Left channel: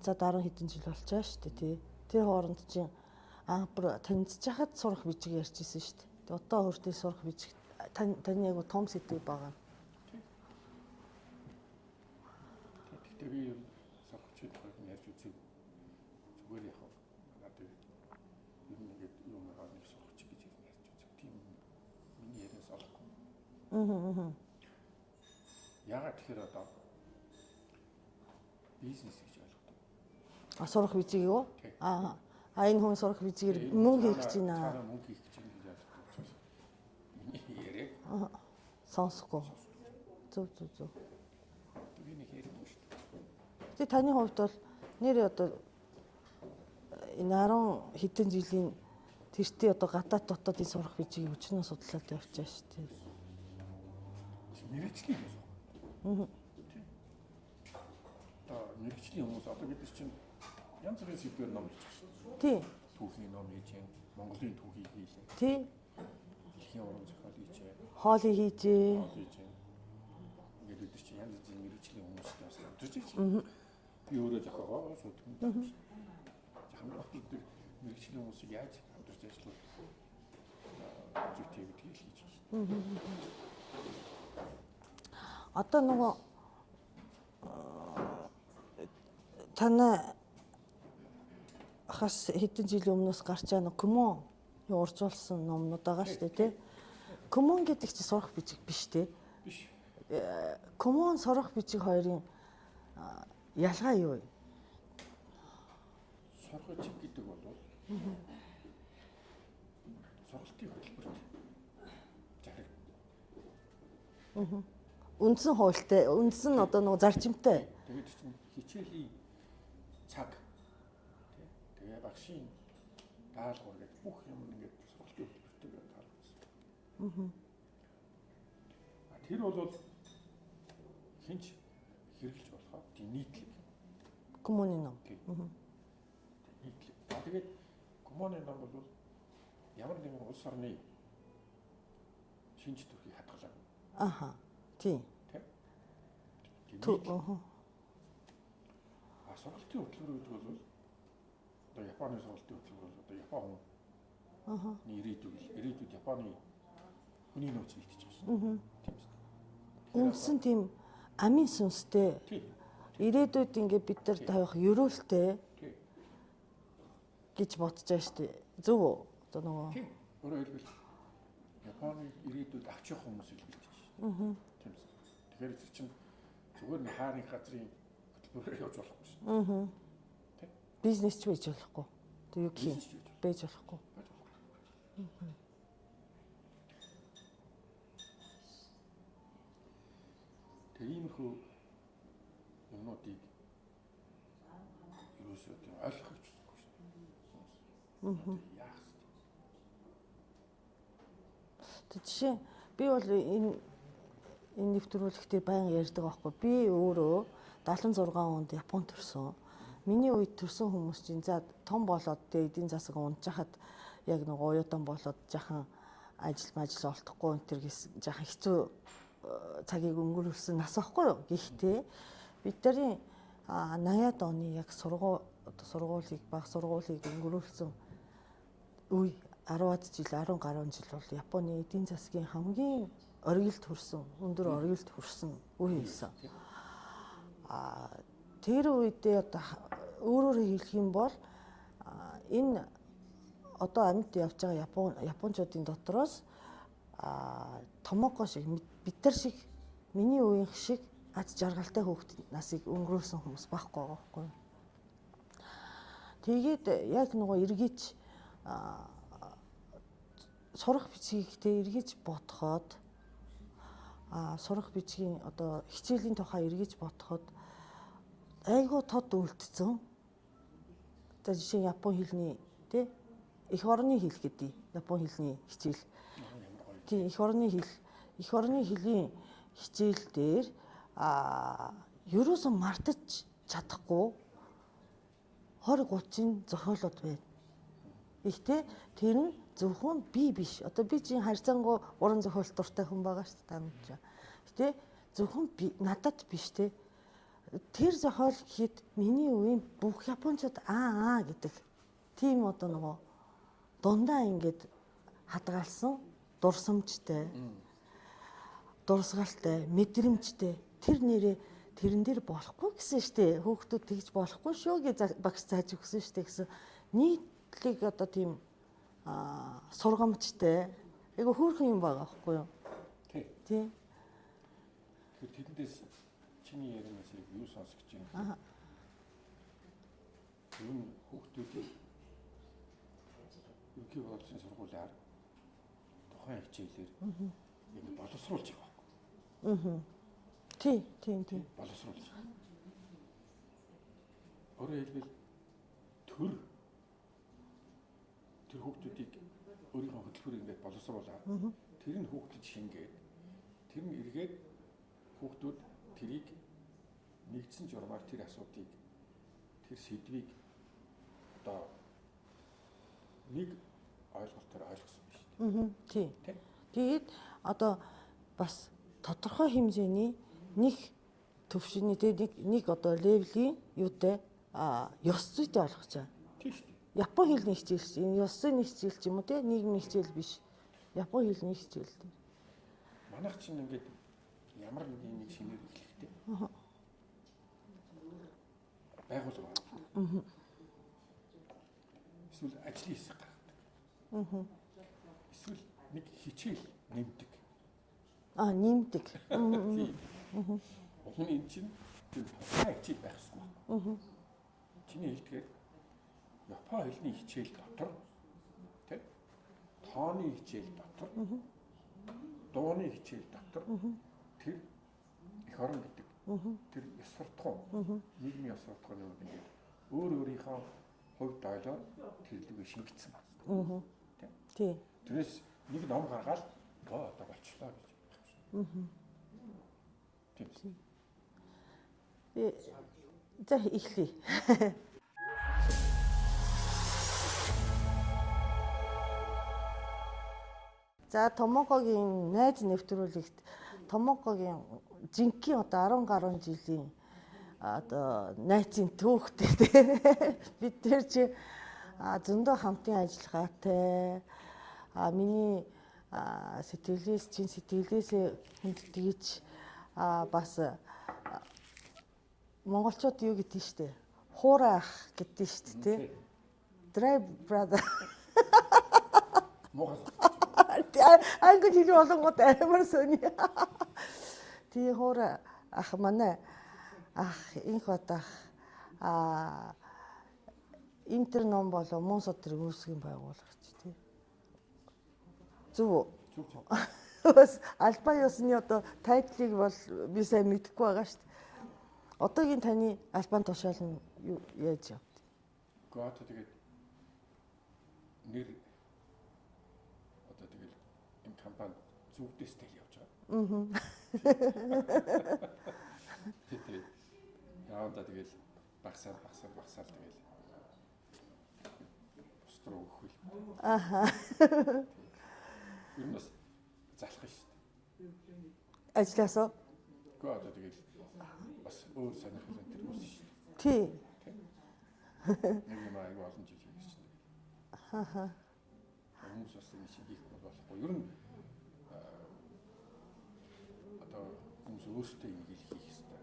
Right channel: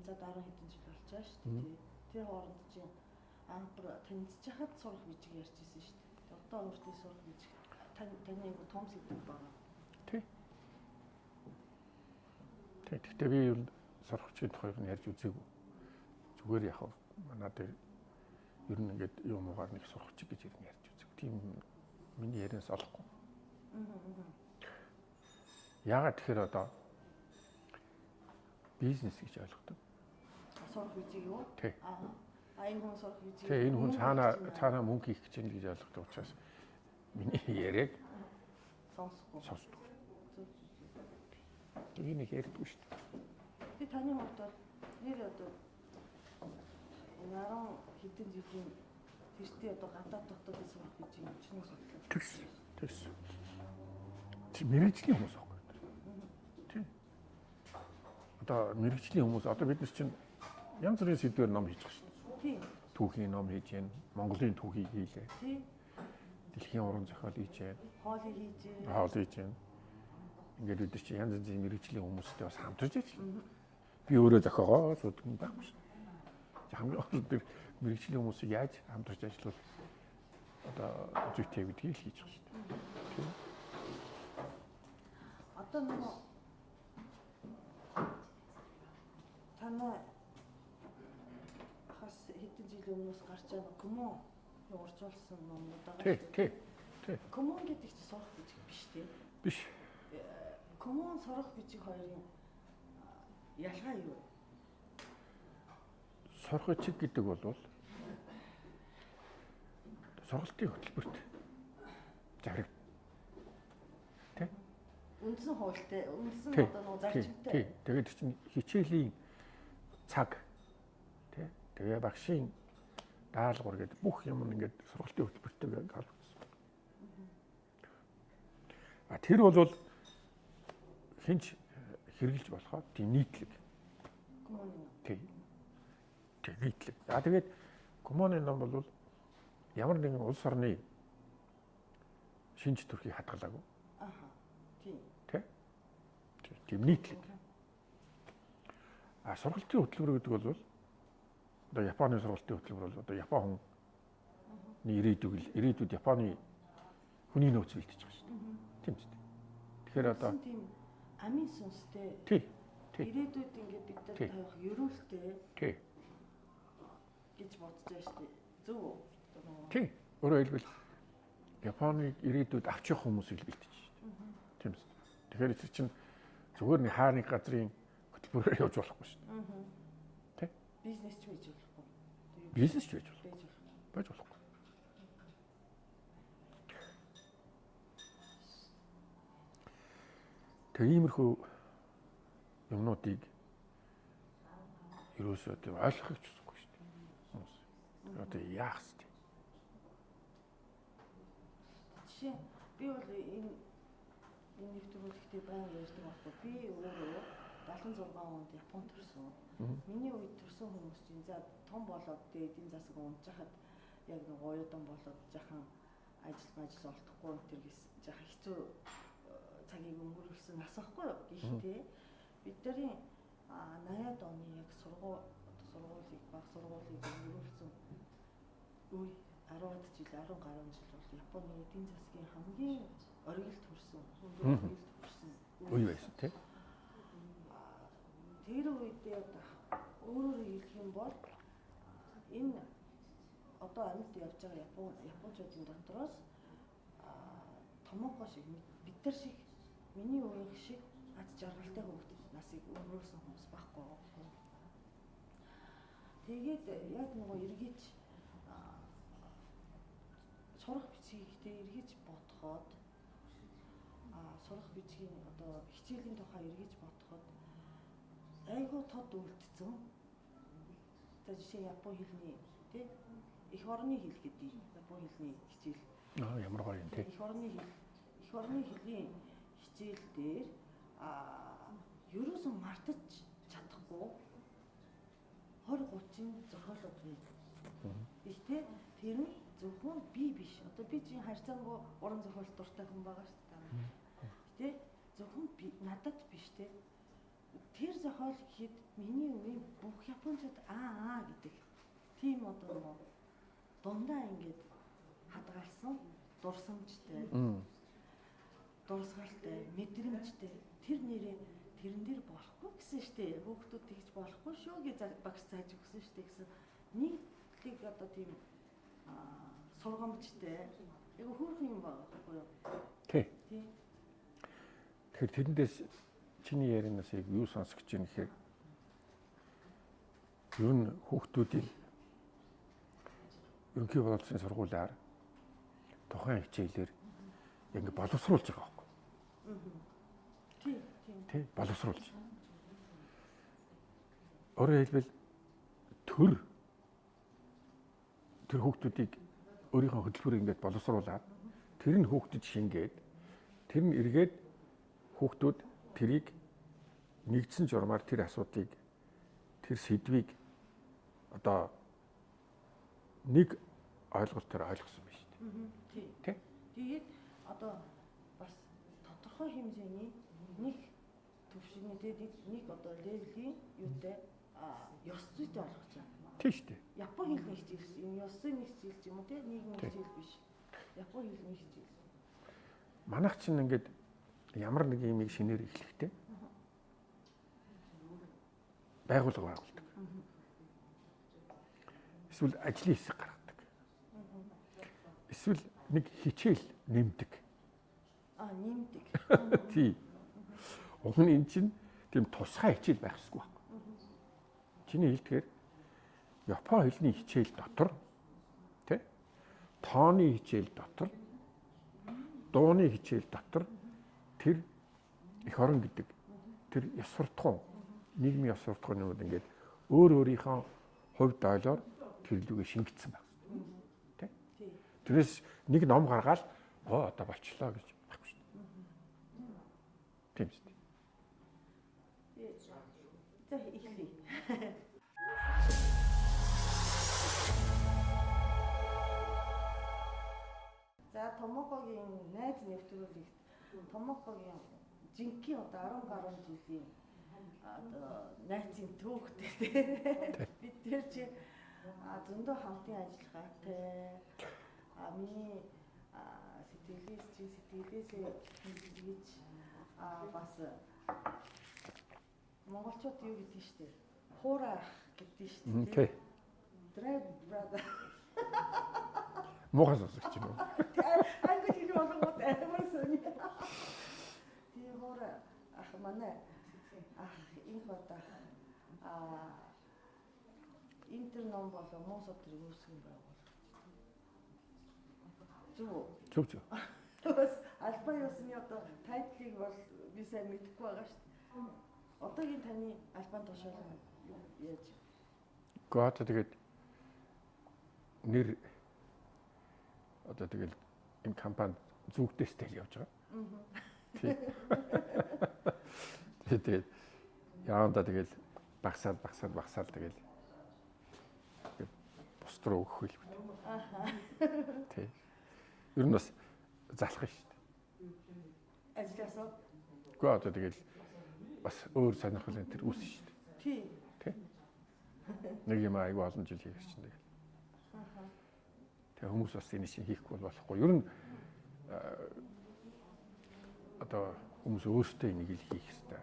танилцаад 10 хэдэн жил болж байгаа шүү дээ тий. Тэр хооронд чинь бүр танилцж хахад сурах бичиг ярьжсэн шүү дээ. Одоо өөртөө сурах бичиг таны яг том сэдв байгаа. Тий. Тэгтээ би юу сурахчид хоёрыг нь ярьж үзээгүй. Зүгээр яг манад ер нь ингээд юм уугаар нэг сурахч гэж ярьж үзээгүй. Тийм миний ярианаас олохгүй. Яагаад тэгэхээр одоо бизнес гэж ойлгодог. Сурах бичиг юу? Энэ хүн сурах бичиг мөнгө хийж байна. Цаана мөнгө хийх гэж байна гэж ойлгодог учраас миний яриаг сонсохгүй. Зөв. Би нэг ярьдгүй шүү дээ. Тэ таны хувьд бол нэр одоо энэ 10 хэдэн жилийн тэртээ одоо гадаад дотоодын сурах бичиг өчнөө судлаад явж байгаа шүү дээ. Чи мэрэгжлийн хүмүүс аахгүй. Тийм. Одоо мэрэгжлийн хүмүүс одоо бид нар чинь янз бүрийн сэдвээр ном хийж байгаа шүү дээ. Тийм. Түүхийн ном хийж байна. Монголын түүхийг хийлээ. Тийм. Дэлхийн уран зохиол хийж байна. Хоолыг хийж байна. Ингээд бид чинь янз бүрийн мэрэгжлийн хүмүүстэй бас хамтарч байна. Би өөрөө зохиогоо суудаг юм байна шүү. Хамгийн гол мэрэгжлийн хүмүүсийг яаж хамтарч ажиллах одоо зүйтэй гэдгийг хийж байгаа шүү дээ. Одоо нөгөө танай хас хэдэн жилийн өмнөөс гарч байгаа Комон уржуулсан номнууд байгаа шүү дээ. Комон гэдэг чинь сурах бичиг биш дээ. Биш. Комон сурах бичиг хоёрын ялгаа юу вэ? Сурах бичиг гэдэг бол сургалтын хөтөлбөрт зариг. Үндсэн хуультай, үндсэн одоо нөгөө зарчимтай. Тэгээд чинь хичээлийн цаг тий. Тэгээ багшийн даалгавар гэдэг бүх юм ингээд сургалтын хөтөлбөртэй гаргасан. Тэр бол хинч хэрэгжилж болохоо тийм нийтлэг. Коммуны ном. Тий. Нийтлэг. Тэгээд коммуны ном бол ямар нэгэн улс орны шинж төрхийг хадгалаагүй. Тийм. Тийм нийтлэг. Сургалтын хөтөлбөр гэдэг бол одоо Японы сургалтын хөтөлбөр бол одоо Япон хүн ирээдүйд Японы хүний нөөц бэлтэж байгаа шүү. Тийм үү? Тэгэхээр одоо тийм амийн сүнстэй. Ирээдүйд ингээд бид нар тавих ерөөлтэй. Гэж бодож байгаа шүү дээ. Зөв үү? Одоо нөгөө. Тийм. Өөрөөр хэлбэл Японыг ирээдүйд авч явах хүмүүсийг бэлтэж шүү. Тийм үү? Тэгэхээр тэр чинь зүгээр нэг хаа нэг газрын хөтөлбөрөөр явж болохгүй шүү. Тэ? Бизнес ч байж болохгүй. Бизнес ч байж болохгүй. Байж болохгүй. Тэгээ иймэрхүү юмнуудыг ерөөсөө ойлгох гэж үзэхгүй шүү дээ. Одоо яах вэ? Жишээ би бол энэ нэвтрүүлэгтээ баян ярьдаг байхгүй. Би өөрөө 76 онд Японд төрсөн. Миний үед төрсэн хүмүүс чинь за том болоод эдийн засаг унжахад яг нэг уяадан болоод жахан ажил олдохгүй энэ төр жахан хэцүү цагийг өнгөрүүлсэн нас байхгүй юу. Гэхдээ бидний 80-аад оны яг сургуулийг баг сургуулийг өнгөрүүлсэн үе 10-аад жил 10 гаруй жил бол Японы эдийн засгийн хамгийн оргилд хүрсэн, өндөр оргилд хүрсэн үе байсан. Тэр үедээ одоо өөрөөр хэлэх юм бол энэ одоо амьд явж байгаа японочдын дотроос томооко шиг бид нар шиг миний үеийн шиг аз жаргалтай хүүхдийн насыг өнгөрөөсөн хүмүүс байхгүй байгаа байхгүй. Тэгээд яг нөгөө эргэж сурах бичгийг эргэж бодоход сурах бичгийн одоо хичээлийн тухай эргэж бодоход айгүй тод үлдсэн. За жишээ Япон хэлний тий эх орны хэл гэдэг Япон хэлний хичээл. Ямар гоё. Тийм эх орны хэлийн хичээл дээр ерөөсөн мартаж чадахгүй 20-30-ын зохиолууд байна. Ихтэй тэр нь зөвхөн би биш. Одоо би чинь харьцангуй уран зохиолт дуртай хүн байгаа шүү дээ. Гэтэ зөвхөн би надад биш те. тэр зохиол гэхэд миний үеийн бүх японочууд гэдэг тийм одоо нөгөө дундаа ингээд хадгалсан дурсамжтай, дурсгалтай, мэдрэмжтэй тэр нэрээ тэрэн дээр болохгүй гэсэн штэ. Хүүхдүүд тэгж болохгүй шүү гэж багш зааж өгсөн штэ гэсэн нийтлэг одоо тийм сургамжтай айгу хөөрхөн юм байгаа байхгүй юу? Тий. Тий. Тэгэхээр тэрэндээс чиний ярианаас яг юу сонсох гэж байна гэхээр ер нь хүүхдүүдийг ерөнхий боловсролын сургуулиар тухайн хичээлээр ингэ боловсруулж байгаа байхгүй. Тийм. Боловсруулж. Өөрөөр хэлбэл тэр хүүхдүүдийг өөрийнхөө хөтөлбөрөөр ингэж боловсруулаад тэр нь хүүхдэд шингээд тэр нь эргээд хүүхдүүд тэрийг нэгдсэн журмаар тэр асуудлыг тэр сэдвийг одоо нэг ойлголтоор ойлгосон байна шүү дээ. Тий. Тэгээд одоо бас тодорхой хэмжээний нэг төвшний нэг одоо левелийн юутай ёс зүйтэй ойлгож байгаа. Тийм шүү дээ. Япон хэлний хичээл, энэ ёсын нэг хичээл ч юм уу те, нийгмийн хичээл биш. Япон хэлний хичээл. Манайх чинь ингээд ямар нэг юм шинээр эхлэхтэй. Байгууллага байгуулдаг. Эсвэл ажлын хэсэг гаргадаг. Эсвэл нэг хичээл нэмдэг. Нэмдэг. Тийм. Уг нь эн чинь тийм тусгай хичээл байх ёсгүй байна. Чиний хэлдгээр Япон хэлний хичээл дотор тий тооны хичээл дотор дууны хичээл дотор тэр эх орон гэдэг тэр ёс суртахуун нийгмийн ёс суртахуунууд ингээд өөрийнхөө хувьд ойлоор тэр лүгээ шингэсэн байна. Тий. Тэрээс нэг ном гаргаад одоо болчлоо гэж байхгүй шүү. Тийм шүү. За эхлэе. За Томокогийн найз нэвтрүүлэгт Томокогийн жинхэнэ одоо 10 гаруй жилийн одоо найзын түүхтэй тий. Бид тэр чи зөндөө хамтын ажиллагаатай миний сэтгэлээс хүндгийж бас монголчууд юу гэдгийг штэ хуурай ах гэдгийг штэ тий. Drive brother. Мохос гэж юм. Англи хэл болонгод амар сони. Тий хуурай ах манай ах инх батах интерном болоо мөн содрыг үүсгэн байгуулагч тий. Зүг. Бас албан ёсны одоо тайтлыг бол би сайн мэдэхгүй байгаа шүү дээ. Одоогийн таны албан тушаал нь яаж явд? Гэхдээ тэгээд нэр одоо тэгэл энэ компани зүгтээстэй явж байгаа. Тэгээд яанда тэгэл багсаад тэгэл бус руу өгөх хэл бит. Тий. Ер нь бас залах шүү дээ. Ажлаасаа. Гэхдээ одоо тэгэл бас өөр сонирхол энэ төр үүснэ шүү дээ. Тий. Нэг юм айгүй олон жил хийх чинь тэгэл. Тэгээ хүмүүс бас энэ шиг хийхгүй болохгүй. Ер нь одоо хүмүүс өөрсдөө энийг л хийх ёстой.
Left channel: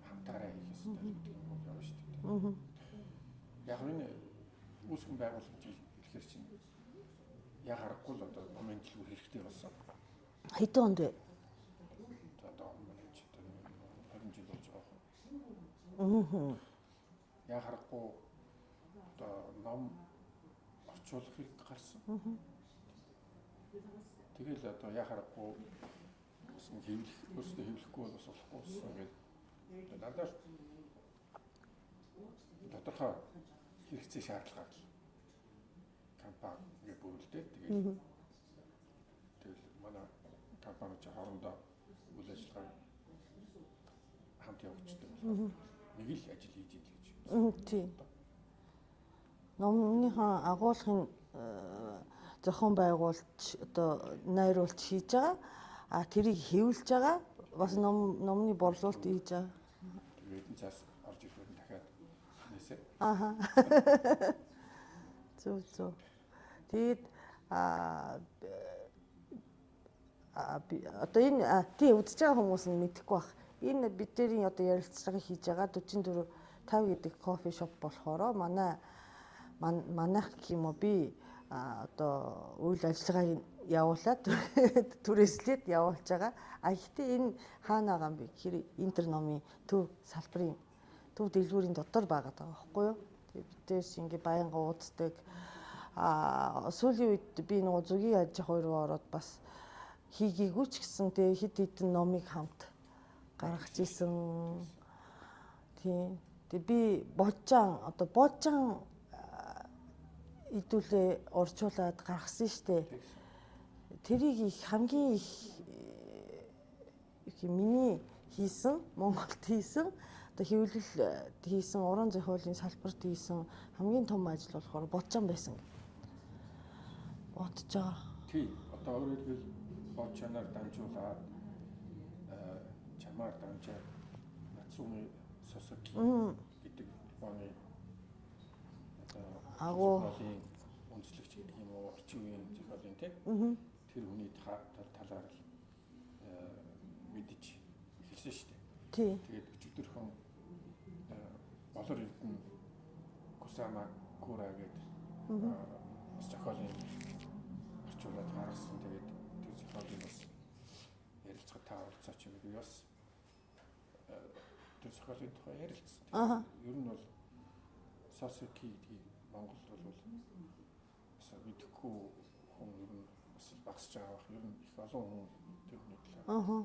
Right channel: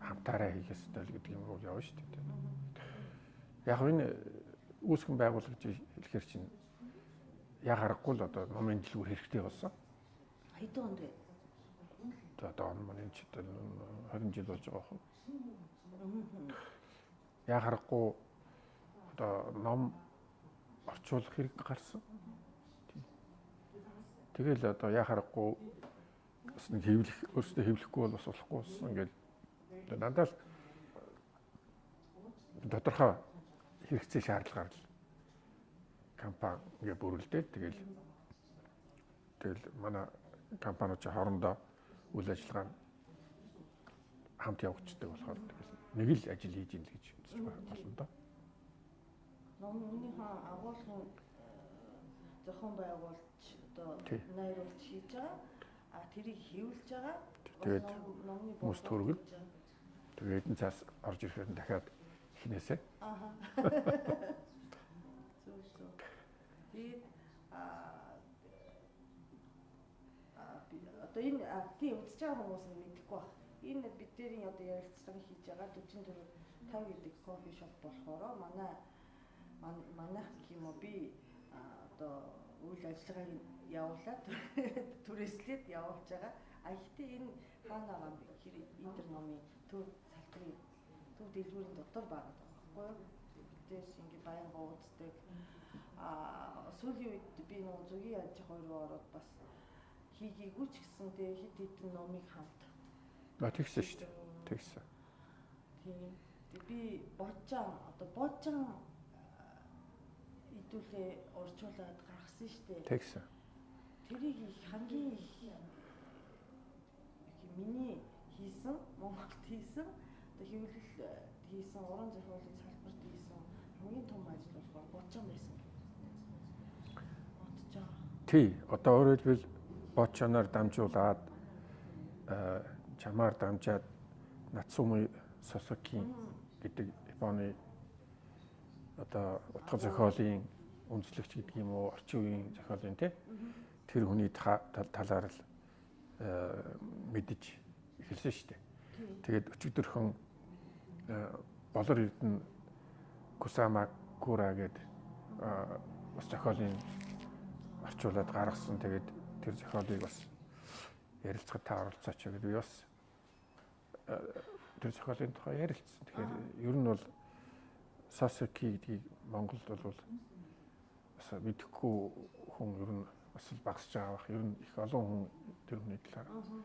Хамтаараа хийх ёстой л гэдэг юм уу явна шүү дээ. Яг энэ үүсгэн байгуулагч хэлэхэр чинь яг харахгүй л одоо номын дэлгүүр хэрэгтэй болсон. Хэдэн онд вэ? Одоо он маань ч 20 жил болж байгаа хөө. Яг харахгүй одоо ном орчуулах хэрэг гарсан. Тэгэл одоо яг харахгүй бас нэг хэвлэх өөрсдөө хэвлэхгүй бол бас болохгүй болсон. Ингээд дандаа л тодорхой хэрэгцээ шаардлагаар л компани ингээ бүрэлдээд тэгэл манай компаниуд хоорондоо үйл ажиллагаа хамт явагддаг болохоор нэг л ажил хийж ийн л гэж үзсэн. Номныхаа агуулгын зохион байгуулж одоо найруулж хийж байгаа. Тэрийг хэвлэж байгаа. Бас номны борлуулалт хийж байгаа. Тэгээд энэ цаас орж ирэхээр дахиад хинээсээ. Аха. Зөв. Тэгээд одоо энэ тий үзэж байгаа хүмүүс нь мэдэхгүй байх. Энэ бидний одоо ярилцлагыг хийж байгаа 44 5 гэдэг кофе шоп болохоор манайх гэх юм уу би одоо үйл ажиллагааг явуулаад түрээслээд явуулж байгаа. Гэхдээ энэ хаана байгаа юм бэ гэхээр интер номын төв салбарын төв дэлгүүрийн дотор байгаа байхгүй юу? Бидээс ингээ байнга ууддаг. Сүүлийн үед би нөгөө зүгийн аж ахуй руу ороод бас хийгээгүй ч гэсэн тэгээ хид хідэн номыг хамт гаргажсэн. Тийм. Тэгээ би божжаан идүүлээ урьдчуулаад гаргасан штэ. Тэгсэн. Тэрийг их хамгийн их миний хийсэн, Монголд хийсэн, одоо хэвлэл хийсэн, уран зохиолын салбарт хийсэн хамгийн том ажил болохоор божжаан байсан. Бодож байгаа. Тий, одоо өөрөөр хэлбэл божжаанаар дамжуулаад чамаар дамжаад Нацуми Сосоки гэдэг Японы одоо зохиолын үндэслэгч гэдэг юм уу, орчин үеийн зохиолын тэр хүний талаар л мэдэж эхэлсэн шүү дээ. Тэгээд өчигдөрхөн болор эрдэнэ Кусама Кура гэдэг бас зохиолын орчуулад гаргасан. Тэгээд тэр зохиолыг бас ярилцахад та оролцооч гэдэг би бас тэр зохиолын тухай ярилцсан. Тэгэхээр ер нь бол Сосоки гэдгийг Монголд бол бас мэдэхгүй хүн ер нь бас багасж байгаа бах. Ер нь их олон хүн тэр хүний талаар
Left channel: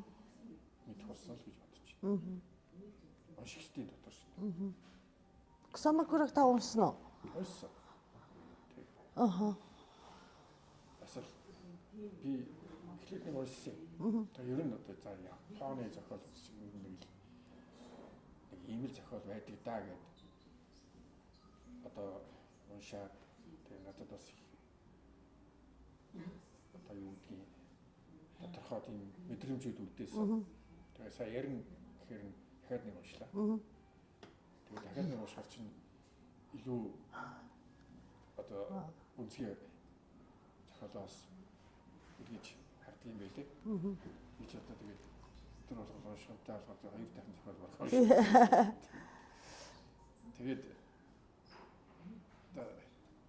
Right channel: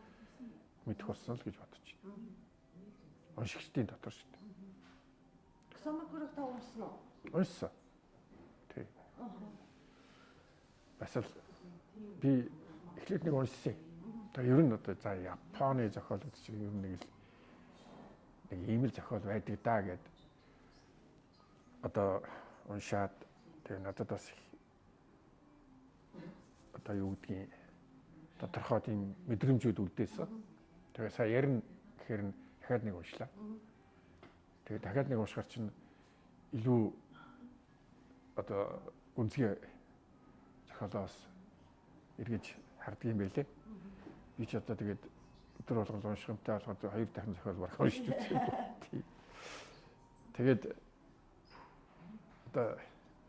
мэдэх болсон л гэж бодож байна. Уншигчдын дотор шүү дээ. Кусамакураг та уншсан уу? Уншсан. Тэг. Бас л би эхлээд нэг уншсан. Тэгээ ер нь одоо за Японы зохиолууд чинь ер нь нэг ийм л зохиол байдаг даа гэд одоо уншаад тэгээ надад бас одоо юу гэдгийг тодорхой тийм мэдрэмжүүд үлдээсэн. Тэгээ сая ярина гэхээр дахиад нэг уншлаа. Тэгээ дахиад нэг уншихаар чинь илүү одоо үнцгий зохиолоос эргэж харддаг юм байлээ. Би ч одоо тэгээд өдөр болгон унших юмтай болохоор хоёр дахин зохиол барах уншдаг. Тэгээд одоо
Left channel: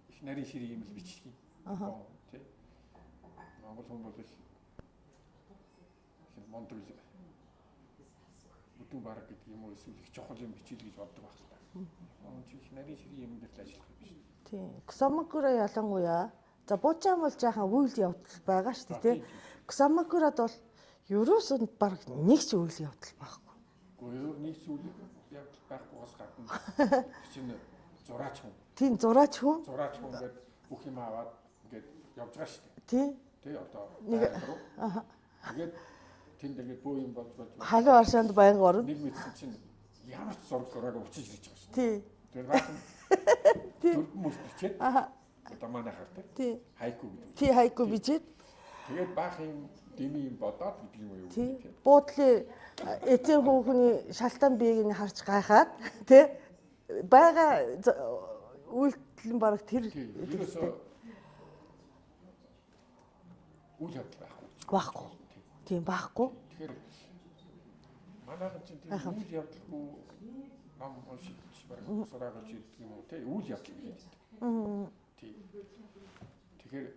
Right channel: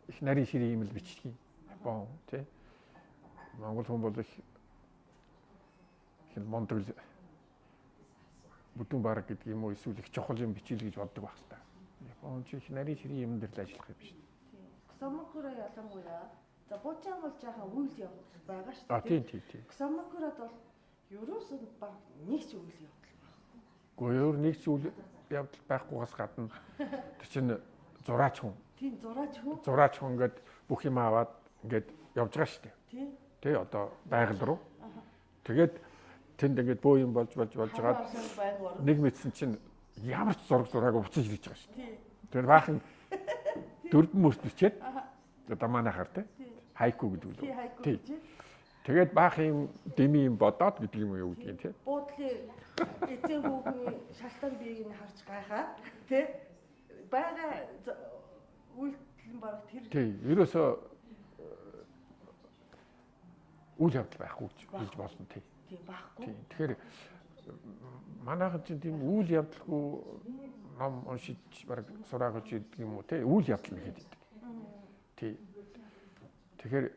их нарийн ширийн юм л бичлэгийн. Япон тий. Монгол хүн бол их мондрол бүдүүн бараг гэдэг юм уу эсвэл их чухал юм бичил гэж боддог байх л та. Япон ч их нарийн ширийн юм дээр л ажиллах юм биш. Тийм. Кусамакура ялангуяа за божжаан бол жаахан үйл явдал байгаа шүү дээ тий. Кусамакурад бол ерөөсөө баг нэг ч үйл явдал байхгүй. Гэхдээ өөр нэг ч үйл явдал байхгүйгээс гадна тэр чинь зураач хүн. Тийм зураач хүн. Зураач хүн ингээд бүх юм аваад ингээд явж байгаа шүү дээ. Тий. Тий одоо байгаль руу. Тэгээд тэнд ингээд бөө юм болж халуун аршаанд байнга орно. Нэг мэдсэн чинь ямар ч зураг уцаж ирж байгаа шүү. Тий. Тэгээд баахан дөрвөн мөрс бичээд одоо манайхаар тий хайку гэдэг үү. Тий хайку бичээд тэгээд баах юм дэми юм бодоод гэдэг юм уу юу гэдэг тий. Буудлын эцэг хүүхний шалтан биеийг нь харж гайхаад тий бага үйлдэл баг тэр тий ерөөсөө үйл явдал байхгүй болно тий. Тийм байхгүй. Тэгэхээр манайхан чинь тийм үйл явдалгүй ном уншиж баг сураагач гэдэг юм уу тий үйл явдал нэгэд байдаг. Тий. Тэгэхээр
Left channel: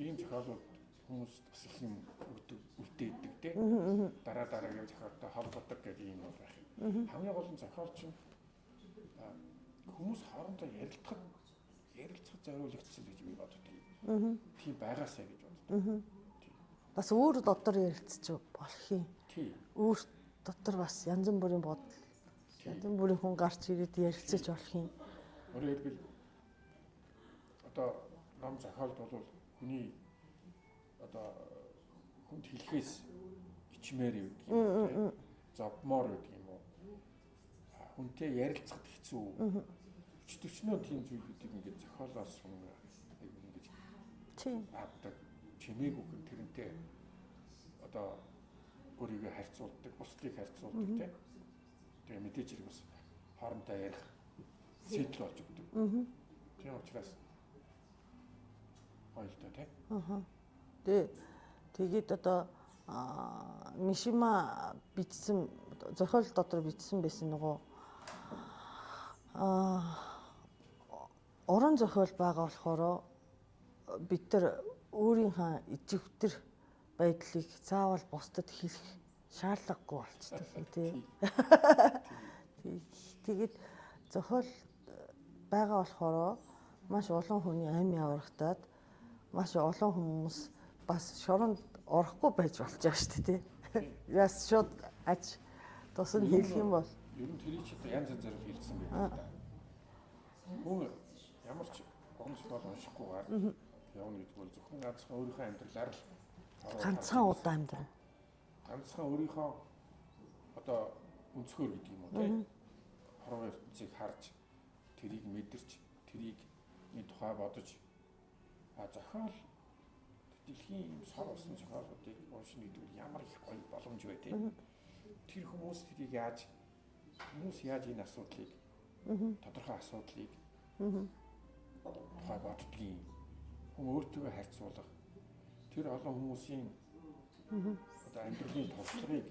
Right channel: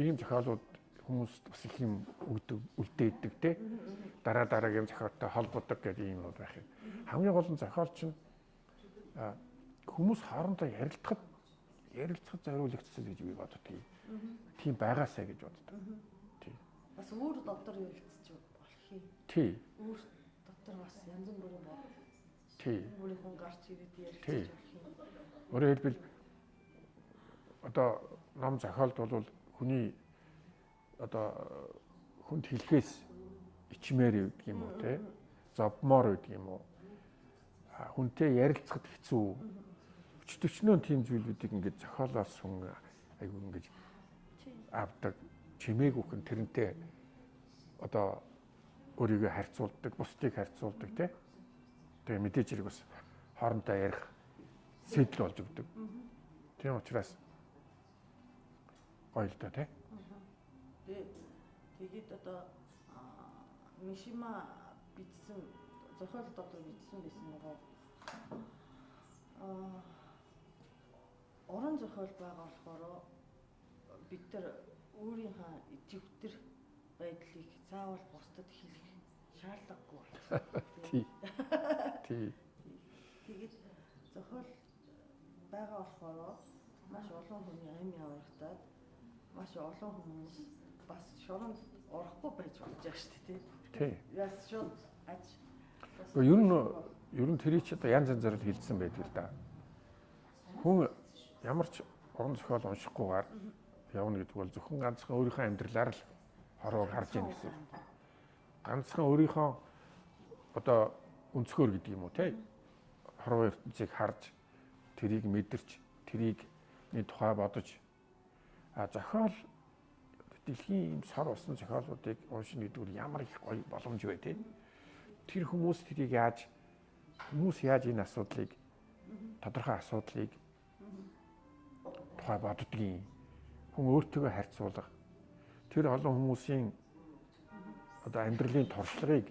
ийм зохиолууд хүмүүст бас их юм үлдээдэг тий. Дараагийн зохиолтой холбодог гэдэг юм бол байх юм. Хамгийн гол нь зохиол чинь хүмүүс хоорондоо ярилцахад зориулагдсан гэж би боддог. Тийм байгаасаа гэж боддог. Тий. Бас өөр дотор ярилцчих болох юм. Тий. Өөр дотор бас янз бүрийн бодол. Тий. Янз бүрийн хүн гарч ирээд ярилцчих болох юм. Өөрөөр хэлбэл одоо ном зохиолд бол хүний одоо хүнд хэлэхээс ичмээр гэдэг юм уу тий. Зовмоор гэдэг юм уу. Хүнтэй ярилцахад хэцүү. Өчтөрчнөө тийм зүйлүүдийг ингээд зохиолоос хүн айгүй ингээд авдаг чимээгүйх нь тэрнтэй одоо өөрийгөө харьцуулдаг, бусдыг харьцуулдаг тий. Тэгээ мэдээж хэрэг бас хоорондоо ярих сэтэл болж өгдөг. Тийм учраас гоё л доо тий. Тэгээд одоо Мишима бичсэн зохиол дотор бичсэн байсан нөгөө уран зохиол байгаа болохоор бид нар өөрийнхөө иживтер байдлыг заавал бусдад хэлэх шаардлагагүй болчихсон тийм. Тэгээд зохиол байгаа болохоор маш олон хүний амь явагдаад маш олон хүмүүс бас шоронд орохгүй байж болж байгаа шүү дээ тийм. Яс шууд ач тусам хэлэх юм бол ер нь тэрий ч одоо янз янзаар хэлсэн байдаг л да. Хүн ямар ч уран зохиол уншихгүйгээр явна гэдэг бол зөвхөн ганцхан өөрийнхөө амьдралаар л ороод харж байгаа. Ганцхан өөрийнхөө одоо өнцгөр гэдэг юм уу тийм. Хорвоо ертөнцийг харж тэрийг мэдэрч тэрийг тухай бодож зохиол дэлхийн юм сар усан зохиолуудыг уншина гэдэг нь ямар их гоё боломж вэ тийм. Тэр хүмүүс тэрийг яаж энэ асуудлыг тодорхой асуудлыг тухай боддгийн хүн өөртөө харьцуулах тэр олон хүмүүсийн одоо амьдралын туршлагыг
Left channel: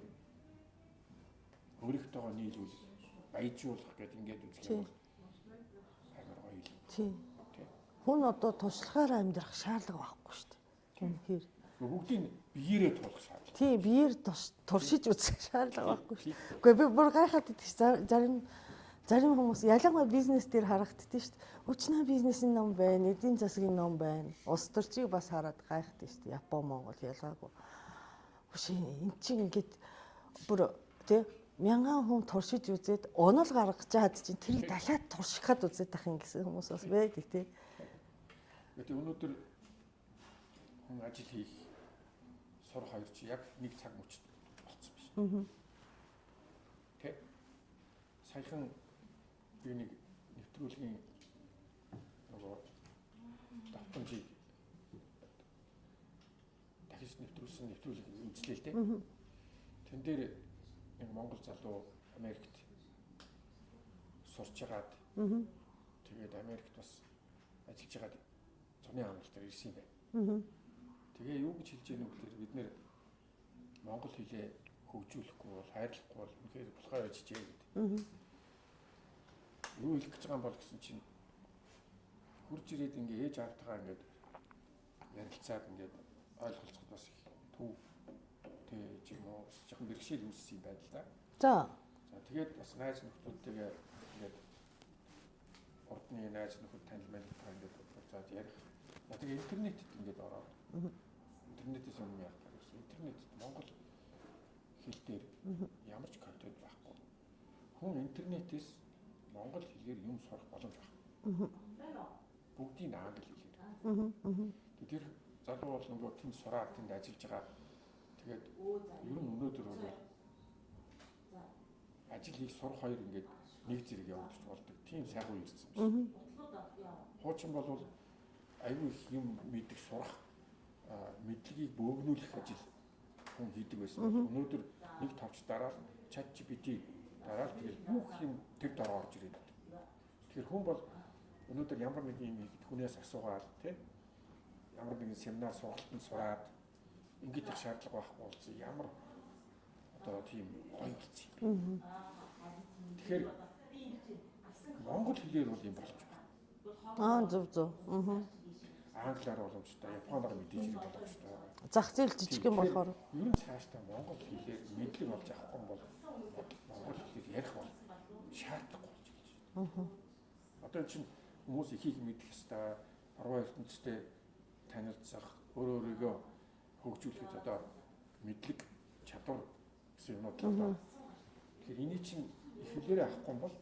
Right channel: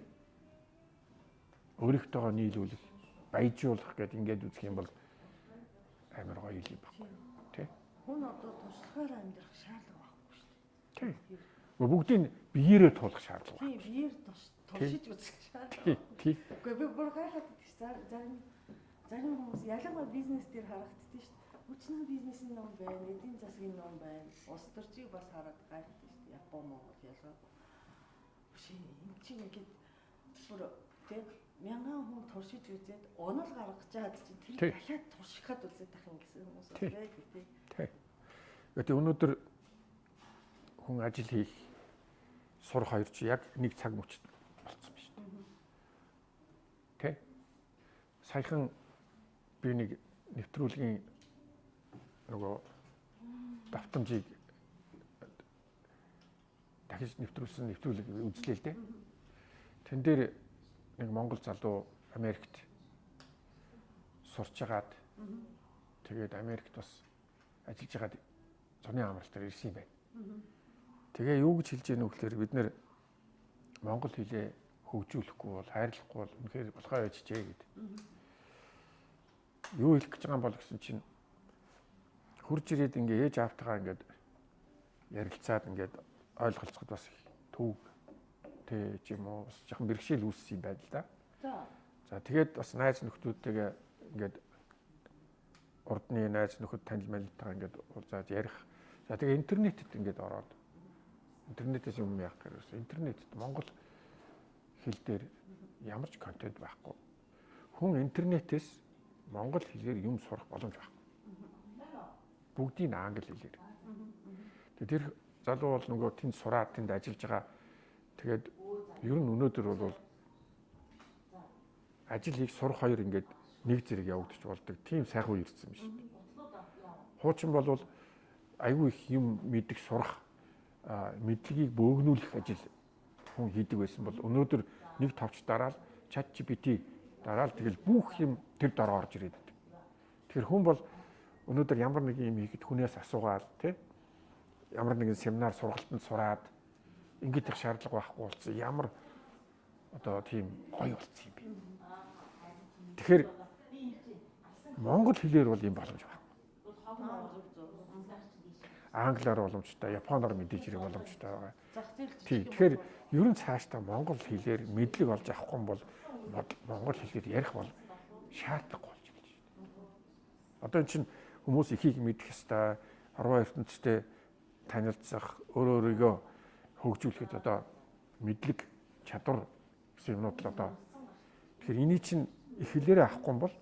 өөрийнхтэйгөө нийлүүлэх баяжуулах гэдэг ингээд үзэх юм бол амар гоё юм байна. Тий. Хүн одоо туршлагаараа амьдрах шаардлага байхгүй шүү дээ. Тийм. Бүгдийг биеэрээ туулах шаардлага. Тийм, биеэр туршиж үзэх шаардлага байхгүй. Гэхдээ би бүр гайхаад идэх зарим хүмүүс ялангуяа бизнес дээр харагддээ шүү дээ. Өчнөө бизнесийн ном байна, эдийн засгийн ном байна. Улс төрчийг бас хараад гайхдаг шүү дээ. Япон, Монгол ялгаагүй. Биш эн чинь ингээд бүр тий мянган хүн туршиж үзээд онол гаргаж чад чинь тэр дахиад туршихад үзээд байх юм гэсэн хүмүүс бас байдаг тий. Тэгээд өнөөдөр хүн ажил хийх сурах хоёр чи яг нэг цаг мөчд болцсон байна. Тэ? Саяхан би нэг нэвтрүүлгийн нөгөө давтамжийг дахиж нэвтрүүлсэн нэвтрүүлэг үзлээ л дээ. Тэн дээр нэг монгол залуу Америкт сурч агаад тэгээд Америкт бас ажиллаж агаад зуны амралтаар ирсэн юм байна. Тэгээ юу гэж хэлж яах вэ гэхээр бид нэр монгол хэлээ хөгжүүлэхгүй бол хайрлахгүй бол үнэхээр болохоо яжчээ гэдэг. Юу хэлэх гэж байгаа юм бол гэсэн чинь хурж ирээд ингээ ээж аавтайгаа ингээд ярилцаад ингээд ойлголцоход бас төв тэ ч юм уу бас жоохон бэрхшээл үүссэн юм байна л да. За тэгээд бас найз нөхдүүдтэйгээ ингээд урдны найз нөхөд танил манилтайгаа ингээд уулзаад ярих. За тэгээ интернетэд ингээд ороод интернетээс юм яах гэхээр интернетэд монгол хэл дээр ямар ч контент байхгүй. Хүн интернетээс монгол хэлээр юм сурах боломж байхгүй. Бүгдийг англи хэлээр. Тэгээд тэр залуу бол нөгөө тэнд сураад тэнд ажиллаж байгаа. Тэгээд ер нь өнөөдөр бол ажил хийх сурах хоёр ингээд нэг зэрэг явагдаж болдог. Тийм сайхан үе ирсэн биш. Хуучин бол айгүй их юм мэдих сурах мэдлэгийг бөөгнүүлэх ажил хүн хийдэг байсан бол өнөөдөр нэг товч дараал ChatGPT дараал тэгэл бүх юм тэр дараа орж ирээд. Тэгэхээр хүн бол өнөөдөр ямар нэг юм хийхэд хүнээс асуугаад тий ямар нэгэн семинар сургалтанд сураад ингэж их шаардлага байхгүй болсон. Ямар одоо тийм гоё болсон юм бэ. Тэгэхээр монгол хэлээр бол юм боломж байна. Зөв. Англиар боломжтой, японоор мэдээж хэрэг боломжтой байгаа. Зах зээл жижиг юм болохоор ер нь цаашдаа монгол хэлээр мэдлэг олж авахгүй бол монгол хэлээр ярих бол шаардлагагүй болж ирж байна. Одоо энэ чинь хүмүүс ихийг мэдэх ёстой, хорвоо ертөнцтэй танилцах, өөрийгөө хөгжүүлэхэд одоо мэдлэг, чадвар гэсэн юмнууд л одоо. Тэгэхээр энийг чинь их хэлээрээ авахгүй бол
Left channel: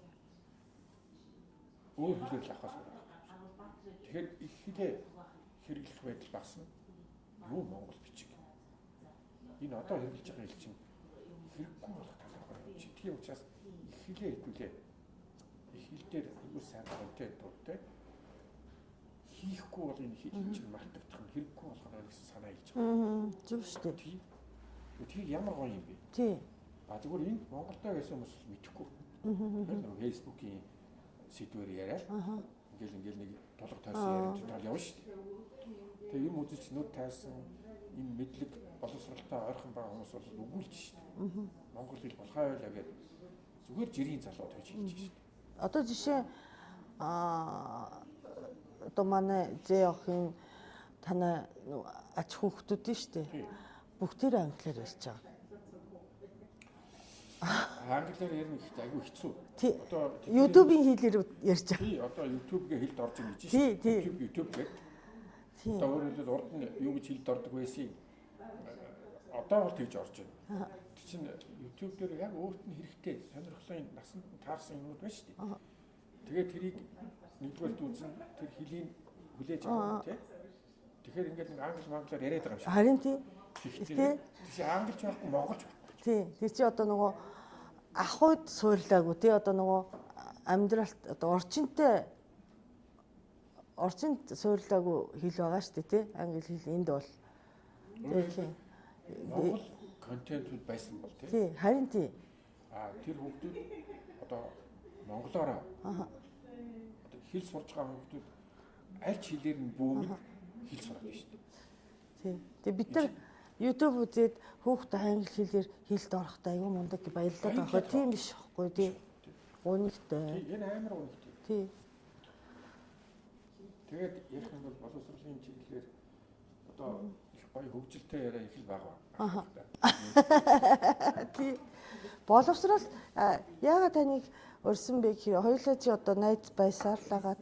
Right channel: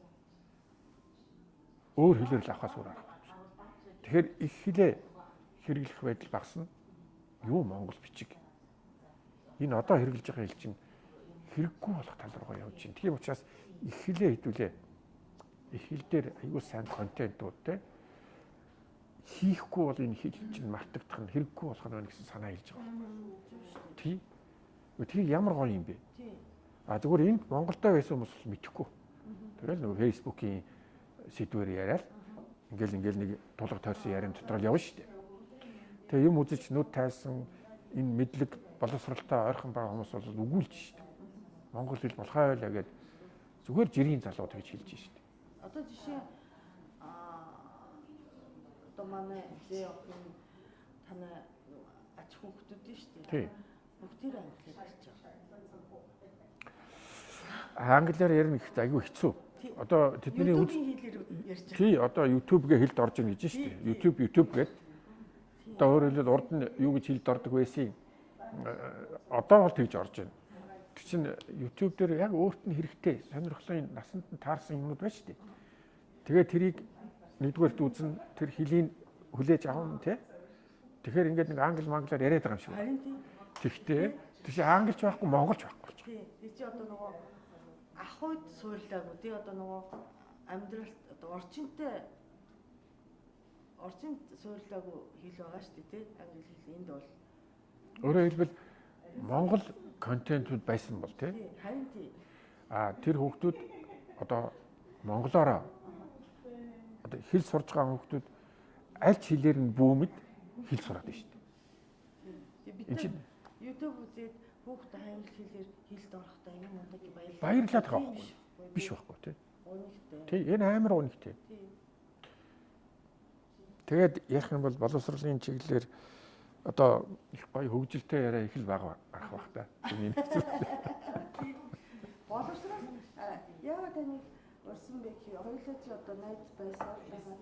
өөр хэлээр л авахаас өөр аргагүй. Тэгэхээр их хэлээ хэрэглэх байдал багасна. Юу монгол бичиг. Энэ одоо хэрэглэж байгаа хэл чинь хэрэггүй болох тал руугаа явж байна. Тийм учраас их хэлээ хэдүүлээ. Их хэл дээр аюул сайн контентууд те хийхгүй бол энэ хэл чинь мартагдах нь хэрэггүй болох нь гэсэн санаа хэлж байгаа. Зөв шүү дээ. Тийм ямар гоё юм бэ? Тийм. Зүгээр энд Монголдо байсан хүмүүс л мэдэхгүй. Тэгэл нөгөө Facebook-ийн сэдвээр яриад ингээл нэг тулга тойрсон яриан дотор л явна шүү дээ. Тэгээ юм үзэж нүд тайсан энэ мэдлэг боловсралтай ойрхон байгаа хүмүүс бол үгүүлж шүү дээ. Монгол хэл болохоо л гэдэг зүгээр жирийн залууд гэж хэлж шүү дээ. Одоо жишээ одоо манай зээ охин танай ач хүүхдүүд нь шүү дээ. Бүгдээр англиар ярьж байгаа. Англиар ярих ихтэй айгүй хэцүү. Одоо тэдний YouTube-ийн хэлээр ярьж байгаа. Тий, одоо YouTube-гээ хэлд орж ийн гэж шүү дээ. YouTube гэдэг. Одоо өөрөөр хэлбэл урд нь юу гэж хэлд ордог байсан. Одоо бол тэгж орж байна. Тэг чинь YouTube дээр яг өөрт нь хэрэгтэй сонирхлын насанд нь таарсан юмнууд байна шүү дээ. Тэгээд тэрийг нэгдүгээрт үзэн тэр хэлийг хүлээж авах нь тий. Тэгэхээр ингээд нэг англиар яриад байгаа юм шиг. Харин тий. Тэгтээ тийш англич байхгүй монголч байхгүй. Тий. Тэр чи одоо нөгөө ахуйд суурлаагүй тий. Одоо нөгөө амьдралт одоо орчинд суурлаагүй хэл байгаа шүү дээ тий. Англи хэл энд бол. Өөрөөр хэлбэл монгол контентууд байсан бол тий. Тий. Харин тий. Тэр хүүхдүүд одоо монголоороо одоо хэл сурж байгаа хүүхдүүд аль ч хэлээр нь бүүмэд хэл сураад байна шүү дээ. Тий. Тэгээ бид нар YouTube үзээд хүүхдээ англи хэлээр хэлд орохдоо аюу мундаг баярлалаа. Тийм биш байхгүй тий. Унигтай. Тий, энэ амар унигтай. Тий. Тэгээд ярих юм бол боловсролын чиглэлээр одоо их гоё хөгжилтэй яриа их л бага байх та. Тий. Боловсрол яагаад таныг урьсан бэ гэхээр хоёулаа чи одоо найз байсаалаагаад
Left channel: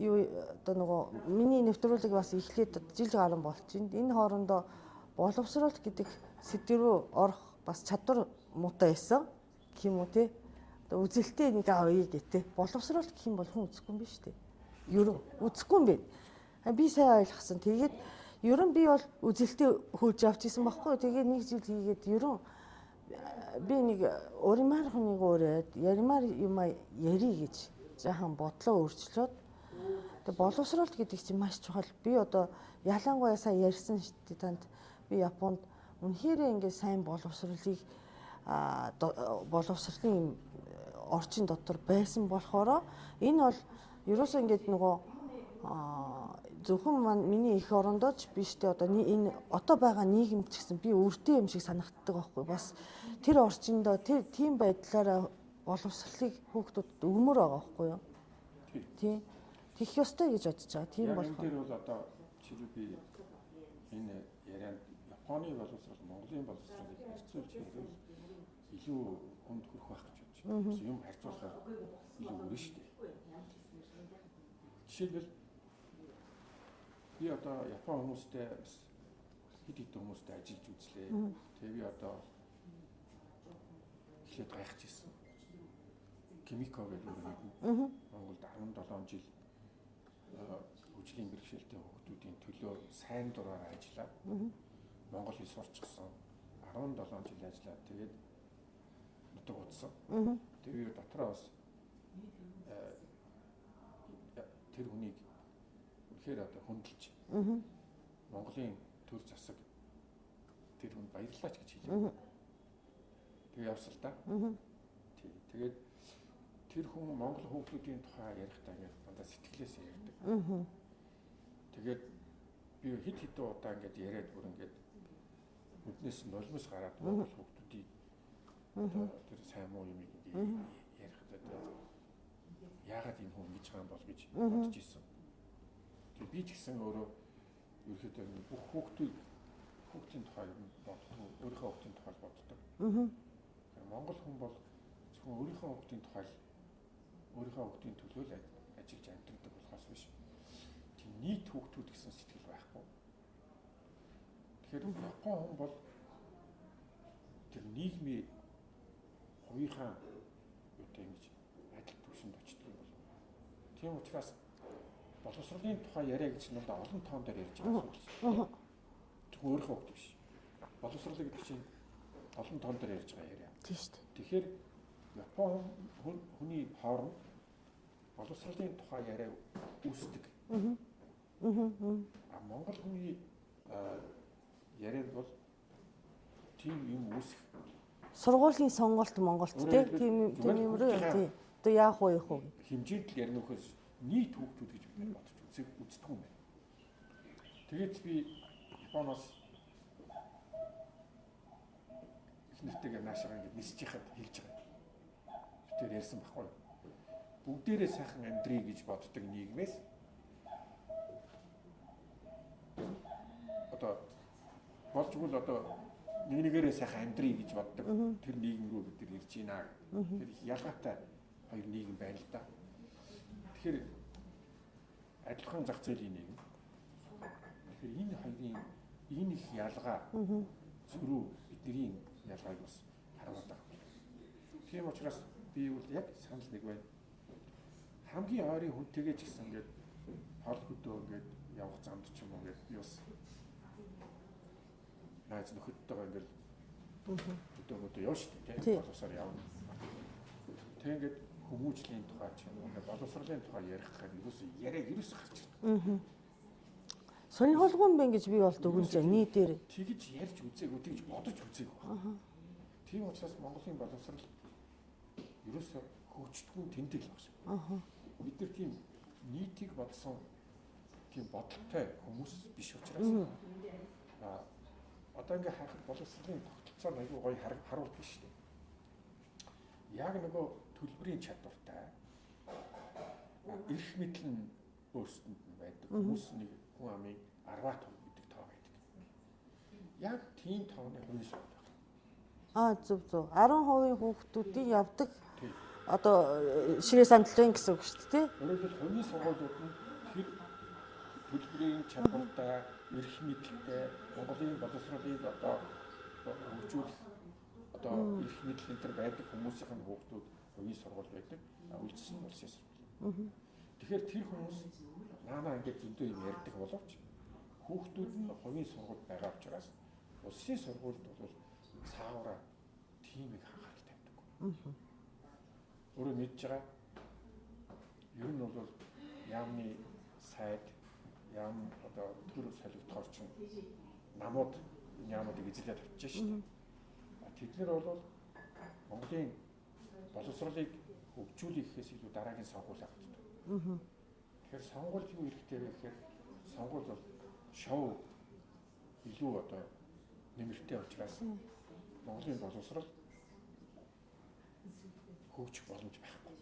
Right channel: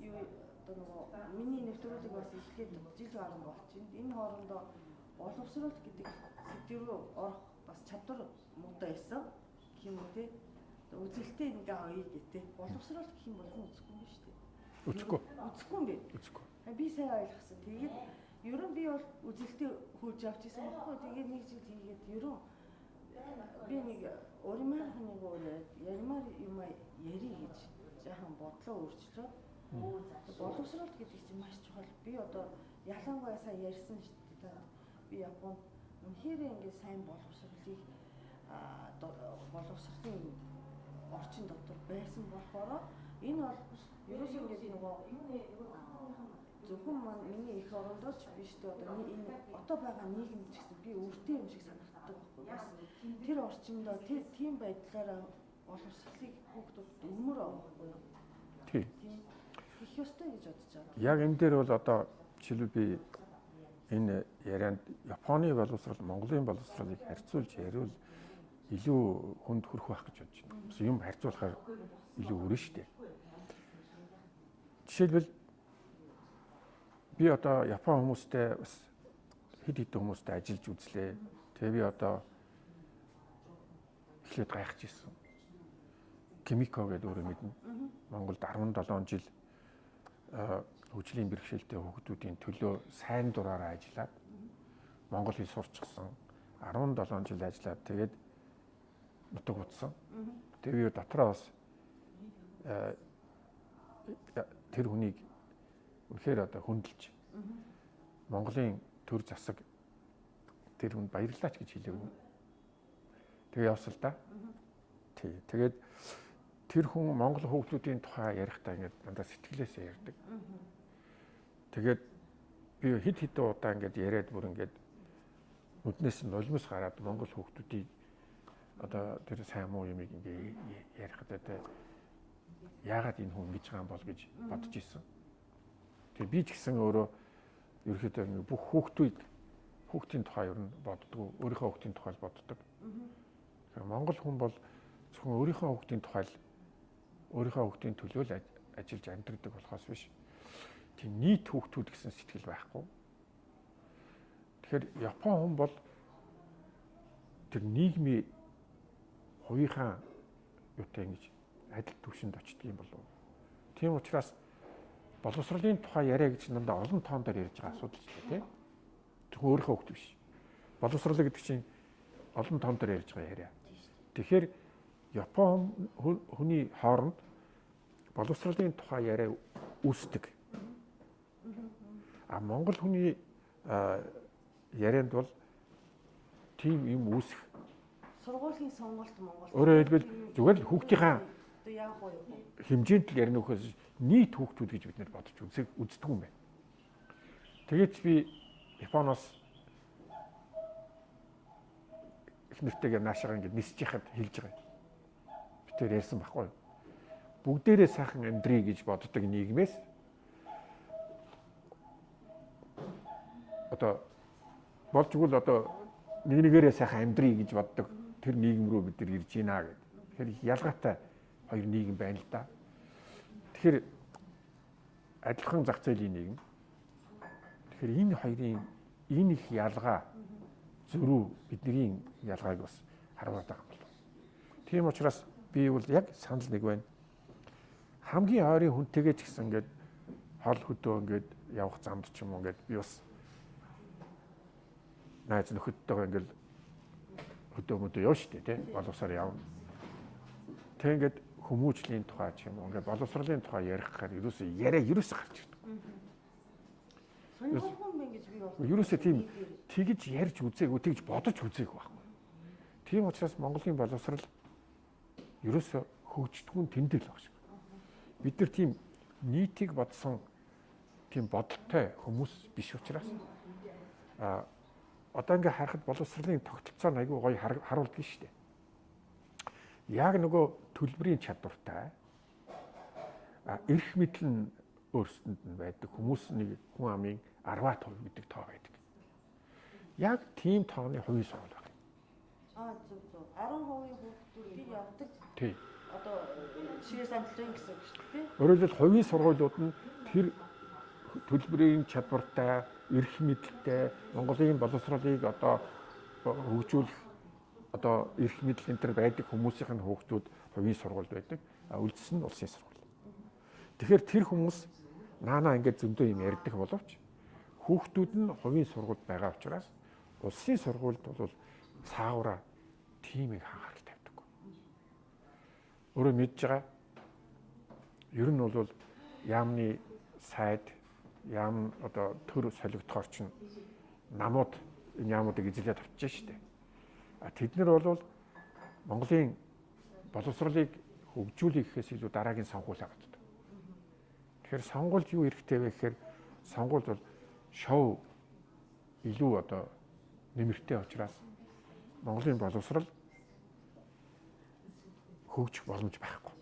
юу одоо нөгөө миний нэвтрүүлэг бас эхлээд жил гарсан болж байна. Энэ хоорондоо боловсрол гэдэг сэдв рүү орох бас чадвар муутай байсан гэх юм уу те. Одоо үзэлтэй нэг авъя гэдэг. Боловсрол гэх юм бол хүн үзэхгүй юм биш үү? Үзэхгүй юм бэ. Би сайн ойлгосон. Тэгээд ерөн би бол үзэлтэй хөөж авч исэн байхгүй. Тэгээд нэг жил хийгээд ерөн би нэг уримаар хүнийг өрөөд яримаар юм яри гэж жаахан бодлоо өөрчлөөд тэг боловсрол гэдэг чинь маш чухал. Би одоо ялангуяа сайн ярьсан шүү дээ танд. Би Японд үнэхээр ингээд сайн боловсролыг боловсролын орчин дотор байсан болохоор энэ бол ерөөсөө ингээд нөгөө зөвхөн миний их орондоо ч биш дээ одоо энэ одоо байгаа нийгэм ч гэсэн би өөртөө юм шиг санагддаг байхгүй бас тэр орчиндөө тэр тийм байдлаараа боловсролыг хүүхдүүдэд өгмөр байгаа байхгүй юу? Тий. Хийх ёстой гэж бодож байгаа. Тийм. Яг энэ дээр бол одоо жишээлбэл би энэ ярианд Японы боловсрол, Монголын боловсролыг харьцуулж яриул илүү хүнд хүрэх байх гэж бодож байна. Юм харьцуулахаар илүү өрнө шүү дээ. Жишээлбэл би одоо Япон хүмүүстэй бас хэд хэдэн хүмүүстэй ажиллаж үзлээ. Тэгээ би одоо эхлээд гайхаж ирсэн. Кимико гэдэг өөрөө мэднэ. Монголд 17 жил хөгжлийн бэрхшээлтэй хүүхдүүдийн төлөө сайн дураараа ажиллаад монгол хэл сурчсан. 17 жил ажиллаад тэгээд нутаг утсан. Тэгээ би дотроо бас тэр хүнийг үнэхээр одоо хөндлөж Монголын төр засаг тэр хүнд баярлалаач гэж хэлэв. Тэгээ явсал да. Тий. Тэгээд тэр хүн Монгол хүүхдүүдийн тухай ярихдаа ингээд дандаа сэтгэлээсээ ярьдаг. Тэгээд би хэд хэдэн удаа ингээд яриад бүр ингээд нүднээс нь нулимс гараад Монгол хүүхдүүдийг одоо тэр сайн муу юмыг ингээд ярихдаа тэ яагаад энэ хүн ингэж байгаа юм бол гэж бодож ирсэн. Тэгээд би ч гэсэн өөрөө ерөөхдөө бүх хүүхдийн тухай ер нь боддог, өөрийнхөө хүүхдийн тухай боддог. Монгол хүн бол зөвхөн өөрийнхөө хүүхдийн тухай өөрийнхөө хүүхдийн төлөө л ажиллаж амьдардаг болохоос биш. Тийм нийт хүүхдүүд гэсэн сэтгэл байхгүй. Тэгэхээр Япон хүн бол тэр нийгмийн хувийнхаа юутай ингэж адил түвшинд очдөг юм болов. Тийм учраас боловсролын тухай яриа гэж дандаа олон тоон дээр ярьж байгаа асуудал тийм. Зөвхөн өөрийнхөө хүүхд биш. Боловсрол гэдэг чинь олон тоон дээр ярьж байгаа яриа. Тийм шүү дээ. Тэгэхээр Япон хүний хооронд боловсролын тухай яриа үүсдэг. Монгол хүний ярианд бол тийм юм үүсэх Сургуулийн сонголт Монголд Өөрөөр хэлбэл зүгээр л хүүхдийнхаа одоо яах вэ хөө хэмжээнд л ярина гэхээс нийт хүүхдүүд гэж бид нар бодож үздэг юм байна. Тэгээд би Японоос их нэртэйгээ наашаага ингэж нисэж яхад хэлж байгаа. Би тэр ярьсан байхгүй юу? Бүгдээрээ сайхан амьдрий гэж боддог нийгмээс одоо болж игэл одоо нэгнийгээрээ сайхан амьдрий гэж боддог тэр нийгэм рүү бид нар ирж байна гэдэг. Тэгэхээр ялгаатай хоёр нийгэм байна л да. Тэгэхээр адилхан зах зээлийн нийгэм. Тэгэхээр энэ хоёрын энэ их ялгаа зөрүү бидний ялгааг бас харуулдаг юм байна. Тийм учраас би бол яг санал нэг байна. Хамгийн ойрын хүнтэйгээ ч гэсэн ингээд хол хөдөө ингээд явах замд ч юм уу ингээд би бас найз нөхөдтэйгээ ингээд хөдөө явна шүү дээ тий. Боловсроор явна. Тэг ингээд хүмүүжлийн тухай ч юм уу ингээд боловсролын тухай ярих гэхээр ерөөсөө гарч ирдэг. сонирхолгүй юм байна гэж би бол дүгнэж нийтээр тэгж ярьж үзээгүй тэгж бодож үзээгүй байна. Тийм учраас Монголын боловсрол ерөөсөө хөгждөггүй тэмдэг л байна. Бид нар тийм нийтийг бодсон тийм бодолтой хүмүүс биш учраас одоо ингээ харахад боловсролын тогтолцоо айгүй гоё харуулдаг шүү дээ. Яг нөгөө төлбөрийн чадвартай эрх мэдэл нь өөрсдөнд нь байдаг. Хүмүүс нэг хүн амын 10% гэдэг тоо байдаг. Яг тийм тооны хувийн сургууль байна. Зөв. 10% хүүхдүүдийн явдаг. Тийм. Одоо ширээ самтлагын гэсэн үг шүү дээ. Өөрөөр хэлбэл хувийн сургуулиуд нь тэр төлбөрийн чадвартай, эрх мэдэлтэй Монголын боловсролыг одоо хөгжүүлэх одоо эрх мэдэл энэ төр байдаг хүмүүсийн хүүхдүүд хувийн сургуульд байдаг. Үлдсэн нь улсын сургууль. Тэгэхээр тэр хүмүүс наанаа ингээд зөндөө юм ярьдаг боловч хүүхдүүд нь хувийн сургуульд байгаа учраас улсын сургуульд бол цаавраа тийм их анхаарал тавьдаг. Өөрөө мэдж байгаа. Ер нь бол яамны сайд яам одоо төр солигдохоор чинь намууд энэ яамуудыг эзлээд авчиж штэ. Тэд нар бол Монголын боловсролыг хөгжүүлэх гэхээс илүү дараагийн сонгууль авдаг. Тэгэхээр сонгуульд юу хэрэгтэй вэ гэхээр сонгуульд бол шоу илүү одоо нэмэртэй учраас Монголын боловсрол хөгжих боломж байхгүй.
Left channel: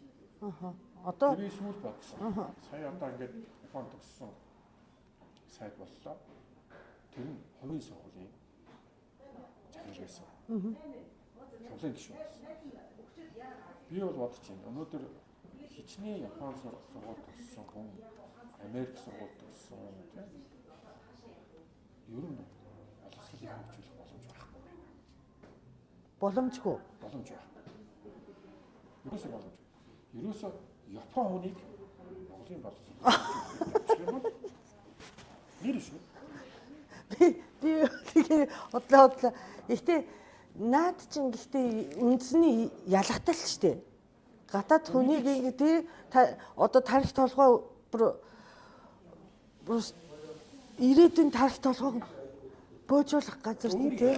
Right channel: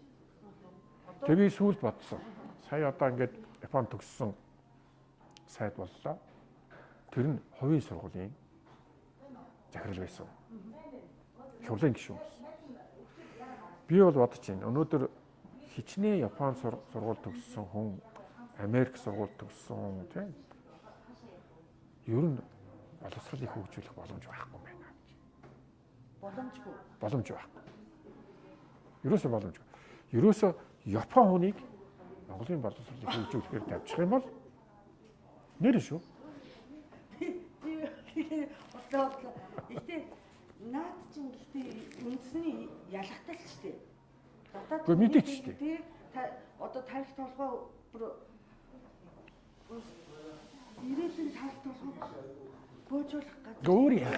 Одоо тэр би сүүл бодсон. Сая одоо ингээд Японд төгссөн сайд боллоо. Тэр нь хувийн сургуулийн захирал байсан. Хурлын гишүүн байсан. Би бол бодож байна. Өнөөдөр хичнээн Японд сургууль төгссөн хүн, Америк сургууль төгссөн тийм. Ер нь боловсролыг хөгжүүлэх боломж байхгүй байна. боломжгүй. Боломж байхгүй. Ерөөсөө боломжгүй. Ерөөсөө Япон хүнийг Монголын боловсролыг хөгжүүлэхээр тавьчих юм бол нэр шүү. Би тэгээ бодлоо. Гэхдээ наад чинь гэхдээ үндэсний ялгатай л шүү дээ. Гадаад хүнийг ингээ одоо тарих толгой бүр ирээдүйн тарих толгойг бөөжүүлэх газар тийм.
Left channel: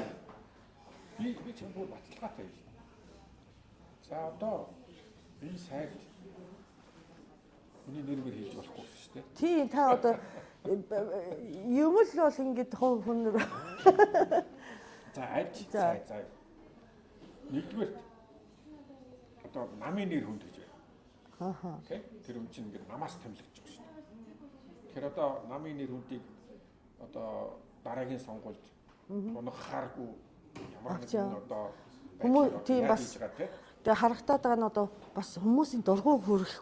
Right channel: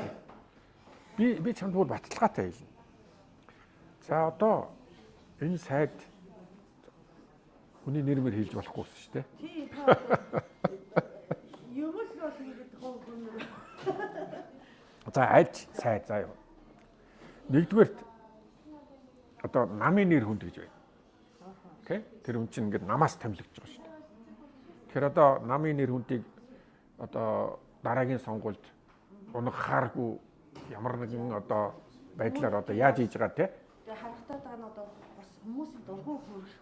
Би чамд бүр баталгаатай хэлнэ. За одоо энэ сайд хүний нэрмээр хэлж болохгүй шүү дээ. Тийм та одоо юм л бол ингээд хүнээр. За альж сайд заа юу. Нэгдүгээрт одоо намын нэр хүнд гэж байна. Окей. Тэр хүн чинь ингээд намаас томилогдож байгаа шүү дээ. Тэгэхээр одоо намын нэр хүндийг одоо дараагийн сонгуульд унгахааргүй ямар нэгэн одоо байдлаар одоо яаж хийж байгаа те. Тэгээ харагтаад байгаа нь одоо бас хүмүүсийн дургуй хүрэх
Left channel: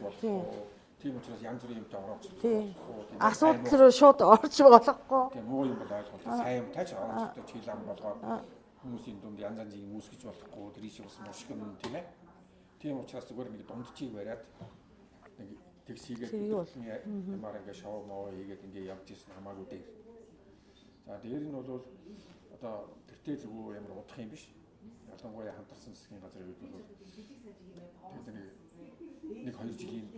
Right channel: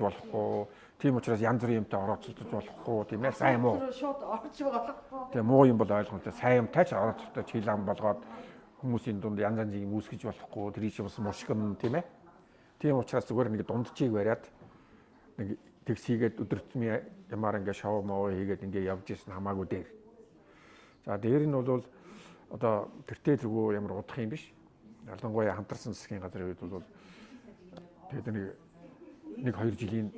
болохгүй. Тийм учраас янз бүрийн юмтай орооцолдож болохгүй. Тийм ээ сайн муу. Асуудал руу шууд орж болохгүй. Тэгээ муу юм бол ойлгомжтой. Сайн юмтай ч орооцолдож чилам болгоод хүмүүсийн дунд янз янзын юм үүсгэж болохгүй. Тэр иш бас мушгин тийм ээ. Тийм учраас зүгээр нэг дундчийг бариад нэг тэгсийгээд өдөртмийн ямаар ингээ шоу моо хийгээд ингээ явж ирсэн хамаагүй дээр. За дээр нь бол одоо тэртээ тэргүй ямар удах юм биш. Ялангуяа хамтарсан засгийн газрын үед бол тэгээд нэг 2 жилийн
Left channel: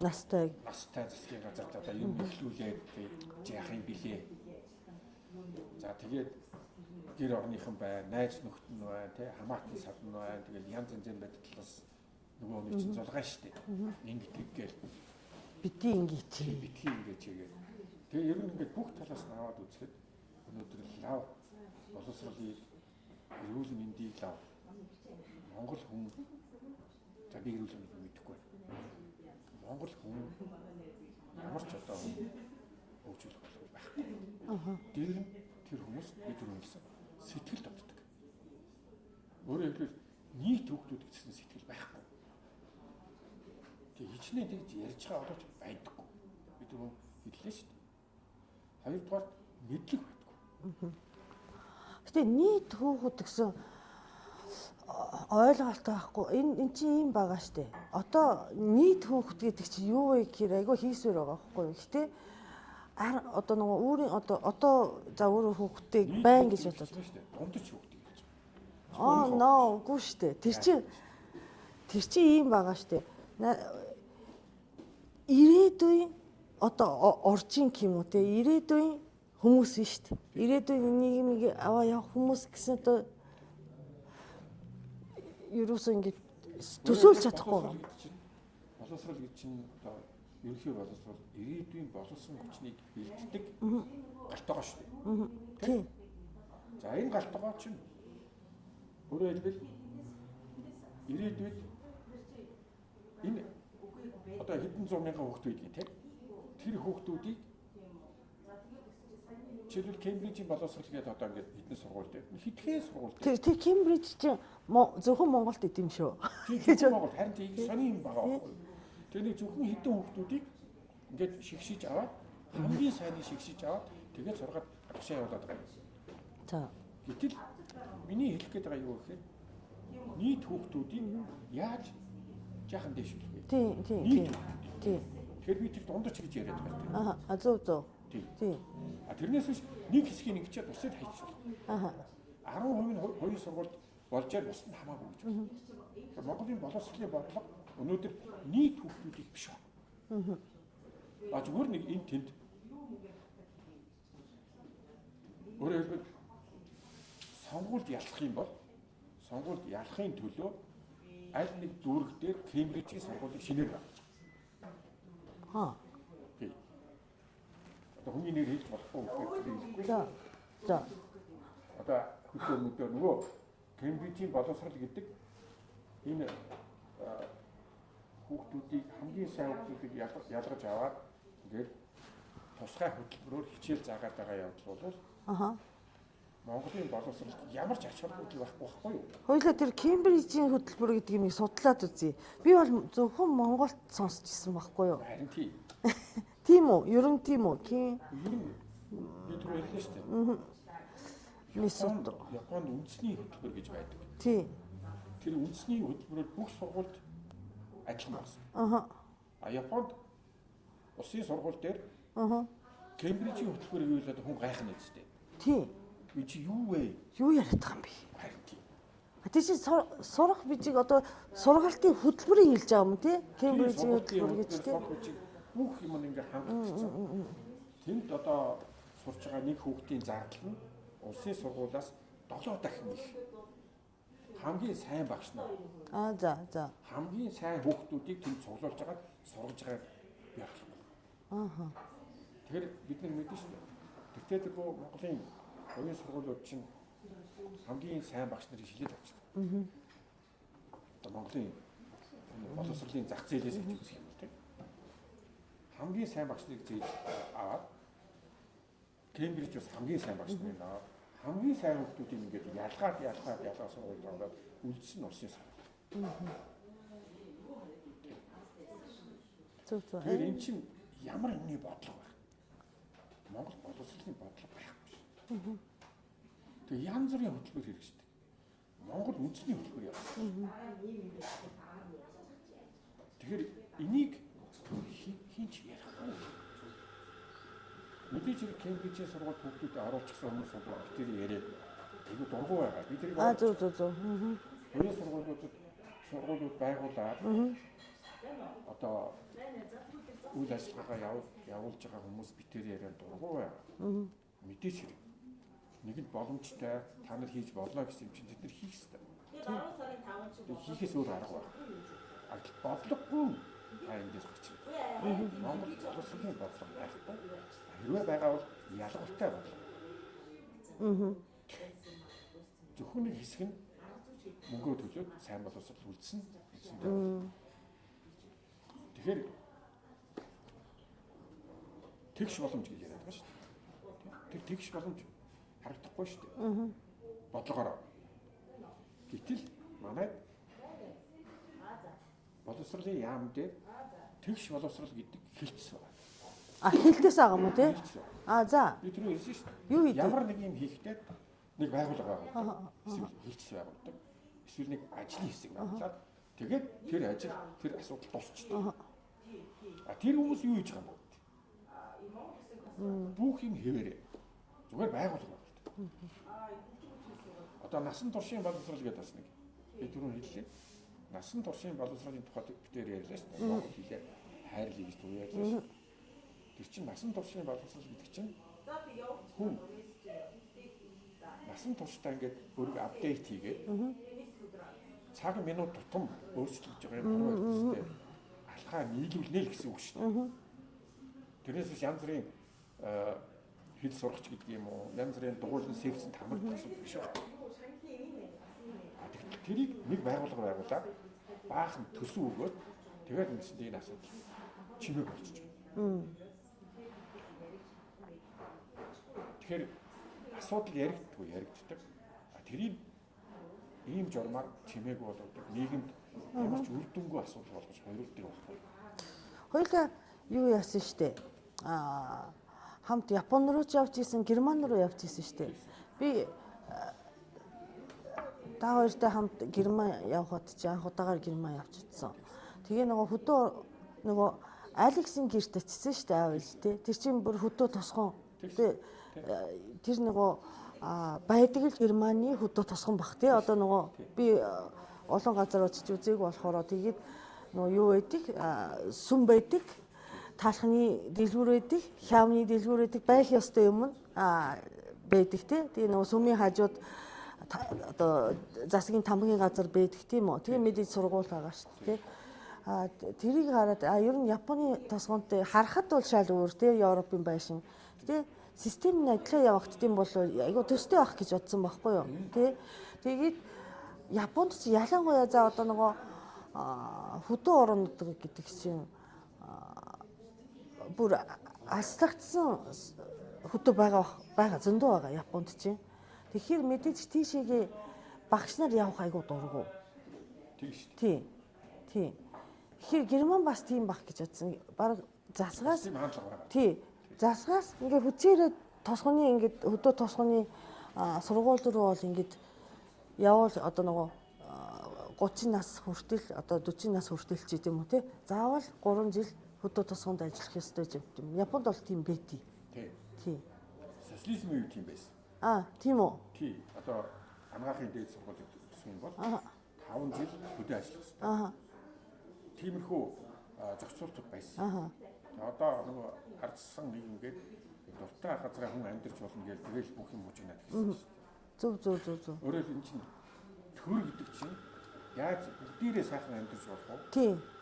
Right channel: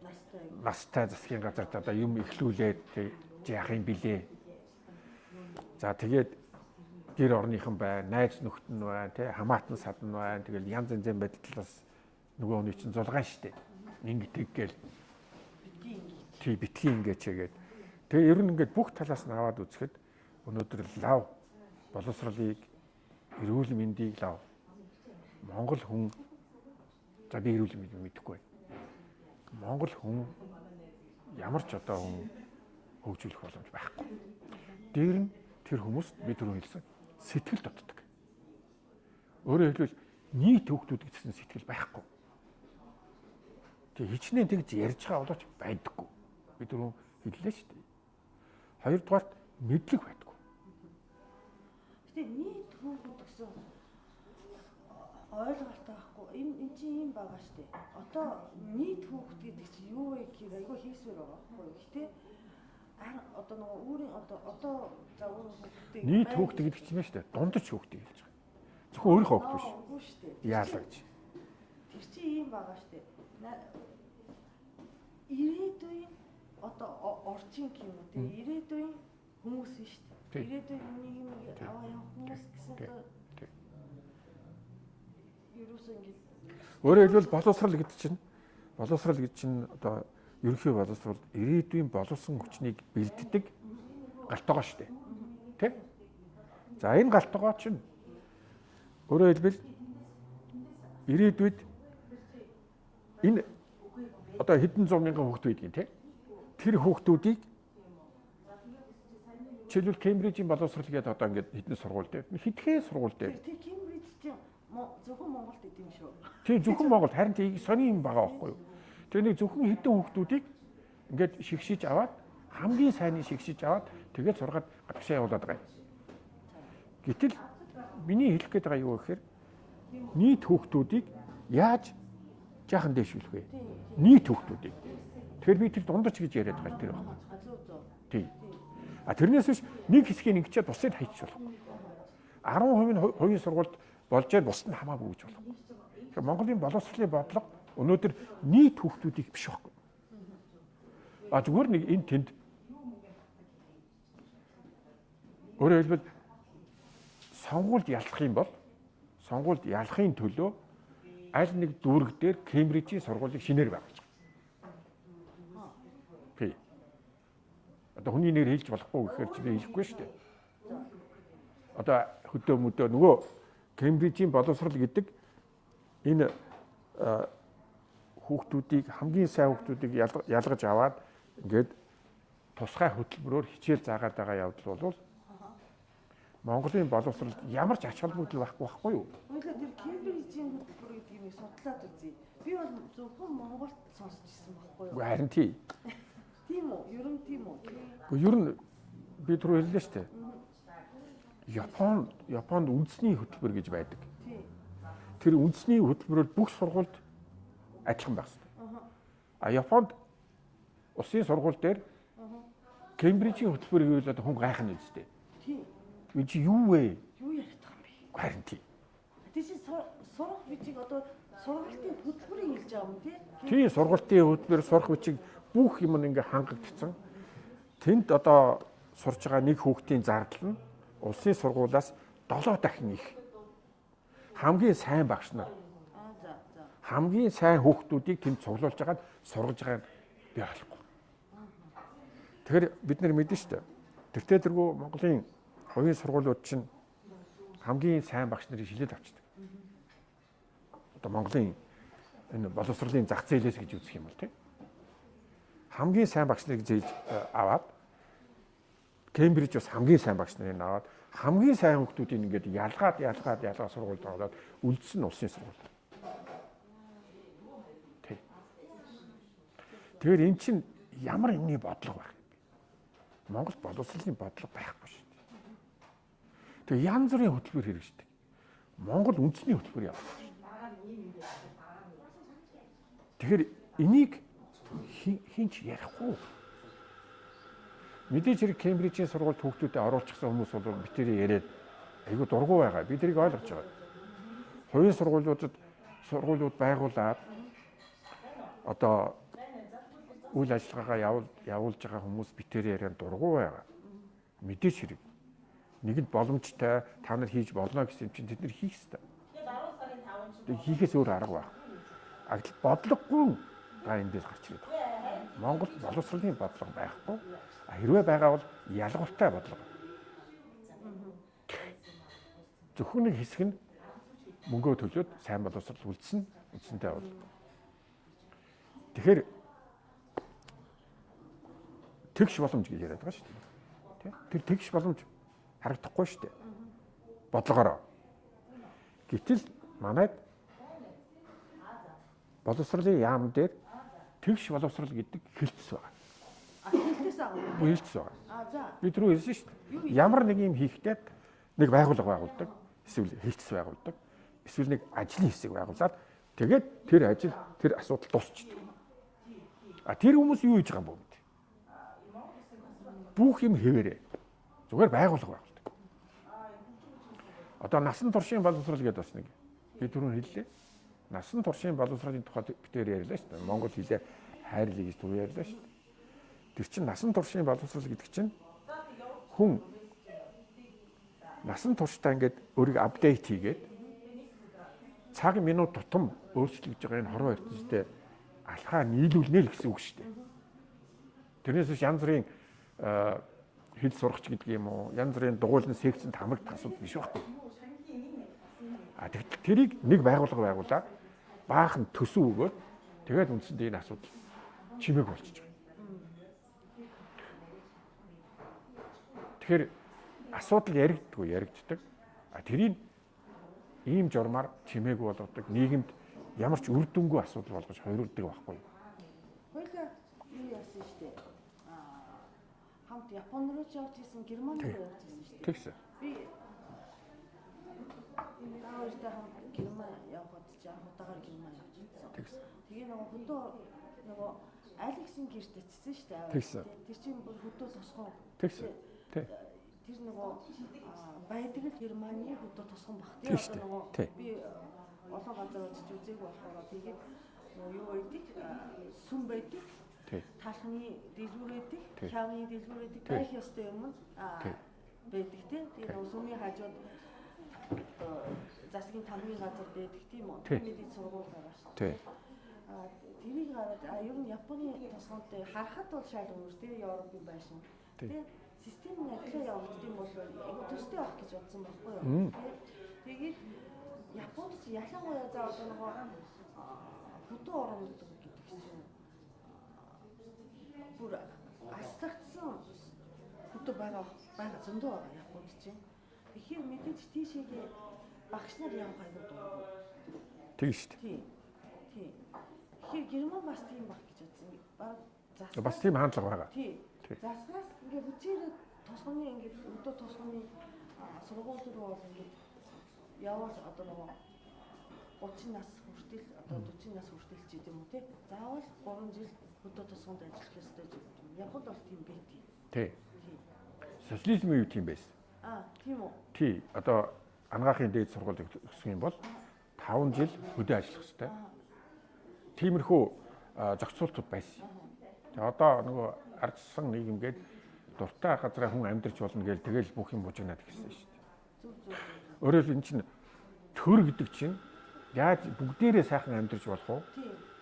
настай засгийн газарт одоо юм эхлүүлээд яах юм бэлээ. За тэгээд гэр орныхан байна, найз нөхд нь байна, тий хамаатан садан байна. Тэгэл янз янзын байдлаас нөгөө хүний чинь зулгаан штэ. Ингэ тэггээл битгий ингээд. тий битгий ингээд чигээд. Тэгээ ер нь ингээд бүх талаас нь аваад үзэхэд өнөөдөр лав боловсролыг эрүүл мэндийг лав Монгол хүн за би эрүүл мэндийг мэдэхгүй. Монгол хүн ямар ч одоо хүн хөгжүүлэх боломж байхгүй. Дээр нь тэр хүмүүст би түрүү хэлсэн сэтгэл дутдаг. Өөрөөр хэлбэл нийт хөгжүүд гэсэн сэтгэл байхгүй. Тэг хичнээн тэгж ярьж байгаа боловч байдаггүй. Би түрүү хэллээ шүү дээ. Хоёрдугаарт мэдлэг байдаггүй. Гэтэ нийт хүүхэд гэсэн ойлголт байхгүй. Энэ чинь юм байгаа штэ. Одоо нийт хүүхэд гэдэг чинь юу вэ гэхээр айгүй хийсвэр байгаа байхгүй юу. Гэтэ одоо нөгөө өөрийн одоо за өөрөө хүүхдтэй байн гэж хэлсэн штэ. Дундаж хүүхдтэй. Зөвхөн өөрийнхөө хүүхдтэй. Үгүй штэ. Тэр чинь юм байгаа штэ. Ирээдүйн одоо оржин юм уу те ирээдүйн хүмүүс нь штэ. Ирээдүйн нийгмийг аваа явах хүмүүс гэсэн одоо ерөөсөө ингэ өөрөөр боловсрал гэдэг чинь одоо ерөнхий боловсрал ирээдүйн боловсон хүчнийг бэлддэг галтгоо шүү дээ. Тийм. За энэ галтгоо чинь өөрөөр хэлбэл ирээдүйд энэ одоо хэдэн зуун мянган хүүхдүүд байдгийн тийм. Тэр хүүхдүүдийг жишээлбэл Кембрижийн боловсрал гэдэг одоо ингээд хэдэн сургууль дээр хэдхэн сургууль дээр тэр Кембриж чинь зөвхөн Монголд идэм шүү. Тийм зөвхөн Монголд харин тийг сони юм байгаа байхгүй юу. Тэр нэг зөвхөн хэдэн хүүхдүүдийг ингээд шигшиж аваад хамгийн сайныг шигшиж аваад тэгээд сургаад гадагшаа явуулаад байгаа юм. За. Гэтэл миний хэлэх гээд байгаа юу гэхээр нийт хүүхдүүдийг яаж жаахан дэвшүүлэх вэ? Нийт хүүхдүүдийг. Тэгэхээр би тэр дундаж гэж яриад байгаа тэр. Зөв. Тийм. А тэрнээс биш нэг хэсгийг ингэчээд бусдыг хайчих болох. 10% нь хувийн сургуульд болж яад бусд нь хамаагүй гэж болох. Тэгэхээр Монголын боловсролын бодлого өнөөдөр нийт хүүхдүүдийг биш байхгүй. А зүгээр нэг энэ тэнд өөрөөр хэлбэл сонгуульд ялах юм бол сонгуульд ялахын төлөө аль нэг дүүрэг дээр Кембрижийн сургуулийг шинээр байгуулж байгаа. Тий. Одоо хүний нэр хэлж болохгүй гэхээр чи би хэлэхгүй шүү дээ. За. Одоо хөдөө мөдөө нөгөө Кембрижийн боловсрал гэдэг энэ хүүхдүүдийг хамгийн сайн хүүхдүүдийг ялгаж аваад ингээд тусгай хөтөлбөрөөр хичээл заагаад байгаа явдал бол Монголын боловсролд ямар ч ач холбогдол байхгүй юу? Хоёулаа тэр Кембрижийн хөтөлбөр гэдгийг нэг судлаад үзье. Би бол зөвхөн Монголд сонсч ирсэн байхгүй юу? Харин тий. Тийм үү? Ер нь тийм үү? Ер нь би түрүү хэллээ шүү дээ. Японд үндэсний хөтөлбөр гэж байдаг. Тий. Тэр үндэсний хөтөлбөрөөр бүх сургуульд адилхан байна. А Японд улсын сургууль дээр Кембрижийн хөтөлбөрийг хийлээд хүн гайхна үстэй. Тий. Энэ чи юу вэ? Юу яриад байгаа юм бэ? Харин тий. Тийш сурах бичиг одоо сургалтын хөтөлбөрийг хэлж байгаа юм тий? Тий, сургалтын хөтөлбөр сурах бичиг бүх юм ингээ хангагдсан. Тэнд одоо сурж байгаа нэг хүүхдийн зардал нь улсын сургуулиас 7 дахин их. Хамгийн сайн багш нар. За. Хамгийн сайн хүүхдүүдийг тэнд цуглуулж байгаад сургаж байгааг би ойлгохгүй. Тэгэхээр бид нар мэдэн шүү дээ. Тэртээ тэргүй Монголын хувийн сургуулиуд чинь хамгийн сайн багш нарыг шилээд авчдаг. Одоо Монголын энэ боловсролын зах зээлээс гэж үзэх юм бол тийм. Хамгийн сайн багш нарыг зээж аваад Кембриж бас хамгийн сайн багш нарыг аваад хамгийн сайн хүүхдүүдийг ингээд ялгаад сургуульд ороод үлдсэн улсын сургууль. Тийм. Тэгэхээр эн чинь ямар юмны бодлого байх юм бэ? Монгол боловсролын бодлого байхгүй шүү дээ. Тэгээ янз бүрийн хөтөлбөр хэрэгждэг. Монгол үндэсний хөтөлбөр явуулсан. Тэгэхээр энийг хинч ярихгүй. Мэдээж хэрэг Кембрижийн сургуульд хүүхдүүдэд оруулчихсан хүмүүс бол битэрий яриад айгүй дургу байгаа. Би тэрийг ойлгож байна. Хувийн сургуулиуд байгуулад одоо үйл ажиллагаагаа явуулж байгаа хүмүүс битэрий яриад дургу байгаа. Мэдээж хэрэг. нэгэнд боломжтой та нар хийж болно гэсэн юм чинь тэд нар хийх ёстой. Тэг хийхээс өөр арга байна. Бодлогогүй эндээс гарч ирээд байна. Монгол боловсролын бодлого байхгүй. Хэрвээ байгаа бол ялгууртай бодлого. Зөвхөн нэг хэсэг нь мөнгөө төлөөд сайн боловсрол үлдсэн эцэнтэй бол. Тэгэхээр тэгш боломж гэж яриад байгаа шүү дээ. Тэр тэгш боломж харагдахгүй шүү дээ. Бодлогоороо. Гэтэл манайд боловсролын яам дээр тэгш боловсрол гэдэг хэлтс байгаа. Хэлтээс байгаа юм уу тий? Хэлтс байгаа. За. Би түрүү хэлсэн шүү дээ. Ямар нэг юм хийхдээ нэг байгууллага байгуулдаг. Эсвэл хэлтс байгуулдаг. Эсвэл нэг ажлын хэсэг байгуулад тэгээд тэр ажил тэр асуудал дуусчихдаг. Тэр хүмүүс юу хийж байгаа юм бэ? Бүх юм хэвээрээ. Зүгээр байгууллага байгуулдаг. Одоо насан туршийн боловсрол гэдэг бас нэг би түрүү хэллээ. Насан туршийн боловсролын тухай битээр ярьлаа шүү дээ. Монгол хэлээр хайрлыг гэж түрүү ярьлаа шүү дээ. Тэр чинь насан туршийн боловсрол гэдэг чинь хүн насан туршдаа ингээд өөрийгөө апдейт хийгээд цаг минут тутам өөрчлөгдөж байгаа энэ хорвоо ертөнцийн алхаа нийлүүлнэ л гэсэн үг шүү дээ. Тэрнээс биш янз бүрийн хэл сургач гэдэг юм уу, янз бүрийн дугуйлан секцэнд хамрагдах асуудал биш байхгүй. Тэрийг нэг байгууллага байгуулаад баахан төсөв өгөөд тэгээд үндсэндээ энэ асуудал чимээг болчихж байгаа. Тэгэхээр асуудал яригддаг. Тэрийг ийм журмаар чимээг болгодог нийгэмд ямар ч үр дүнгүй асуудал болгож хоёролдог байхгүй. Хоёулаа юу яасан штэ. Хамт Япон руу ч явж исэн, Герман руу явж исэн штэ. Би та хоёртой хамт Герман явхад чи анх удаагаар Герман явж утсан. Тэгээ нөгөө Алексийн гэрт очисон штэ аав тий. Тэр чинь бүр хөдөө тосгон. Тэр нөгөө байдаг л Германы хөдөө тосгон бах тий. Одоо нөгөө би олон газар очиж үзег болохоор тэгээд нөгөө юу байдаг? Сүм байдаг. Таалхны дэлгүүр байдаг, хявны дэлгүүр байдаг, байх ёстой юм байдаг тий. Тэгээ нөгөө сүмийн хажууд одоо засгийн тамгийн газар байдаг тийм үү. Тэгээ мэдээж сургууль байгаа шүү дээ. Тэрийг хараад ер нь Японы тосгонтой харахад бол шал өөр тий Европын байшин. Тэгээ систем нь адилхан явагдсан юм бол айгу төстэй байх гэж бодсон байхгүй юу. Тий. Тэгээд Японд ч ялангуяа за одоо нөгөө хөдөө орнууд гэдэг чинь бүр аслагдсан хөдөө байгаа зөндөө байгаа Японд чинь. Тэгэхээр мэдээж тийшээгээ багш нар явах айгу дургу. Тийм шүү дээ. Тий. Тэгэхээр Герман бас тийм баг гэж бодсон. Бараг засгаас бас тийм хандлага байгаа. Тий. Засгаас ингээ хүчээрээ тосгоны ингээ хөдөө тосгоны сургууль руу бол ингээ явал одоо нөгөө 30 нас хүртэл одоо 40 нас хүртэл ч гэдэм үү те. Заавал 3 жил хөдөө тосгонд ажиллах ёстой гэж юм. Японд бол тийм байдий. Тий. Социализмын үе тийм байсан. Тийм үү? Тий. Одоо ангаахын дээд сургуулийг төгсөх юм бол 5 жил хөдөө ажиллах ёстой. Тиймэрхүү зохицуултууд байсан. Тэгээ одоо нөгөө ардсан нийгэмгээд дуртай газраа хүн амьдарч болно гэж тэгэл бүх юм бужигнаад гэсэн шүү дээ. Зөв. Өөрөөр хэлбэл энэ чинь төр гэдэг чинь яаж бүгдээрээ сайхан амьдарч болох уу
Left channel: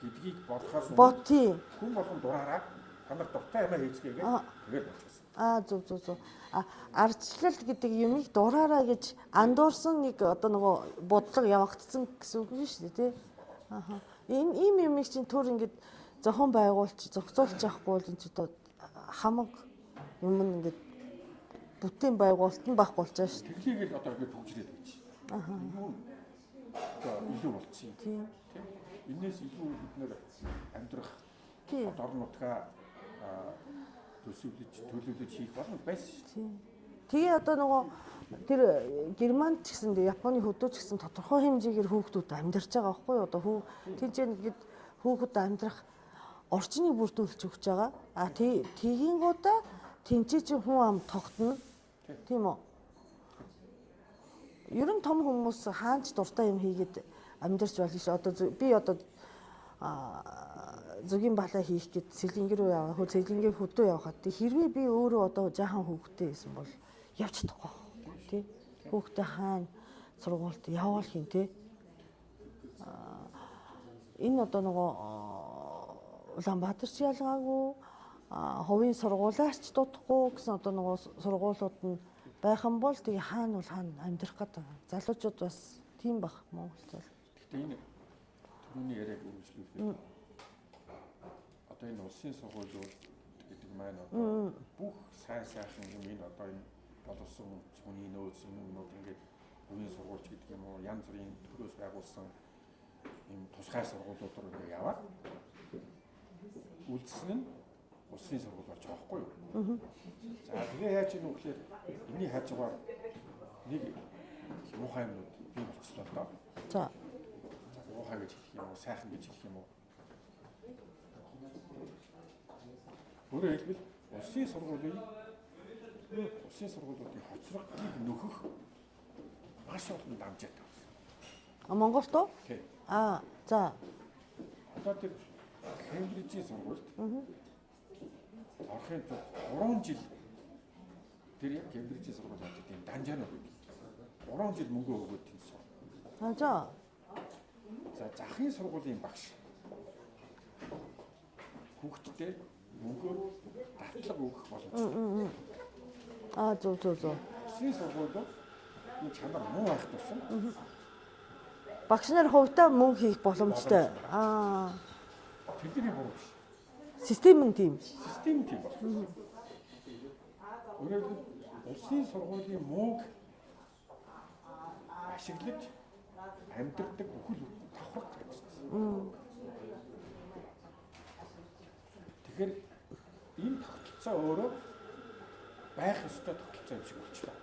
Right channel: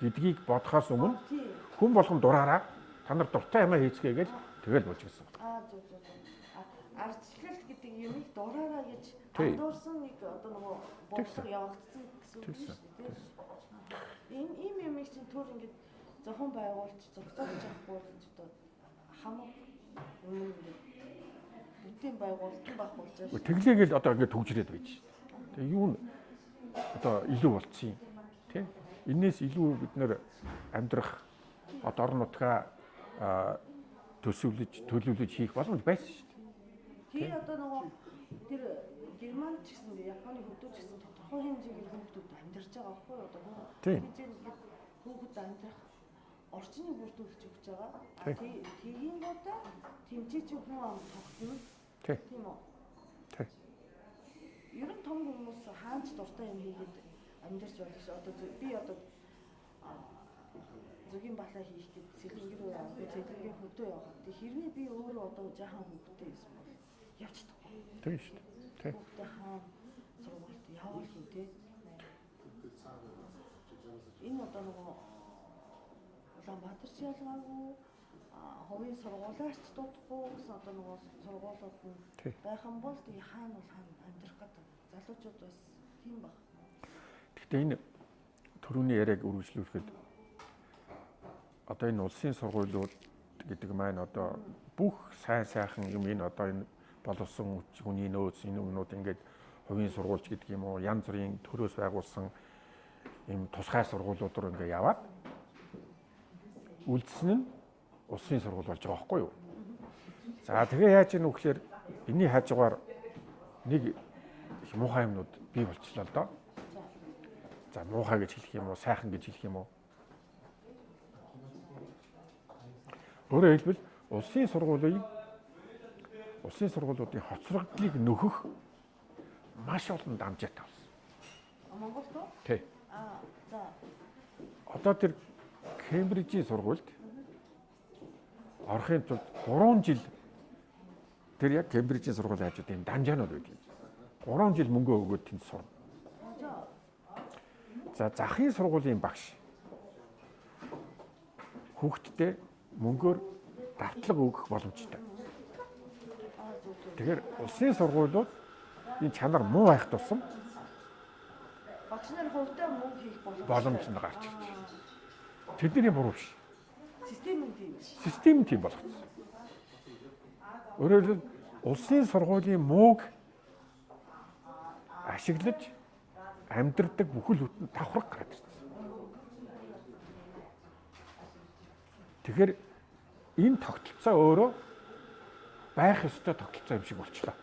гэдгийг бодохоос өмнө хүн болгон дураараа та нар дуртай юмаа хийцгээгээд тэгэл бужигсан. Зөв. Ардчлал гэдэг юмыг дураараа гэж андуурсан нэг одоо нөгөө бодлого явагдсан гэсэн үг нь шүү дээ тий. Энэ ийм юмыг чинь төр ингээд зохион байгуулж зохицуулж явахгүй бол энэ ч одоо хамаг юм ингээд бүтээн байгуулалт нь байхгүй болчихсон шүү. Тэглээгээл одоо ингээд төгжрээд байж. Тэгээ юу н одоо илүү болцсон юм тий. Энээс илүү бид нэр амьдрах одоо орон нутгаа төлөвлөж хийх боломж байсан шүү. Тэгээ одоо нөгөө тэр Германд ч гэсэн Японы хөдөө ч гэсэн тодорхой хэмжээгээр хүүхдүүд амьдарч байгаа байхгүй юу? Одоо тийж ингээд хүүхэд амьдрах орчныг бүрдүүлж өгч байгаа. Тэгийн гуудаа тэнцээ чи хүн ам тогтно. Тийм үү? Ер нь том хүмүүс хаач дуртай юм хийгээд амьдарч болно ш. Одоо би одоо зүгийн балаа хийх гээд Сэлэнгэ рүү яваа. Сэлэнгээ хөдөө явахад хэрвээ би өөрөө одоо жаахан хүүхдтэй байсан бол явж чадахгүй. тий. Хүүхдээ хаана сургуульд явуул хин тий. Энэ одоо нөгөө Улаанбаатарч ялгаагүй хувийн сургуулиарч дутхгүй гэсэн одоо нөгөө сургуулиуд нь байх юм бол тэгээ хаана бол хаана амьдрах гэдэг. Залуучууд бас тийм баг Монголд. Гэхдээ энэ төрөүний яриаг үргэлжлүүлэхэд одоо энэ улсын сургуулиуд гэдэг маань одоо бүх сайн сайхан юм энэ одоо энэ боловсон хүний нөөц энэ юмнууд ингээд хувийн сургуульч гэдэг юм уу янз бүрийн төрөөс байгуулсан ийм тусгай сургуулиуд руу ингээд яваад үлдсэн нь улсын сургууль болж байгаа байхгүй юу? За тэгээ яаж ийм үгээр энэний хажуугаар нэг муухай юмнууд бий болчихлоо л доо. За муухай гэж хэлэх юм уу, сайхан гэж хэлэх юм уу? Өөрөөр хэлбэл улсын сургуулиудын хоцрогдлыг нөхөх маш олон дамжаатай болсон. Монголд уу? Тий. За. Одоо тэр Кембрижийн сургуульд орохын тулд 3 жил тэр яг Кембрижийн сургууль хажууд юм дамжаанууд байдаг. 3 жил мөнгө өгөөд тэнд сурна. За захын сургуулийн багш хүүхдтэй мөнгөөр давтлага өгөх боломжтой. Зөв. Тэгэхээр улсын сургуулиуд энэ чанар муу байх тусам багш нарын хувьдаа мөнгө хийх боломжтой. Тэдний буруу биш. Систем нь тийм. Систем нь тийм болох. Өөрөөр хэлбэл улсын сургуулийн мууг ашиглаж амьдрдаг бүхэл бүтэн давхраг гараад ирсэн. Тэгэхээр энэ тогтолцоо өөрөө байх ёстой тогтолцоо юм шиг болчихлоо.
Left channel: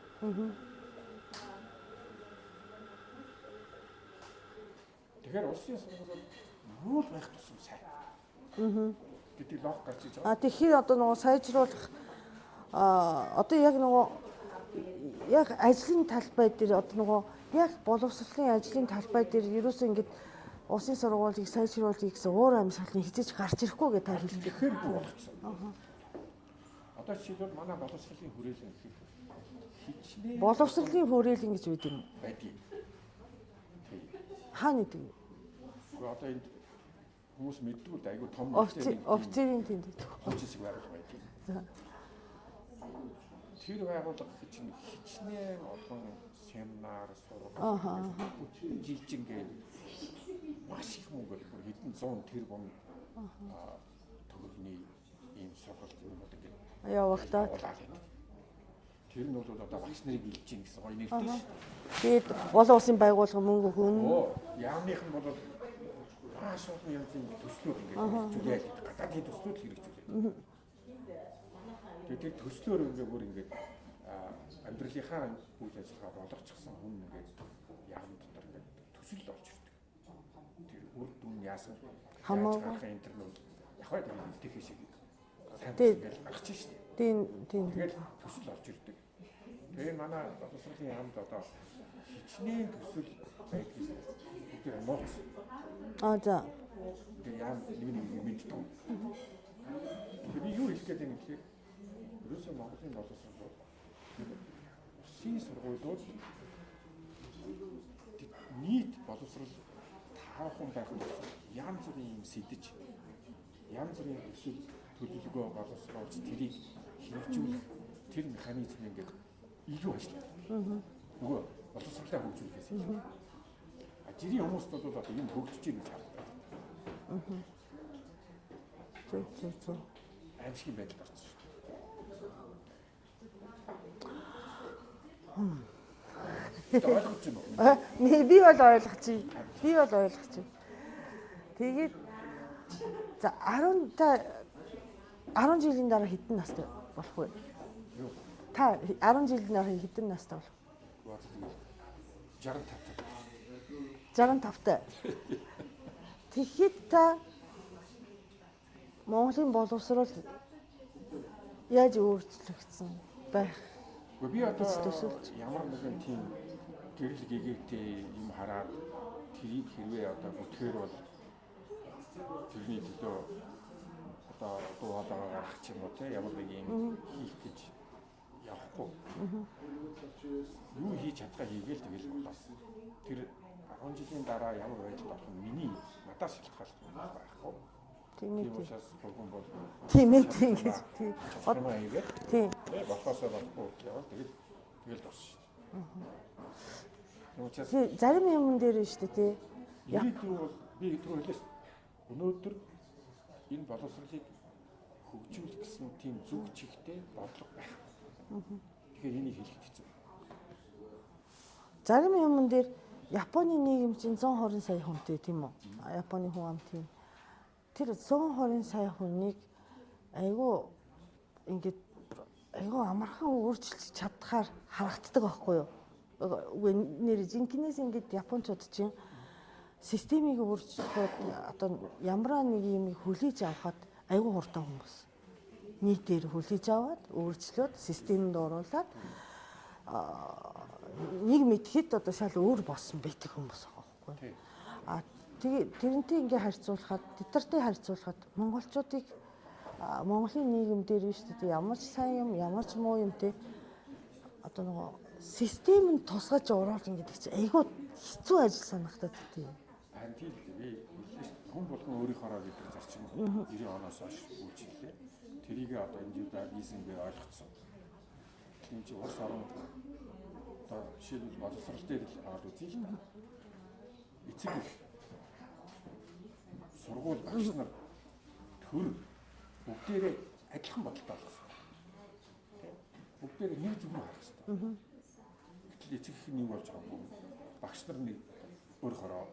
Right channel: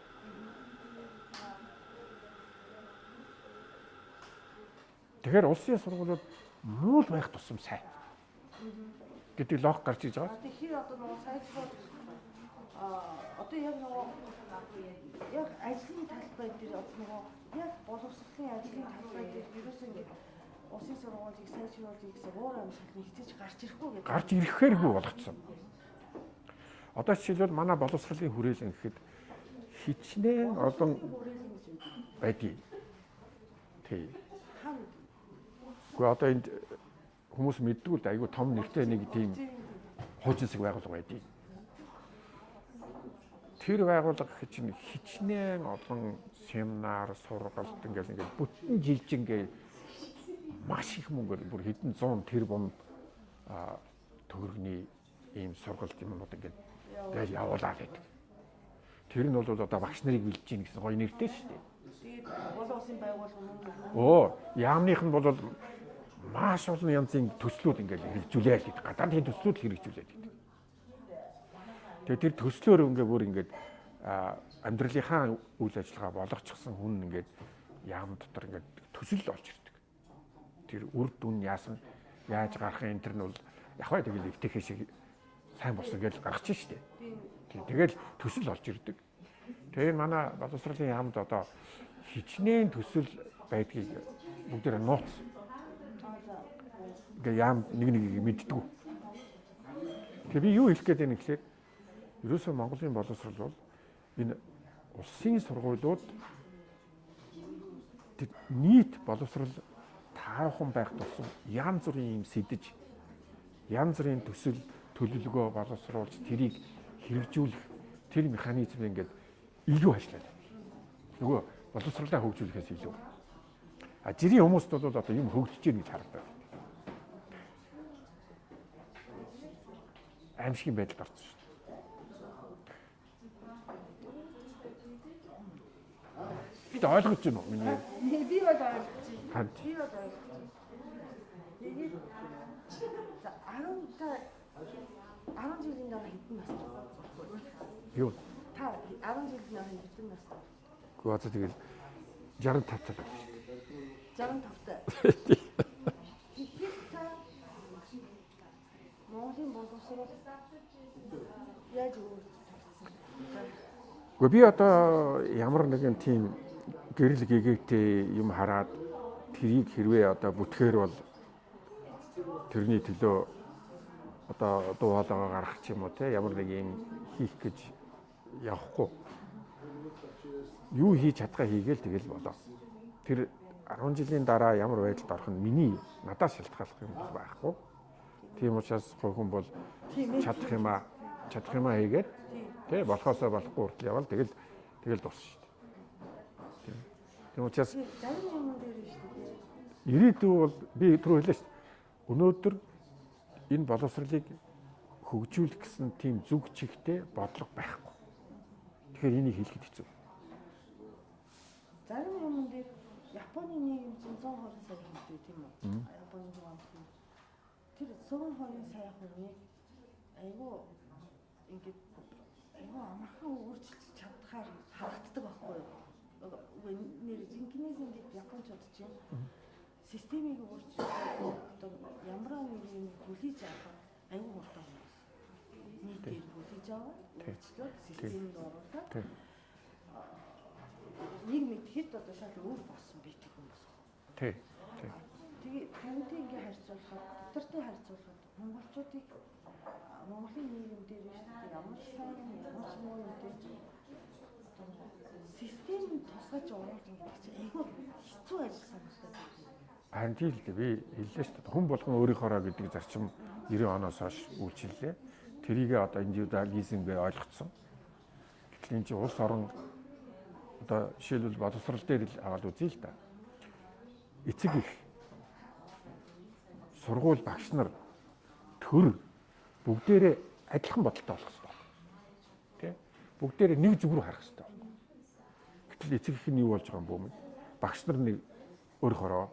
Тэгэхээр улсын сургуулиуд муу байх тусам сайн. Гэдэг логик гарч иж байгаа. Тэгэхээр одоо нөгөө сайжруулах одоо яг нөгөө яг ажлын талбай дээр одоо нөгөө яг боловсролын ажлын талбай дээр ерөөсөө ингэж улсын сургуулийг сайжруулъя гэсэн өөр амьсгалын хизэж гарч ирэхгүй гэдэг. Гарч ирэхээргүй болгоцсон. Одоо жишээлбэл манай боловсролын хүрээлэн гэхэд хичнээн боловсролын хүрээлэн гэж үүд юм. Байдгийг. Тий. Хаана гэдэг вэ? Гэхдээ одоо энд хүмүүс мэддэггүй л айгүй том нэгтэй нэг тийм хуучин засаг байгууллага байдгийг. Тэр байгууллага чинь хичнээн олон семинар, сургалт ингээд бүтэн жилжингээ маш их мөнгөөр бүр хэдэн 100 тэрбум төгрөгийн ийм сургалт юмнууд ингээд явуулаад байдаг. Тэр нь бол одоо багш нарыг илж гин гэсэн гоё нэртэй ш. Тэгээд олон улсын байгууллага мөнгө өгнө. Яамных нь бол маш олон янзын төслүүд ингээд хэрэгжүүлээд байдаг. Гадаадын төслүүд хэрэгжүүлээд. Тэгээд тэр төслөөр ингээд бүр ингээд амьдралынхаа үйл ажиллагаа болгочихсон хүн ингээд яам дотор ингээд төсөл олж ирдэг. Тэр үр дүн яасан яаж гарах энэ төр нь бол яваа тэгэл эвтэхэ шиг сайн болсон гэж гаргачих штеп. Тийм. Тэгэл төсөл олж ирдэг. Тэгээд манай боловсролын яамд одоо хичнээн төсөл байдгийг бүгдээр нууц. За. Ингээ яам нэг мэддэггүй. Тэгээ би юу хэлэх гээд байна гэхлээр ерөөсөө Монголын боловсрол бол энэ улсын сургуулиуд нийт боловсрол таархан байх тусам янз бүрийн юм сэдэж янз бүрийн төсөл төлөвлөгөө боловсруулж тэрийг хэрэгжүүлэх тэр механизм ингээд илүү ажиллаад. Нөгөө боловсролоо хөгжүүлэхээс илүү. Жирийн хүмүүст бол одоо юм хөгжиж байгаа гэж харагдаад. Аимшигын байдалд орсон. Тэ ойлгож байна уу? Би бол ойлгож байна. Тэгээд за 10 жилийн дараа хэдэн настай болох вэ? Юу? Та 10 жилийн дараа хэдэн настай болох? Гэхдээ одоо тэгэл 65 тал. 65 таа. Тэгэхэд та Монголын боловсрол яаж өөрчлөгдсөн байх? Гэхдээ би одоо ямар нэгэн тийм гэрэл гэгээтэй юм хараад тэрийг хэрвээ одоо бүтгээр бол тэрний төлөө одоо дуу хоолойгоо гаргах ч юм уу те ямар нэг юм хийх гэж явахгүй. Юу хийж чадхаа хийгээл тэгэл болоо. Тэр 10 жилийн дараа ямар байдалд орох нь миний надаас шалтгааллах юм байхгүй. Тийм учраас хүн бол чадах юм аа хийгээд тий болохоосоо болохгүй хүртэл явал тэгэл дуусна шүү дээ. Тийм учраас зарим юм дээр нь шүү дээ тий. Ирээдүй бол би түрүү хэлээ шүү дээ. Өнөөдөр энэ боловсролыг хөгжүүлэх гэсэн тийм зүг чигтээ бодлого байхгүй. Тэгэхээр энийг хэлэхэд хэцүү. Зарим юм дээр Японы нийгэм чинь 120 сая хүнтэй тийм үү? Японы хүн ам тийм. Тэр 120 сая хүнийг айгүй ингээд айгүй амархан өөрчилж чадхаар харагддаг байхгүй юу? Үгүй нэр жинкнээс ингээд японочууд чинь системийг өөрчлөхөд одоо ямар нэг юм хүлээж авахад айгүй хурдан хүмүүс. Нийтээр хүлээж аваад өөрчлөөд системд оруулаад нэг мэдхэд одоо шал өөр болсон байдаг хүмүүс байгаа байхгүй. Тэгээ тэрнтэй ингээ харьцуулахад тэдэртэй харьцуулахад монголчуудыг Монголын нийгэм дээр биш үү ямар ч сайн юм ямар ч муу юм те одоо нөгөө системд тусгаж оруулна гэдэг чинь айгүй хэцүү ажил санагдаад тийм. Харин тийм л дээ би хэллээ шүү дээ. Хүн болгон өөрийнхоороо гэдэг зарчим 90 оноос хойш үйлчиллээ. Тэрийг одоо индивидуализмгээ ойлгоцсон. Тэгэхээр энэ чинь улс орон одоо жишээлбэл боловсрол дээр л аваад үзье л да. Эцэг их сургууль багш нар төр бүгдээрээ адилхан бодолтой болох хэрэгтэй. Тэ? Бүгдээрээ нэг зүг рүү харах хэрэгтэй. Гэтэл эцэг их нь юу болж байгаа юм бэ? Багш нар нэг өөрөөрөө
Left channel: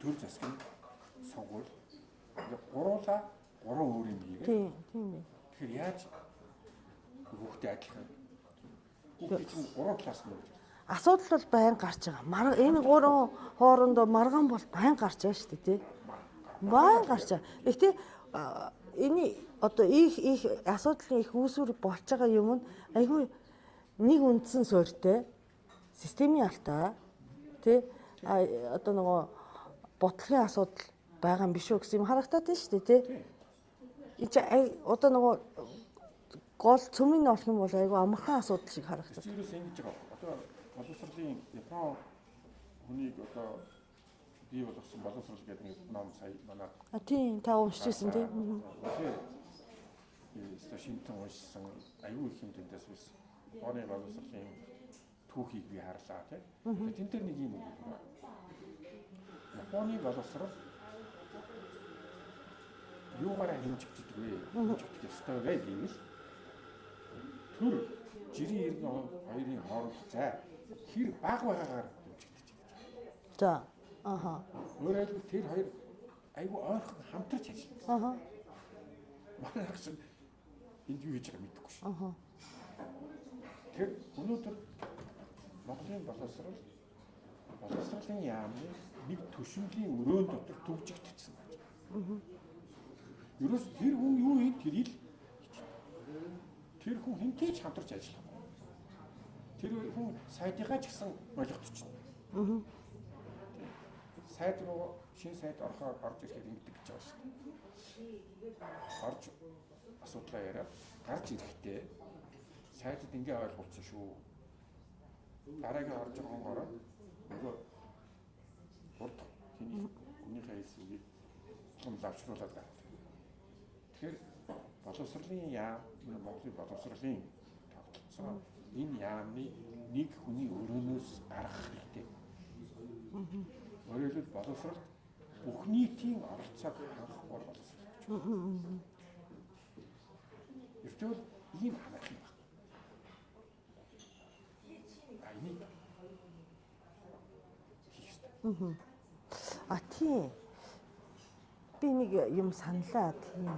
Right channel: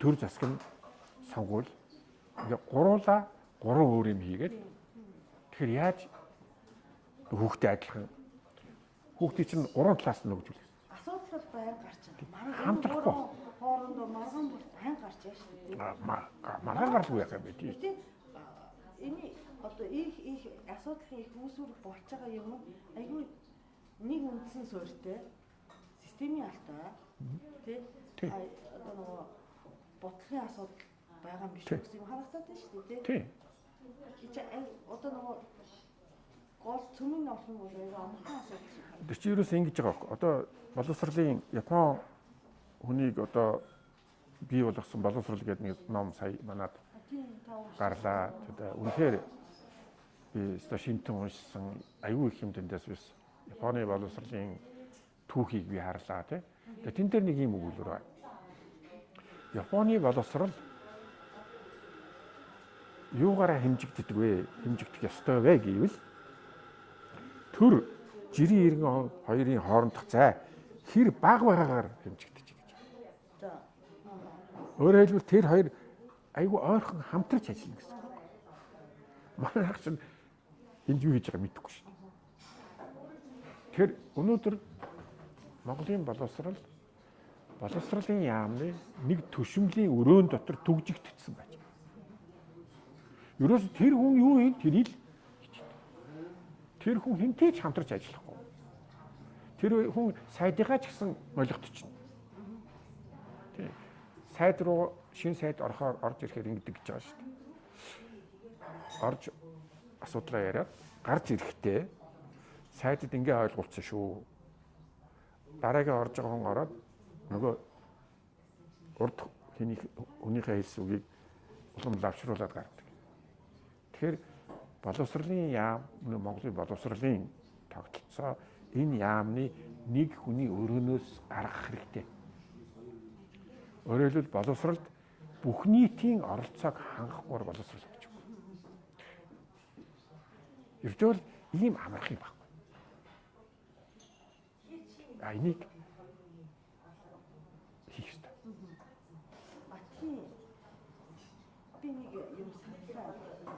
төр засаг нь сонгуул ингээ гуруула гурван өөр юм хийгээд тэгэхээр яаж хүүхдээ адилхан хүүхдийн чинь гурван талаас нь нөгж үлээ. Асуудал бол байн гарч байгаа. Энэ гурван хоорондоо маргаан бол байн гарч байгаа шүү дээ тий. Байн гарч байгаа. Гэхдээ энэ одоо их асуудлын их үүсвэр болж байгаа юм нь айгүй нэг үндсэн суурьтай системийн алтай тий одоо нөгөө бодлогын асуудал байгаа юм биш үү гэсэн юм харагдаад байна шүү дээ тий. Одоо нөгөө гол цөмийн олох юм бол айгүй амархан асуудал шиг харагдав. Тэр чинь юу гэсэн ингэж байгаа байхгүй. Одоо боловсролын Япон хүнийг одоо бий болгосон боловсрол гэдэг нэг ном сая манад. Тийм та уншижсэн тийм. Үнэхээр би өстой шинтэн уншсан айгүй их юм тэндээс биш. Японы боловсролын түүхийг би харлаа тий. Тэгээ тэн дээр нэг юм өгүүлбэр байна. Японы боловсрол юугаараа хэмжигддэг вэ? Хэмжигдэх ёстой вэ гэвэл төр жирийн иргэн хоёрын хоорондох зай хэр бага байгаагаар хэмжигдэж байгаа гэж. За. Өөрөөр хэлбэл тэр хоёр айгүй ойрхон хамтарч ажиллана гэсэн. Манай ах чинь энд юу хийж байгааг мэдэхгүй шин. Тэгэхээр өнөөдөр Монголын боловсролын яамны нэг төшмөлийн өрөөнд дотор түгжигдсэн байж байгаа. Ерөөс тэр хүн юу хийх тэрийг тэр хүн хинтэй ч хамтарч ажиллахгүй. Тэр хүн сайдыгаа ч гэсэн ойлгогдчихно. Тийм. Сайд руу шинэ сайд орж ирэхээр ингэдэг гэж байгаа шүү дээ. Орж асуудлаа яриад гарч ирэхдээ сайдд ингээ ойлгуулсан шүү. Дараагийн орж байгаа хүн ороод нөгөө урд хүнийхээ хэлсэн үгийг улам лавшруулад гардаг. Тэгэхээр боловсролын яам Монголын боловсролын тогтолцоо энэ яамны нэг хүний өрөөнөөс гарах хэрэгтэй. Өөрөөр хэлбэл боловсролд бүх нийтийн оролцоог хангахгүйгээр боловсрол гэж байна. Ердөө ийм амарх юм байна. Энийг хийх ёстой. Тийм. Би нэг юм саналаа тийм.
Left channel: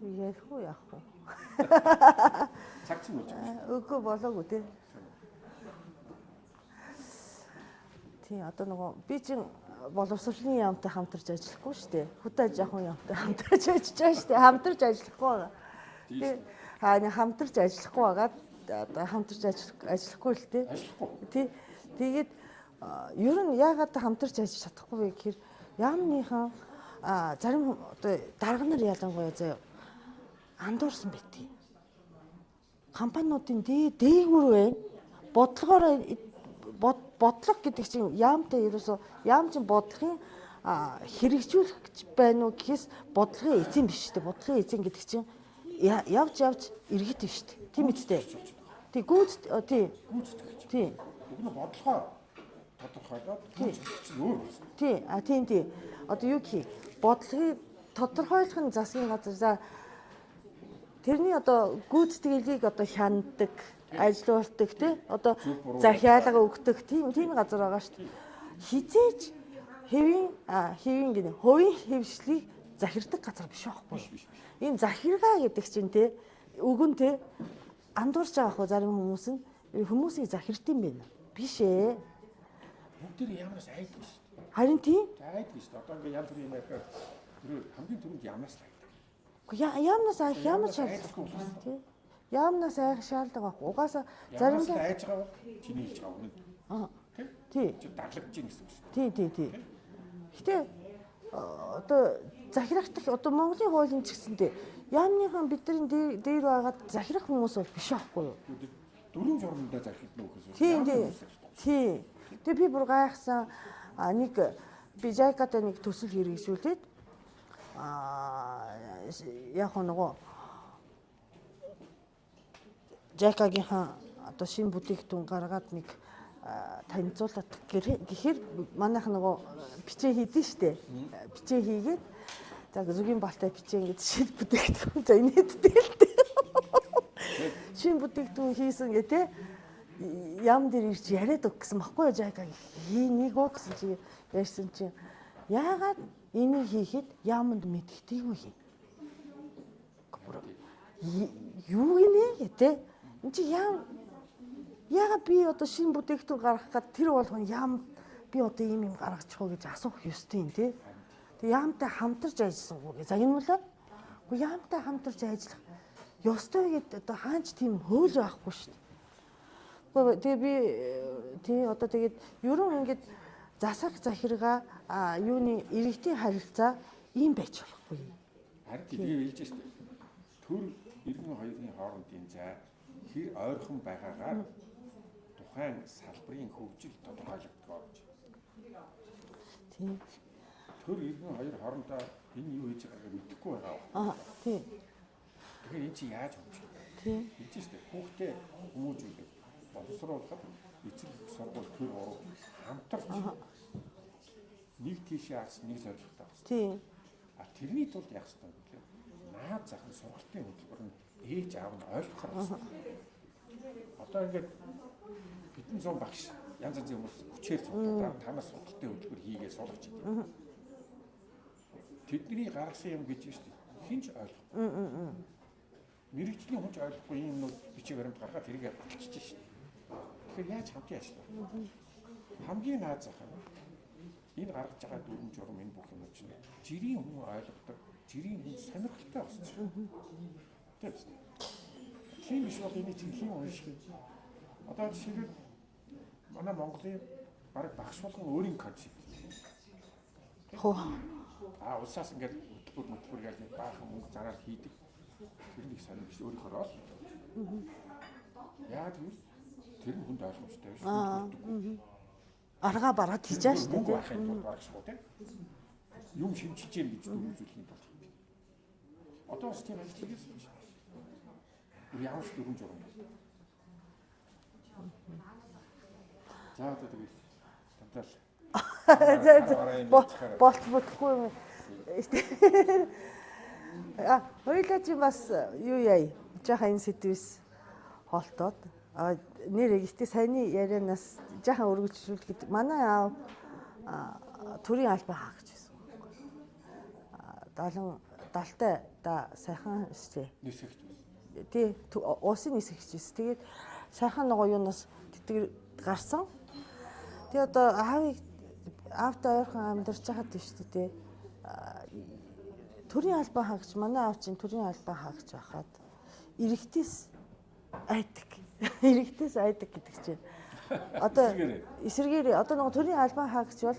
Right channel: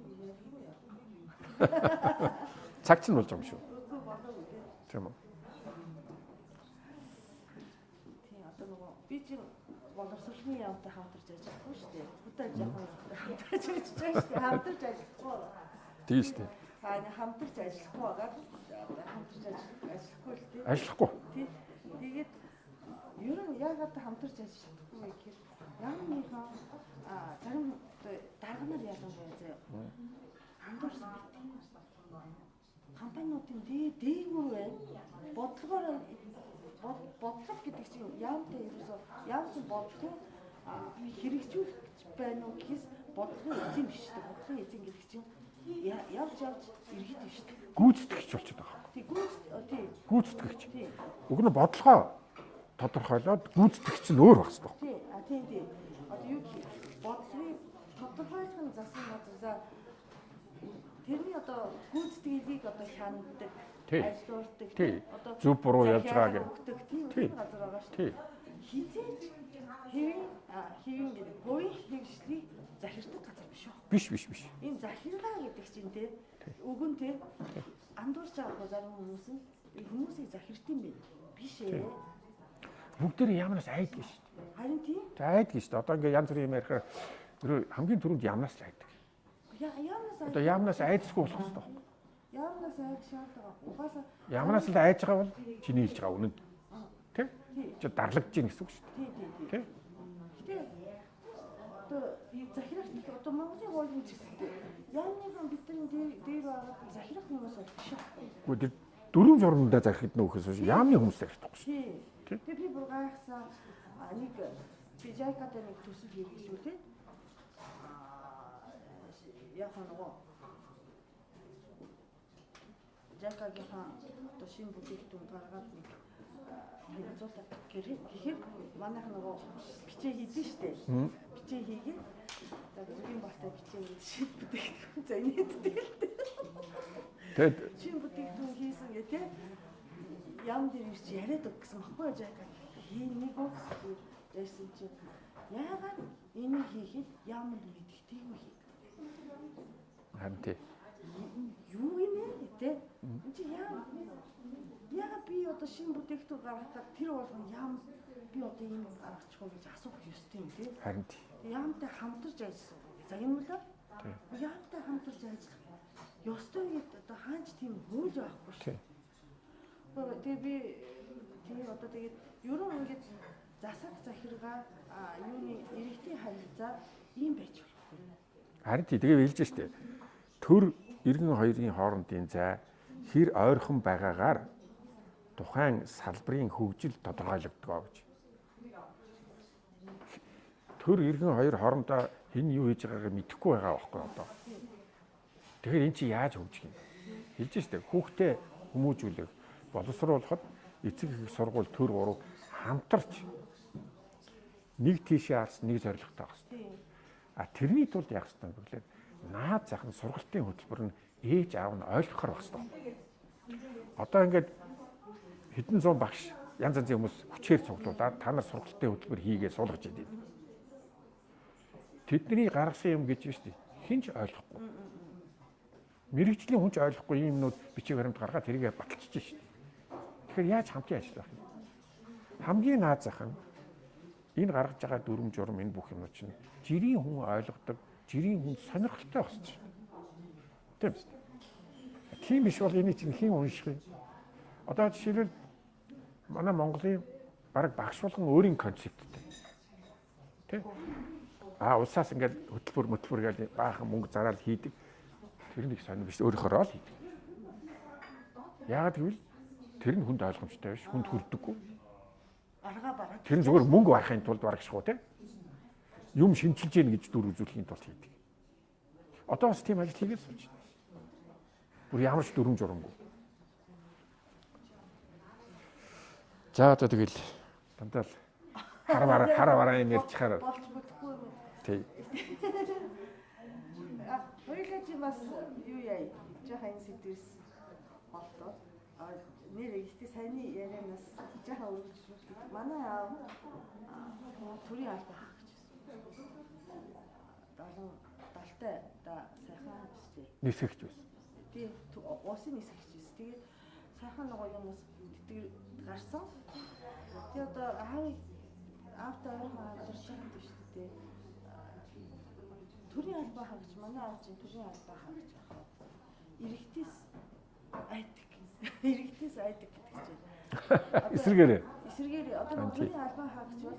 Ярих уу яах вэ? Цаг чинь болж байгаа юм шүү. Үгүй болоогүй тийм. Тийм үү. Тийм одоо нөгөө би чинь боловсролын яамтай хамтарч ажиллахгүй шүү дээ. Хөдөө аж ахуйн яамтай хамтарч ажиллаж байгаа шүү дээ. Хамтарч ажиллахгүй байгаа. Тийм шүү дээ. Хамтарч ажиллахгүй байгаад одоо хамтарч ажиллахгүй л тийм. Ажиллахгүй. Тийм. Тэгээд ер нь яагаад хамтарч ажиллаж чадахгүй вэ гэхээр яамныхан зарим одоо дарга нар ялангуяа заяа андуурсан байдгийг. компаниудын дээгүүр байна. Бодлогоор бодлого гэдэг чинь яамтай ерөөсөө яам чинь бодлогын хэрэгжүүлэх байна уу гэхээс бодлогын эзэн биш үү? Бодлогын эзэн гэдэг чинь явж иргэд биш үү? Гүйцэтгэгч болчиход байгаа. Тий Гүйцэтгэгч. Тий. Уг нь бодлогоо тодорхойлоод гүйцэтгэгч нь өөр багс тоо. Тий. Тийм. Одоо юу гэх бодлогыг тодорхойлох нь засгийн газар за тэрний одоо гүйцэтгэлийг одоо хянадаг, ажилуулдаг тий одоо захиалга өгдөг тийм газар байгаа шүү дээ. Хизээч хувийн хөвшлийг захирдаг газар биш байхгүй. Биш. Энэ захиргаа гэдэг чинь тий үгэн тий андуурч байгаа хөө зарим хүмүүс нь хүмүүсийг захирдсан байна. Биш ээ. Бүгд тэр ямнаас айддаг шүү дээ. Харин тийм. Айддаг шүү дээ. Одоо ингээ янз бүрийн юм ярихаар хамгийн түрүүнд ямнаас л айддаг. Ямнаас айдсгүй болох хэрэгтэй. Ямнаас айх шаардлага байхгүй. Угаасаа ямнаас л айж байгаа бол чиний хэлж байгаа үнэн. Тий. Чи дарлагдж гин гэсэн үг шүү дээ. Тий. Гэтэ одоо захирахтал одоо Монголын хуулийн ч гэсэнтэй яамныхан бидний дээр байгаа захирах хүмүүс бол биш байхгүй юу? Үгүй тэр дөрөв журмандаа захирахд нөхөөс яамны хүмүүс захирдаг. Тий. Тэгээ би бүр гайхсан нэг би жайкатай нэг төсөл хэрэгжүүлээд яг нөгөө жайкагийнхаа одоо шинэ бүтээгдэхүүн гаргаад нэг танилцуулаад гэхээр манайх нөгөө бичээ хийдэн штэ. Бичээ хийгээд за зүгийн балтай бичээ ингэж шинэ бүтээгдэхүүн за инээдтэй л дээ. Шинэ бүтээгдэхүүн хийсэн гэдэг ям дээр ирж яриад өг гэсэн баггүй жайкаг хийнийг оо гэсэн чи ярьсан чинь яагаад энийг хийхэд яманд мэддэггүй хий. Юу гинэ гэдэг энэ чи яагаад би одоо шинэ бүтээгдэхүүн гаргахад тэр болгоно ям би одоо ийм юм гаргачих уу гэж асуух ёстой юм тий. Харин тий. Ямтай хамтарч ажилласан уу гэж загнуулаад ямтай хамтарч ажиллах ёстой гэдэг одоо хаач тийм хууль байхгүй шүү. Тэгээ би тий одоо тэгээд ерөн ингээд засаг захиргаа юуны иргэдийн харилцаа ийм байж болохгүй. Харин тэгээ хэлж штэ. Төр иргэн хоёрын хоорондын зай хэр ойрхон байгаагаар тухайн салбарын хөгжил тодорхойлогдгоо гэж. Тийм. Төр иргэн хоёр хоорондоо энэ юу хийж байгаагаа мэдэхгүй байгаа байхгүй юу? Тийм. Тэгэхээр эн чи яаж хөгжих юм? Тийм. Хэлж штэ. Хүүхдээ хүмүүжүүлэх, боловсруулахад эцэг их сургууль төр гурав хамтарч нэг тийшээ харсан нэг зорилготой байгаа. Тийм. Тэрний тулд яах ёстой вэ гэвэл наад зах нь сургалтын хөтөлбөр нь ээж аав нь ойлгохоор байна. Одоо ингээд хэдэн зуун багш янз янзын хүмүүс хүчээр цуглуулад та нар сургалтын хөтөлбөр хийгээ суулгаж идэв. Тэдний гаргасан юм гэж шүү дээ. Хинч ойлгохгүй. Мэргэжлийн хүнч ойлгохгүй юм нүүд бичиг баримт гаргаад тэрийгэ баталчихж шүү дээ. Тэгэхээр яаж хамтын ажиллах вэ? Хамгийн наад зах нь энэ гаргаж байгаа дүрм журм энэ бүх юмнууд чинь жирийн хүн ойлгодог, жирийн хүн сонирхолтой болчих. Тийм үү? Тийм биш бол энийг чинь хэн унших вэ? Одоо жишээлбэл манай Монголын баг багш болгон өөрийн концепттэй. Тийм. Улсаас ингээд хөтөлбөр гэж баахан мөнгө зараад хийдэг. Тэр нэг сонир биш өөрөөхөө л хийдэг. Яагаад гэвэл тэр нь хүнд ойлгомжтой биш, хүнд хүрдэггүй. Аргаа бараад тэр зүгээр мөнгө барахын тулд барагшгүй тийм. Юм шинжилж гин гэж дүр үзүүлэхийн тулд хийдэг. Одоо бас тийм ажил хийгээд сууж байна. Бүр ямар ч дүрм журамгүй. За одоо тэгэл дандаа л хараа юм ярьчихаар болчихгүй юм. Тийм. Хоёулаа чи бас юу яа? Жаахан энэ сэдвээс холтоод нэр ихтэй саяны ярианаас жаахан өргөжлүүлэхэд манай аав төрийн албан хаа гэж байсан. 70-тай сайхан штэ. Нисгэж байсан. Тий, улсын нисгэж байсан. Тэгээд сайхан нөгөө юунаас тэтгэр гарсан. Тэгээ одоо аавтай ойрхон амьдарч байгаа тийм шүү дээ. Төрийн албан хаагч манай аав чинь төрийн албан хаагч байхад иргэдээс айдаг. Иргэдээс айдаг гэдэг чинь. Одоо эсэргээрээ одоо нөгөө төрийн албан хаагч бол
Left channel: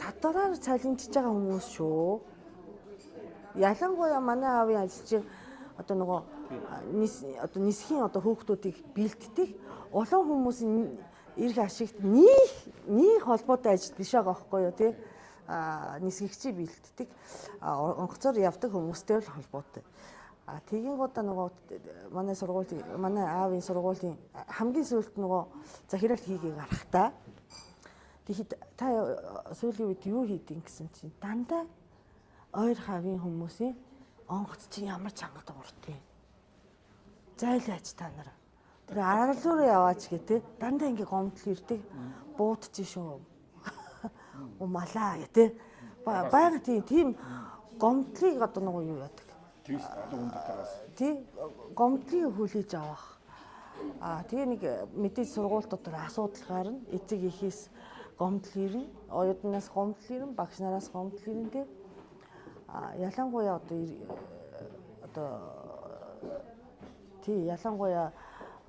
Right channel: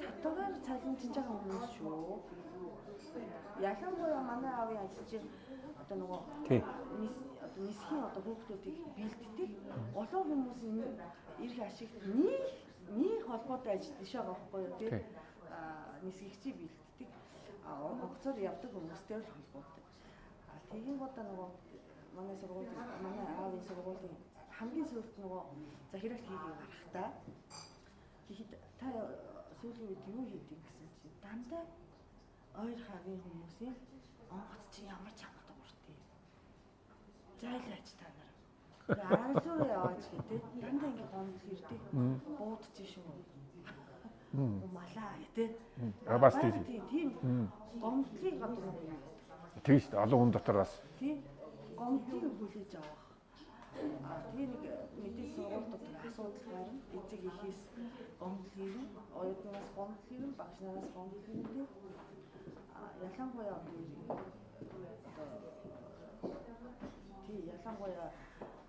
татвараар цалинжиж байгаа хүмүүс шүү. Ялангуяа манай аавын ажилчид одоо нөгөө Тийм. Одоо нисхийн одоо хүүхдүүдийг бэлддэг олон хүмүүсийн эрх ашигт нэг холбоотой ажил биш байгаа байхгүй юу тий. Нисгэгчийг бэлддэг онгоцоор явдаг хүмүүстэй л холбоотой. Тэгээд гоо нөгөө манай аавын сургуулийн хамгийн сүүлд нөгөө захирал хийгээ гарахтаа тэгэхэд та сүүлийн үед юу хийдин гэсэн чинь дандаа ойр хавийн хүмүүсийн онгоц чинь ямар чанга дууртай. Зайлаач та нар. Тэгээ аралуур яваач гэдэг дандаа ингээ гомдол ирдэг. Буудчих шүү. Умалаа гэдэг. Баяг тийм гомдлыг одоо нөгөө юу яадаг. Тийм шүү дээ. Олон хүн дотор бас. Тийм гомдлыг хүлээж авах. Тэгээ нэг мэдээж сургууль дотор асуудал гарна. Эцэг эхээс гомдол ирнэ. Оюутнаас гомдол ирнэ. Багш нараас гомдол ирнэ тийм. Ялангуяа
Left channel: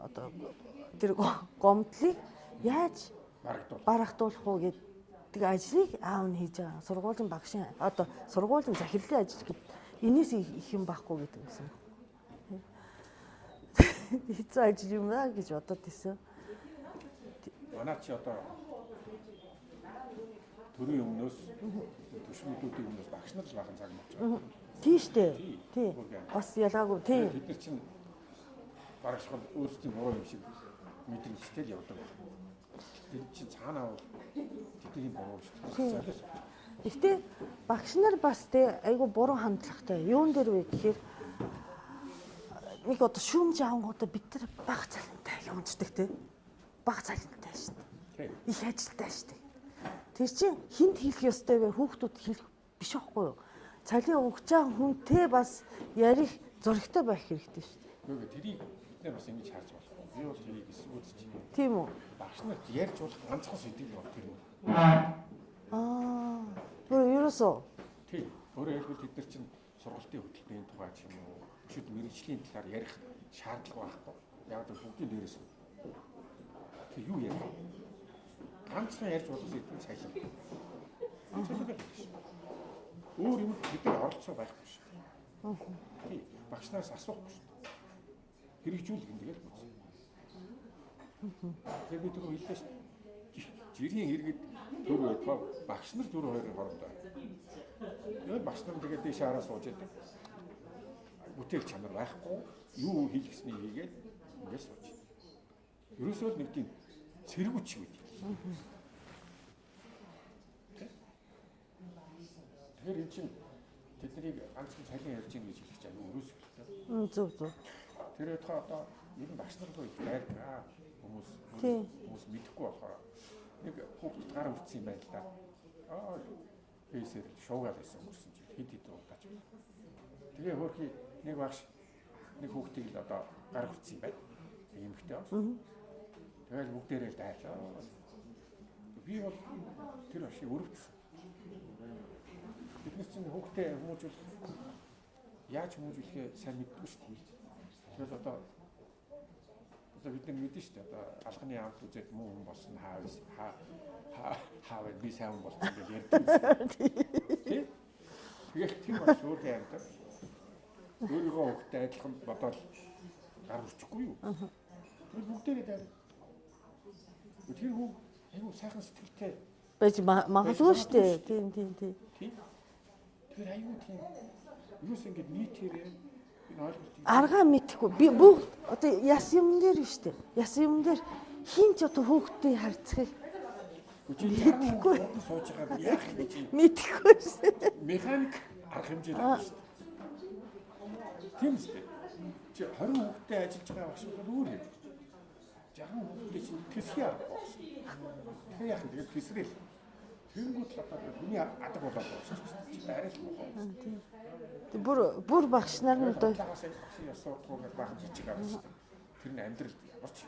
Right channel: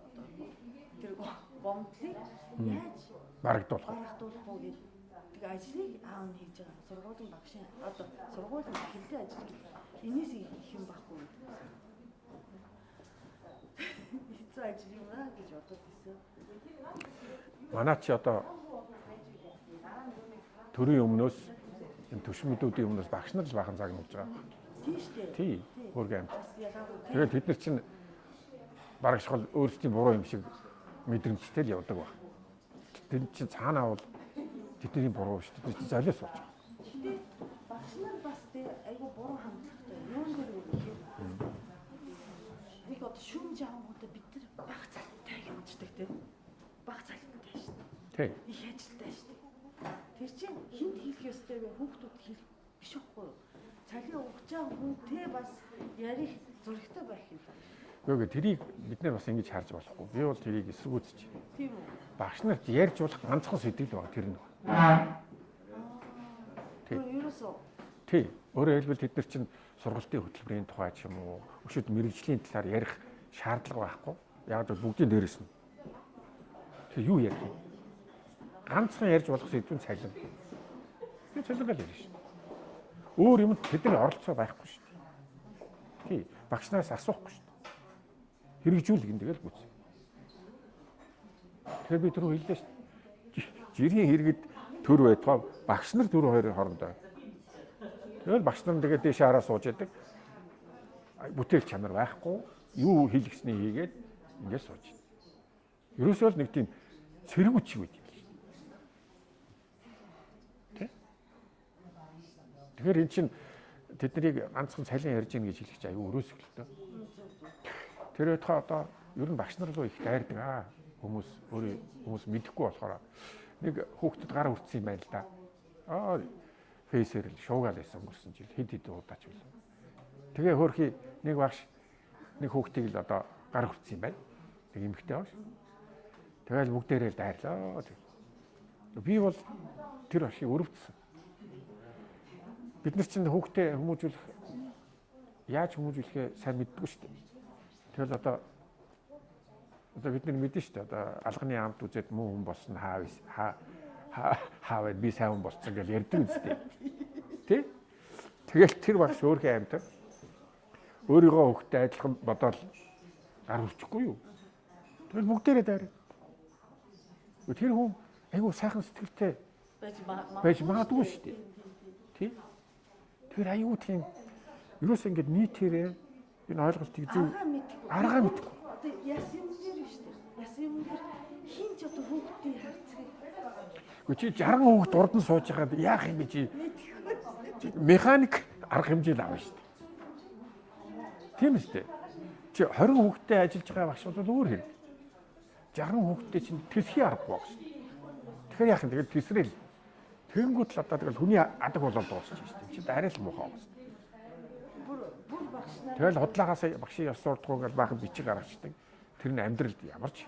одоо тэр гомдлыг яаж барагдуулах уу гэдэг ажлыг аав нь хийж байгаа. Сургуулийн багшийн одоо сургуулийн захирлын ажил гэдэг энэс их юм байхгүй гэдэг юм. Хэцүү ажил юм аа гэж бодод тийсэн. Манай чи одоо төрийн өмнөөс төшмөдүүдийн өмнөөс багш нар л бахан цаг нуулж байгаа. Тийм шүү дээ. Тийм. Бас ялгаагүй тийм. Тэгээд бид нар чинь барагшхал өөрсдийн буруу юм шиг мэдрэмжтэй л явдаг баг. Тэр чинь цаанаа бол тэдний буруу шүү дээ. Тэр золиос болж. Гэхдээ багш нар бас тий айгу буруу хандлагатай. Юун дээр вэ гэхээр нэг одоо шүүмж авангуудаа бид нар баг цалинтай юмждаг тий. Баг цалинтай шүү дээ. Тий. Их ажилтай шүү дээ. Тэр чинь хинт хийх ёстой вэ? Хүүхдүүд хийх биш байхгүй юу? Цалин өгч байгаа хүнтэй бас ярих зөрөгтэй байх хэрэгтэй шүү дээ. Гэхдээ тэрийг бид нар бас ингэж харж болохгүй. Би бол тэрийг эсэргүүцэж байна. Тийм үү? Багш нарт ярьж болох ганцхан сэдэл баг тэр нь. Ерөөсөө. Тий. Өөрөөр хэлбэл тэд нар чинь сургалтын хөтөлбөрийн тухай ч юм уу, өшөөд мэрэгжлийн талаар ярих шаардлага байхгүй. Яг л бүгдийн дээрээс нь. Тэг юу ярих вэ? Ганцхан ярьж болох сэдвэн цалин. Цалин гал юм шүү. Өөр юмд тэдний оролцоо байхгүй шүү. Тий. Багш нараас асуухгүй шүү. Хэрэгжүүлэх юм тэгэл бүз. Тэгэхээр би түрүү хэллээ шүү. Жирийн хэрэгэд төр байтугай багш нар дөрөв хоёрын хоорондоо. Тэгэл багш нар тэгээд дээш хараа сууж яадаг. Бүтээл чанар байхгүй. Юу хийлгэсний хийгээд ингээд сууж. Ерөөсөө л нэг тийм цэргүүч шиг байт. Тэ? Тэгэхээр эн чинь тэднийг ганцхан цалин ярьж гин гэж хэлчих аюу өрөөсөлтөө. Зөв. Тэр өдхөө одоо ер нь багш нар руу их дайрдаг хүмүүс мэдэхгүй болохоор нэг хүүхдэд гар хүртсэн юм байна л да. Фейсээр шуугаал байсан өнгөрсөн жил хэд удаач билээ. Тэгээ хөөрхий нэг багш нэг хүүхдийг л одоо гар хүртсэн юм байна. Тэг эмэгтэй багш. Тэгэл бүгдээрээ л дайрлаа. Би бол тэр багшийг өрөвдсөн. Бид нар чинь хүүхдээ хүмүүжүүлэх яаж хүмүүжүүлэхээ сайн мэддэггүй шүү дээ. Тэгэл одоо бид нар мэдэн шүү дээ. Одоо алганы амт үзээд муу хүн болсон хаа би сайн хүн болсон гэж ярьдаг үстэй. Тий? Тэгэл тэр багш өөрхөн амьтар өөрийгөө хүүхдээ адилхан бодоод гар хүрчихгүй юу? Тэгэл бүгдээрээ дайраа. Тэр хүн айгу сайхан сэтгэлтэй байж магадгүй шүү дээ. Тийм. Тэр айгу тийм ерөөс ингэж нийтээрээ энэ ойлголтыг аргаа мэдхгүй. Би бүгд одоо яс юм дээр шүү дээ. Яс юм дээр хин ч одоо хүүхдээ харцгийг. Чи 60 хүүхд урд нь сууж байгаа яах юм бэ чи? Мэдхгүй шүү дээ. Механик арга хэмжээ авна шүү дээ. Тийм шүү дээ. Чи 20 хүүхдтэй ажиллаж байгаа багш бол өөр хэрэг. 60 хүүхдтэй чинь тэсхий аргагүй багш. Тэгэхээр яах юм тэгэл тэсрэл. Тэнгүүд л одоо тэгэл хүний адаг болоод дуусчих шүү дээ. Чи арай л муухай байна. Бүр багш нар тэгэл худлаагаас багшийн ёс суртахуун гэж баахан бичиг гаргацдаг. Тэр нь амьдралд ямарч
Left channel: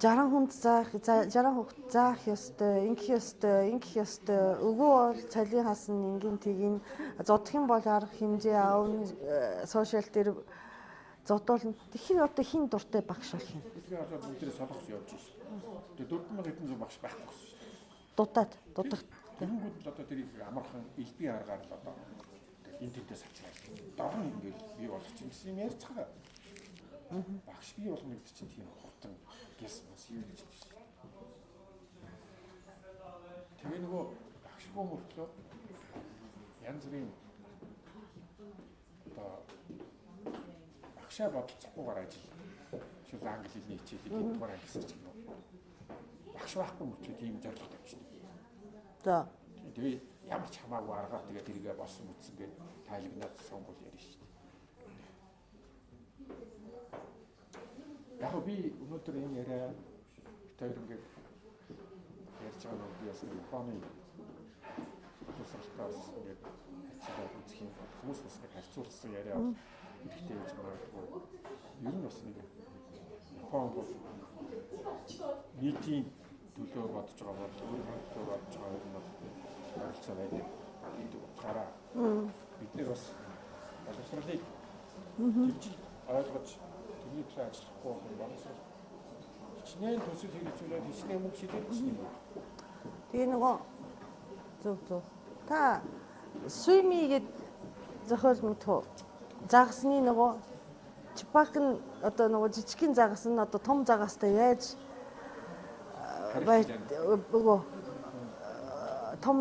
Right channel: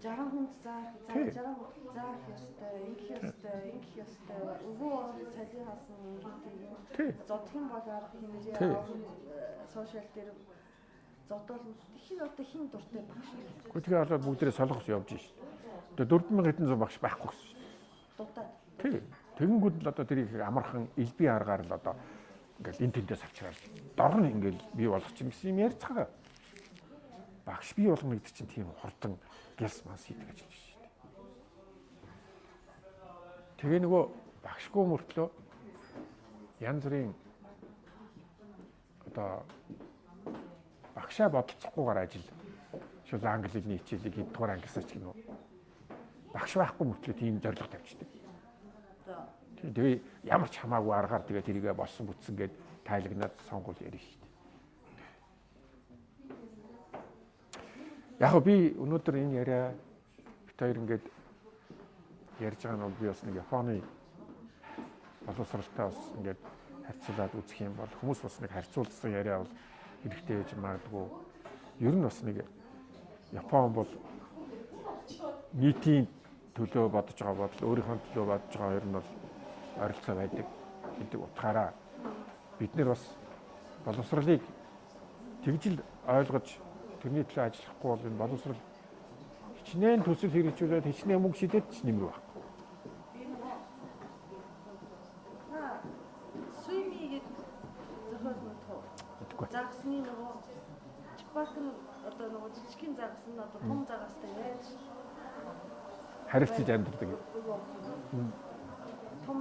60 хүнд заах 60 хүүхд заах ёстой, ингэх ёстой. Өвөө бол цалин хасна ингэн тгийн зодох юм бол арга хэмжээ аавн сошиал дээр зодуулна. Тэгэхээр одоо хин дуртай багш болох юм. Тэгээ болоод бүгдээрээ солонгос явж шээ. Тэгээ 4000 хэдэн зуун багш байхгүй гэсэн. Дутаад. Тэгэнгүүт л одоо тэрийг амархан элбийн аргаар л одоо ингээд энэ тэндээс авчраад дор нь ингээд бий болгох чинь гэсэн юм ярьж байгаа. Багш бий болгоно гэдэг чинь тийм хурдан гэлс манс хийдэг гэж биш шүү дээ. Тэгээ нөгөө багшгүй мөртлөө янз бүрийн одоо багшаа бодолцохгүйгээр ажил шууд англи хэлний хичээлийг хэддугаар ангисаач гэнэ үү. Багш байхгүй мөртлөө тийм зорилго тавьчихдаг. За. Тэгээ ямар ч хамаагүй аргаар тэгээ тэрийгэ болсон бүтсэн гээд тайлагнаад сонгуул ярина шүү дээ. Яг би өнөөдөр энэ яриа бит хоёр ингээд ярьж байгаа нь бол би бас нэг Японы боловсралтай бас ингээд харьцуулаад үзэх юм бол хүмүүс бас нэг харьцуулсан яриа бол хэрэгтэй гэж магадгүй. Ер нь бас нэг Япон бол нийтийн төлөө бодож байгаа бодол өөрийнхөө төлөө бодож байгаа ер нь бол ойролцоо байдаг гэдэг утгаараа бид нэр бас боловсролыг тэгжил ойлгож тэрний төлөө ажиллахгүй бол энэ боловсрол хичнээн төсөл хэрэгжүүлээд хичнээн мөнгө шидэд ч нэмэр баг. Тэгээ нөгөө зөв. Та swim-ийг зохиол мэдхүү. Загасны нөгөө чипак нь одоо нөгөө жижигхэн загас нь одоо том загастай яаж харилцаж амьддаг. Том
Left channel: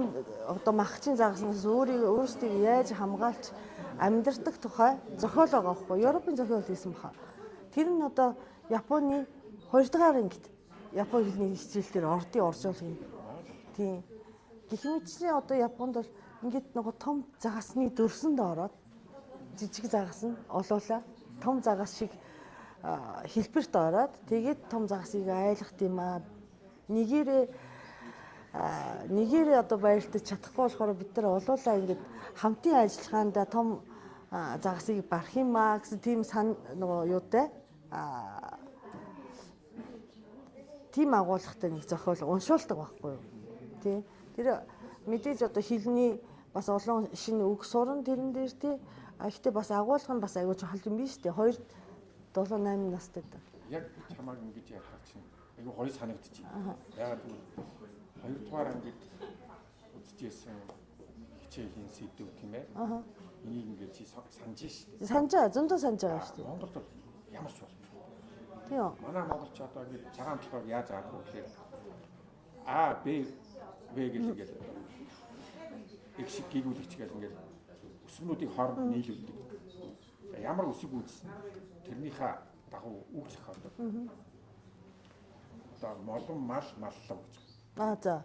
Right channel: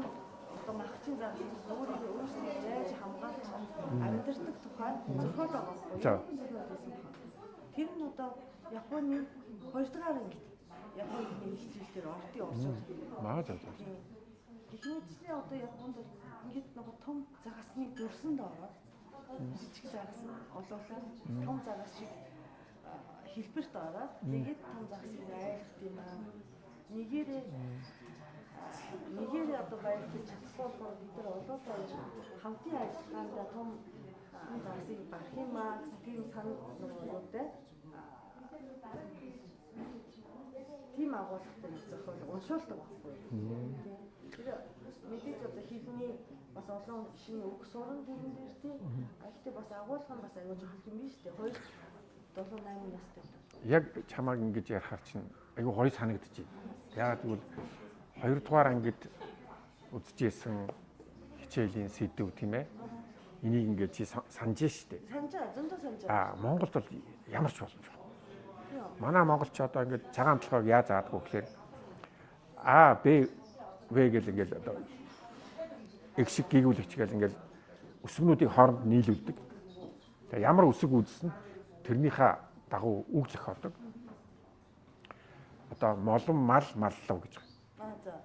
одоо махчин загаснаас өөрсдийг яаж хамгаалж амьдардаг тухай зохиол байгаа байхгүй. Европын зохиол хийсэн баха. Тэр нь одоо Японы 2 дугаар ангид Япон хэлний хичээл дээр ордын орчуулгын. Тийм. Гэх мэтчлэн одоо Японд бол ингээд нөгөө том загасны дөрсөнд ороод жижиг загас нь олуулаа том загас шиг хэлбэрт ороод тэгээд том загасыг айлгах юм аа. Нэгээрээ одоо баярлаж чадахгүй болохоор бид нар олуулаа ингээд хамтын ажиллагаанд том загасыг барах юм аа гэсэн тийм нөгөө юутай тийм агуулгатай нэг зохиол уншуулдаг байхгүй юу. Тийм. Тэр мэдээж одоо хэлний бас олон шинэ үг суран тэрэн дээр тий. Гэхдээ бас агуулга нь бас аягүй чухал юм биш үү? 2 7 8 настай. Яг чамааг ингэж ярихаар чинь аягүй гоё санагдчих. Яагаад гэвэл 2 дугаар ангид үзчихсэн хичээлийн сэдв тийм ээ. Энийг ингэж чи санаж штэ. Санжаа, зөндөө санжаа. Монголд бол ямар ч боломжгүй. Тийм. Манай монголч одоо ингэж цагаан толгойг яаж заадаггүй гэхээр А, Б, В гэл ингэж одоо их шиг гэгүүлэгч гэл ингээл өсгнүүдийг хооронд нийлүүлдэг. Тэгээ ямар өсөг үзсэн тэрнийхээ дагуу үг зохиолдог. Одоо молон мал маллав гэж. За.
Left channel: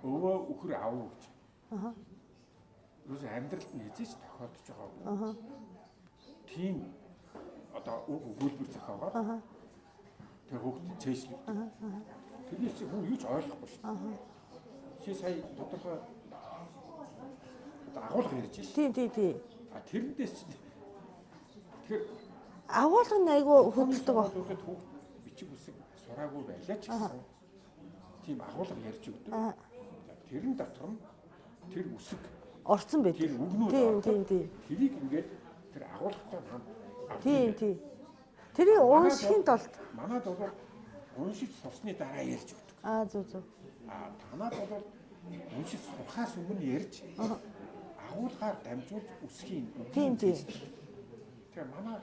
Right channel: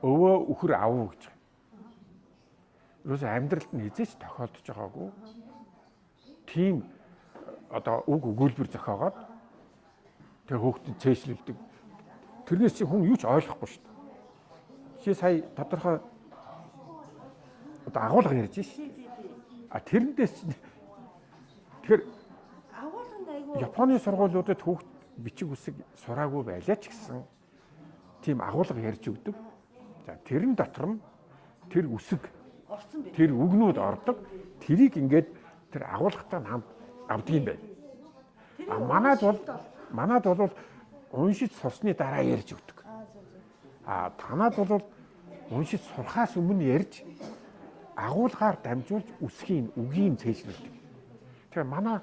Өвөө үхэр авав гэж. Юус амьдралд нь хизээч тохиолдож байгаагүй. Тийм одоо үг өгүүлбэр зохиогоод тэгээ хүүхдэд цээжлүүлдэг. Тэрнээс чи хүн юу ч ойлгохгүй шүү дээ. Чи сая тодорхой одоо агуулга ярьж шээ. Тий. Тэрнээс чи тэгэхээр агуулга нь айгүй Японы сургуулиудад хүүхд бичиг үсэг сураагүй байлаа ч гэсэн тийм агуулга ярьж өгдөг. За тэрэн дотор нь тэр үсэг орцсон байдаг. Тэр үгнүүд ордог. Тэрийг ингээд тэр агуулгатай хамт авдаг юм байна. Тэрийг уншихын тулд манад бол уншиж сурсны дараа ярьж өгдөг. Зөв. Танад бол уншиж сурахаас өмнө ярьж агуулгаар дамжуулж үсгийн үгийн цээжлүүлдэг. Тэгэхээр манай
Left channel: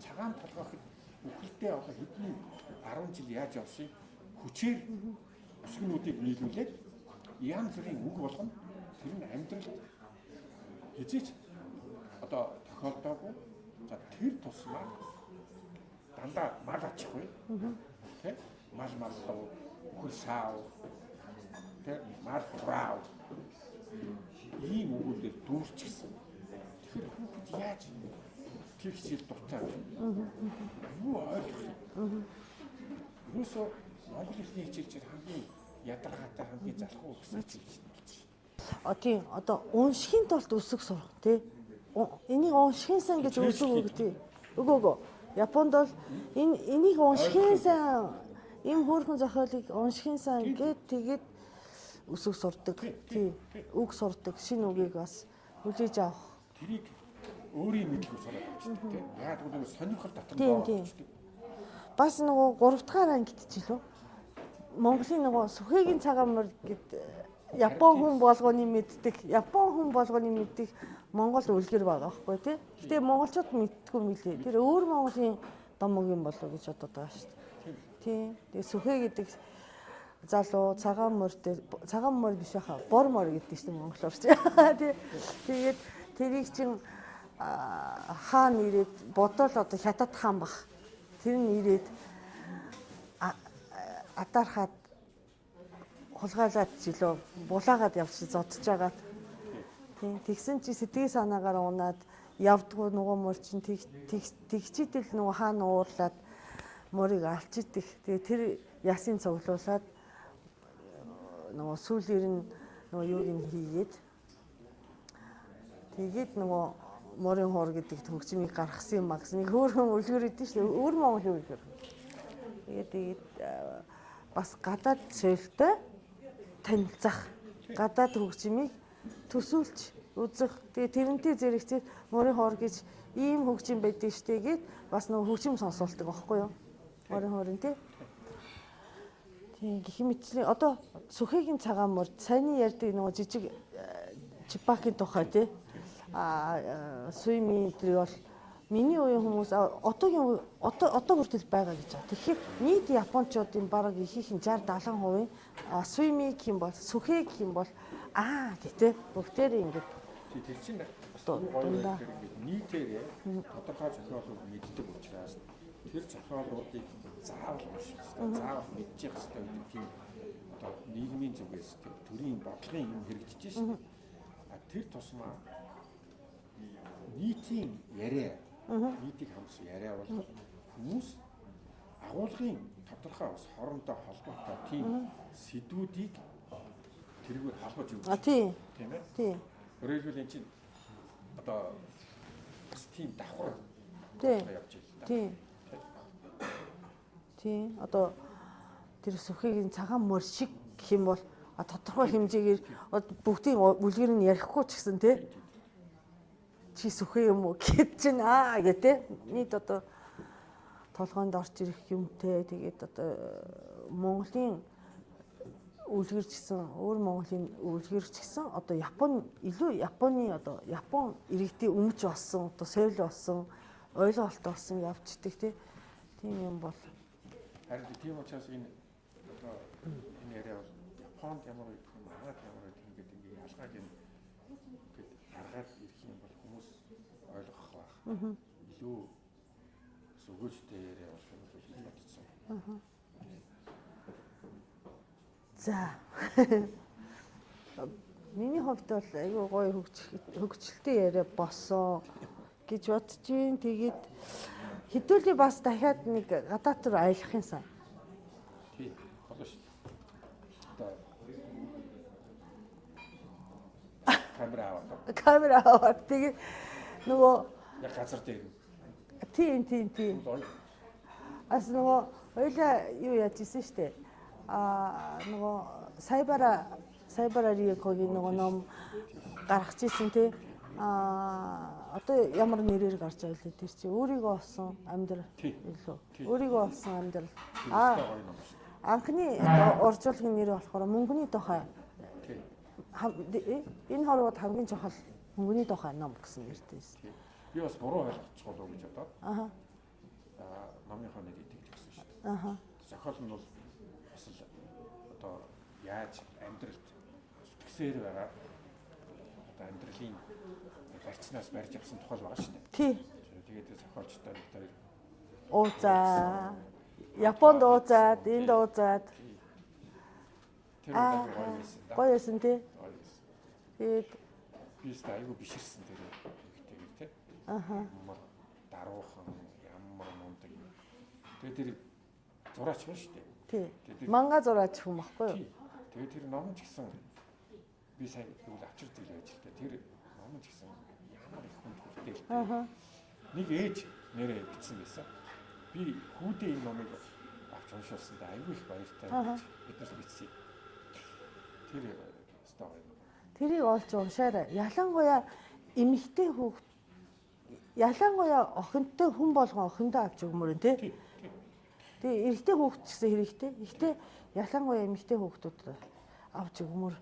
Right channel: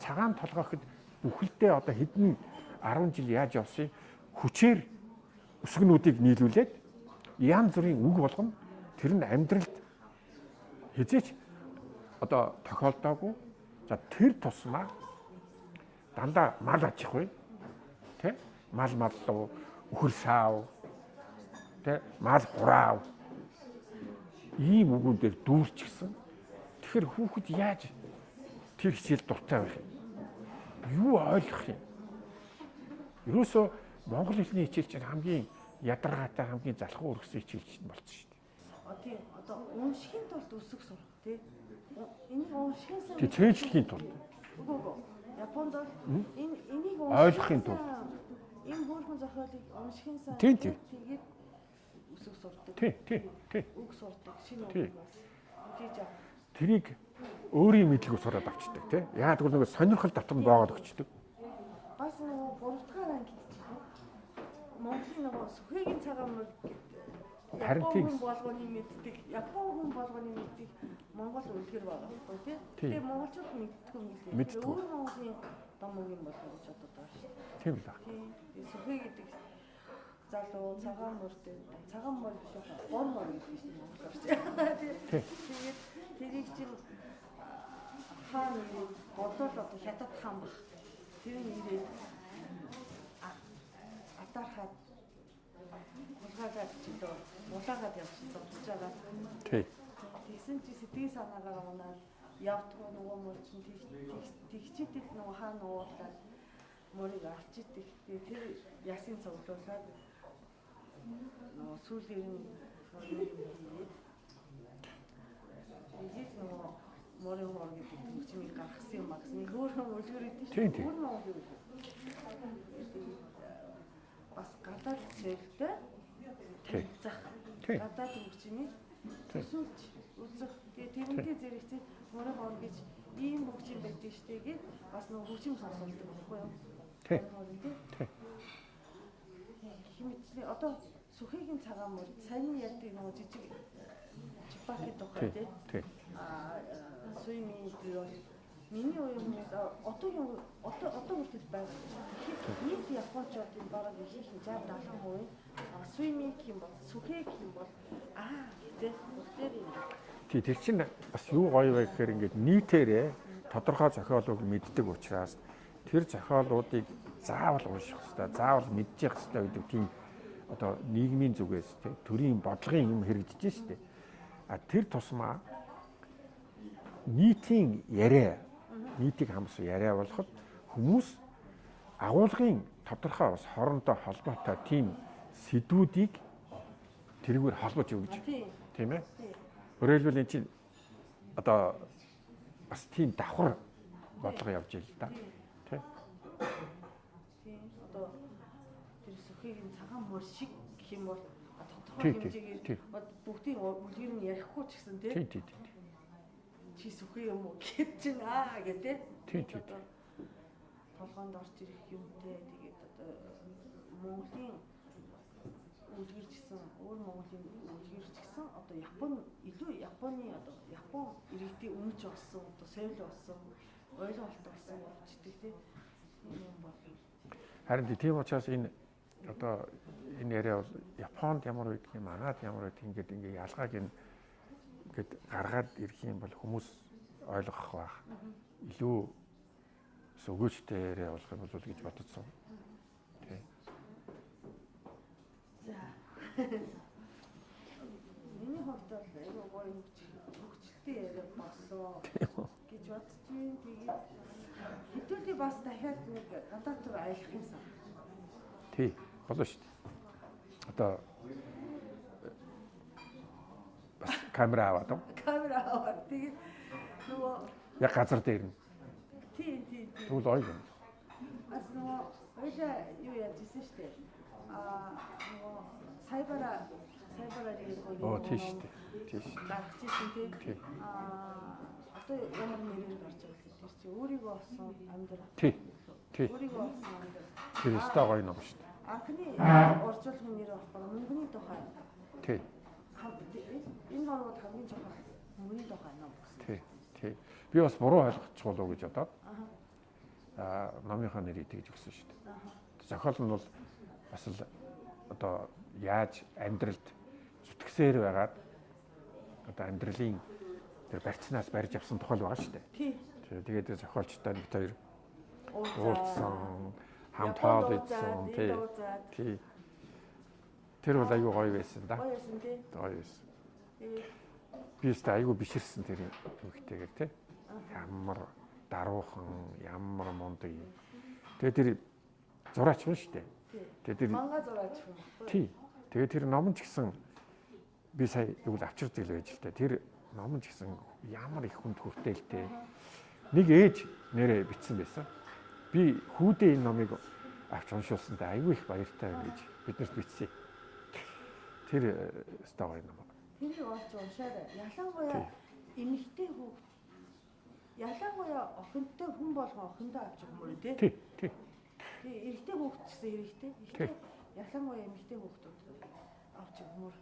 цагаан толгойд үхэлдээ одоо хэдэн 10 жил яаж явсан хүчээр үсгнүүдийг нийлүүлээд янз бүрийн үг болгоно. Тэр нь амьдралд хизээч одоо тохиолдоогүй. За тэр тусмаа дандаа мал ачихгүй. Тэ? Мал маллуу, үхэр саав. Тэ? Мал хураав. Ийм үгүүдээр дүүрчихсэн. Тэгэхээр хүүхэд яаж тэр хичээл дуртай байх юм? Юу ойлгох юм? Ерөөсөө монгол хэлний хичээл чинь хамгийн ядаргаатай хамгийн залхуу өргөсөн хичээл чинь болсон шүү дээ. Тийм одоо уншихын тулд үсэг сурах тий. Энийг уншихын сан гэж үсэг тий. Үгүй. Японд бол энийг уншихын сан энэ хөөрхөн зохиолыг уншихын сан тэгээд үсэг сурдаг. Тий. Үг сурдаг. Шинэ үгийг бас үлээж авах. Тэрийг өөрийн мэдлэгөө сураад авчдаг тий. Яагаад гэвэл нөгөө сонирхол дотор нь боогод авчдаг. Бас нөгөө 3 дахь ангид ч илүү Монголын нөгөө Сүхэгийн цагаан мөр гэд Япон хүн болгоны мэддэг Монгол үлгэр байгаа байхгүй тий. Гэтэ монголчууд мэддэггүй мөлий. Тэр өөр Монголын домог юм болов уу гэж бодод байгаа шүү дээ. Тийм л. Тий. Тэгээ сүхэ гэдэг залуу цагаан мөр биш хаа. Бор мор гэдэг чинь монголоор чи. Тэгээд тэрийг чин хаан ирээд бодвол одоо хятад хаан баг. Тэр нь ирээд атаархаад хулгайлаад жилөө булаагаад явж зодж байгаа. Тий. Тэгсэн чи сэтгэл санаагаар унаад явдгуу нөгөө мөр чин тэгчидэл нөгөө хаан уурлаад морийг алчидэх. Тэгээ тэр ясын цуглуулад нөгөө сүүлээр нь нөгөө юуг нь хийгээд тэгээд нөгөө морин хуур гэдэг төгсмийг гаргасан магсныг хөөрхөн үлгэр идэв шүү дээ. Өөр Монголын үлгэр. Тэгээд бас гадаад шилтэй танилцах. Гадаад хөгжмийг төсөөлж үзэх. Тэгээд тэрнтэй зэрэгцээ морин хуур гэж ийм хөгжим байдаг штэ гээд бас нөгөө хөгжим сонсуулдаг байхгүй юу? Морин хуурын тий. Тийм гэх мэтчлэн одоо сүхэгийн цагаан мөр саяны ярьдаг нөгөө жижиг чипаки тухай тий. Суйми бол миний үеийн хүмүүс одоо хүртэл байгаа гэж байна. Тэгэхээр нийт японочдын бараг ихийнх нь 60-70% суйми гэх юм бол сүхэ гэх юм бол гэтээ бүгдээр ингэж. Тэр чинь бас юу гоё вэ гэхээр ингээд нийтээрээ тодорхой зохиолыг мэддэг учраас тэр зохиолуудыг заавал унших хэрэгтэй, заавал мэдчих хэрэгтэй гэдэг тийм одоо нийгмийн зүгээс төрийн бодлогын юм хэрэгжиж штеп. Тэр тусмаа нийтийн яриа, нийтийг хамсуу яриа болоход хүмүүс агуулгын тодорхой бас хоорондоо холбоотой тийм сэдвүүдийг тэргээр холбож өгч. Тийм ээ. Тийм. Өөрөөр хэлбэл энэ чинь одоо бас тийм давхар бодлого явж байл та. Тийм. Тийм. Одоо тэр сүхийн цагаан мөр шиг гэх юм бол тодорхой хэмжээгээр бүгдийн үлгэр нь ярихгүй ч гэсэн тий. Чи сүхэ юм уу гэд чинь гэдэг нийт одоо толгойд орж ирэх юмтэй тэгээд одоо Монголын үлгэр гэсэн өөр Монголын үлгэр гэсэн одоо Японы одоо Япон иргэдийн өмч болсон одоо соёл болсон ойлголт болсон явждаг тийм юм бол харин тийм учраас энэ одоо энэ яриа бол Японд ямар байдгийг манад ямар байдгийг ингээд ялгааг ингээд гаргаад ирэх юм бол хүмүүс ойлгох байх. Илүү өгөөжтэй яриа болох юм бол гэж бодсон. За. Миний хувьд бол айгүй гоё хөгжилтэй яриа болсон гэж бодож байна. Тэгээд хэдүүлээ бас дахиад нэг гадаад руу аялах юмсан. Тий, болоо шүү дээ. Одоо камера аваад тэгээд нөгөө яг газар дээр нь. Тийм. Үл ой. Ас нөгөө хоёлаа юу яаж исэн штэ. Нөгөө сайбара риекогийн нөгөө ном гаргаж ирсэн тий. Одоо ямар нэрээр гарч байгаа вэ тэр чи өөрийгөө олсон амьдрал илүү. Өөрийгөө олсон амьдрал. Тэр өстой гоё ном шүү дээ. Анхны орчуулгын нэр болохоор мөнгөний тухай. Тий. Энэ хорвоод хамгийн чухал мөнгөний тухай ном гэсэн нэртэй. Тий. Би бас буруу ойлгочих болов уу гэж бодоод. Номынхаа нэрийг тэгж өгсөн шүү дээ. Зохиол нь бол бас л одоо яаж амьдралд зүтгэсээр байгаад одоо амьдралын тэр барьцнаас барьж авсан тухай байгаа шүү дээ. Тий. Тэгээд зохиолчтой бид хоёр уузаа. Японд уузаад, энд уузаад. Тий. Тэр бол аюу гоё байсан да. Гоё байсан тий. Гоё байсан. Тэгээд би өстө аюу биширсэн тэр хүүхдтэйгээр тий. Ямар даруухан, ямар мундаг юм. Тэгээд тэр зураач юм шүү дээ. Тий. Манга зураач хүн баггүй юу? Тий. Тэгээд тэр ном ч гэсэн би сая юу л авчирдаг л байж л дээ. Тэр ном ч гэсэн ямар их хүнд хүртээлтэй. Нэг ээж нэрээ бичсэн байсан. Би хүүдээ энэ номыг авч уншуулсандаа аюу их баяртай гэж биднэрт бичсэн. Тэр өстой гоё ном. Тэрийг олж уншаарай. Ялангуяа эмэгтэй хүүхд ялангуяа охинтой хүн болгон охиндоо авч өгмөр тий. Тий. Тэгээ эрэгтэй хүүхд ч гэсэн хэрэгтэй. Ихтэй ялангуяа эмэгтэй хүүхдүүд авч өгмөр.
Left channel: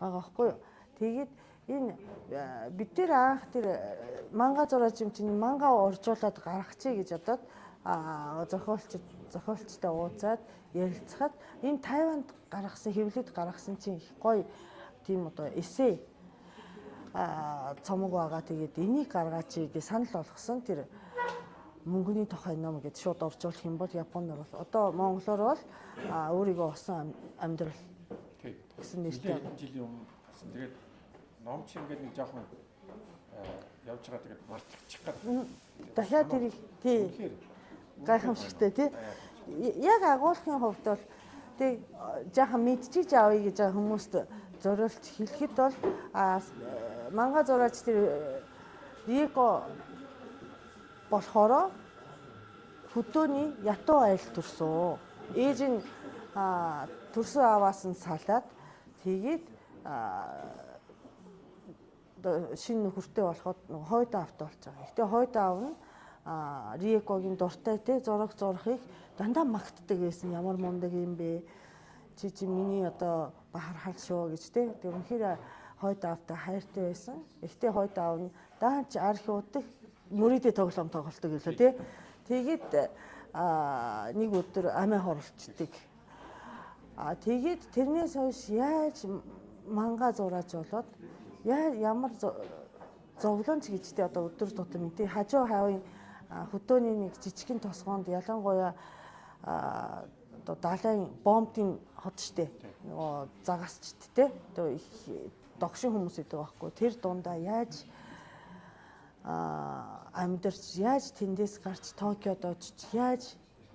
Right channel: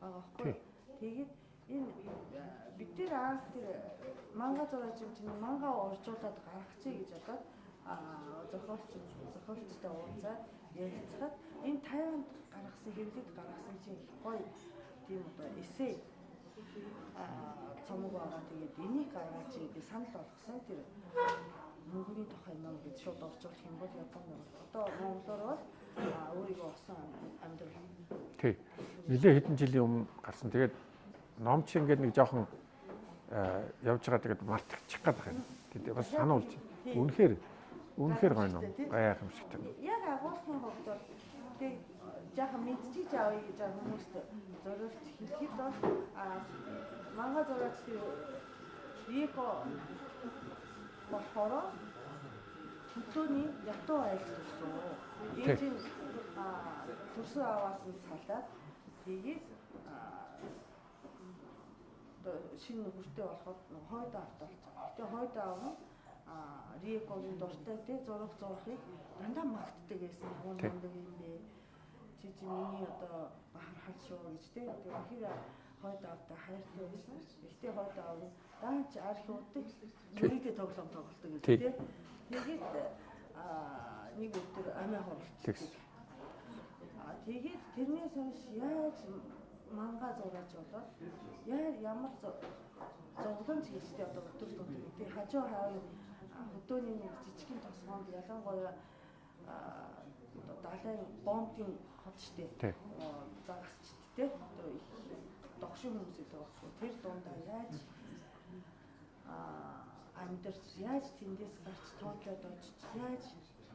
байгаа байхгүй юу. Тэгээд энэ бид тэр анх тэр манга зураачимчны манга оржуулад гаргачихъя гэж бодоод зохиолчтой уулзаад ярилцахад энэ Тайванд гаргасан хэвлэлд гаргасан чинь их гоё тийм одоо эссе цомог байгаа. Тэгээд энийг гаргаач гэж санал болгосон. Тэр мөнгөний тухай ном гэж шууд оржуулах юм бол Японоор бол одоо монголоор бол өөрийгөө осон амьдрал. Тий. Нэлээд хэдэн жилийн өмнө гарсан. Тэгээд ном чи ингээд нэг жоохон явж байгаа тэгээд мартчих гээд байна. Тэгээд санаа үнэхээр гайхамшигтай тий. Яг агуулгын хувьд бол тий жаахан мэдчихэж авъя гэж байгаа хүмүүст зориулж хэлэхэд бол манга зураач тэр Рико болохоор хөдөөний ятуу аялал төрсөн. Ээж нь төрсөн аваас нь салаад тэгээд шинэ нөхөртэй болоход хойдоо авт болж байгаа. Гэтэ хойдоо аав нь Рикогийн дуртай те зураг зурхыг дандаа магтдаг байсан. Ямар мундаг юм бэ? Чи миний одоо бахархал шүү гэж те. Тэг үнэхээр хойдоо аавтай хайртай байсан. Эхтээ хойдоо аав нь даач архиудаг нүридээ тоглоом тоглолдог гэлээ те. Тэгээд нэг өдөр амиа хорлцдаг. Тэгээд тэрнээс хойш яаж манга зурааж болоод ямар зовлонч гэжтэй одоо өдөр тутам тий хажуу хавын хөдөөний нэг жижигхэн тосгоонд ялангуяа одоо далайн бомбын хот штэ нөгөө загасчт те одоо их догшин хүмүүс идэг байхгүй тэр дундаа яаж амьдарч яаж тэндээс гарч Токиод очиж яаж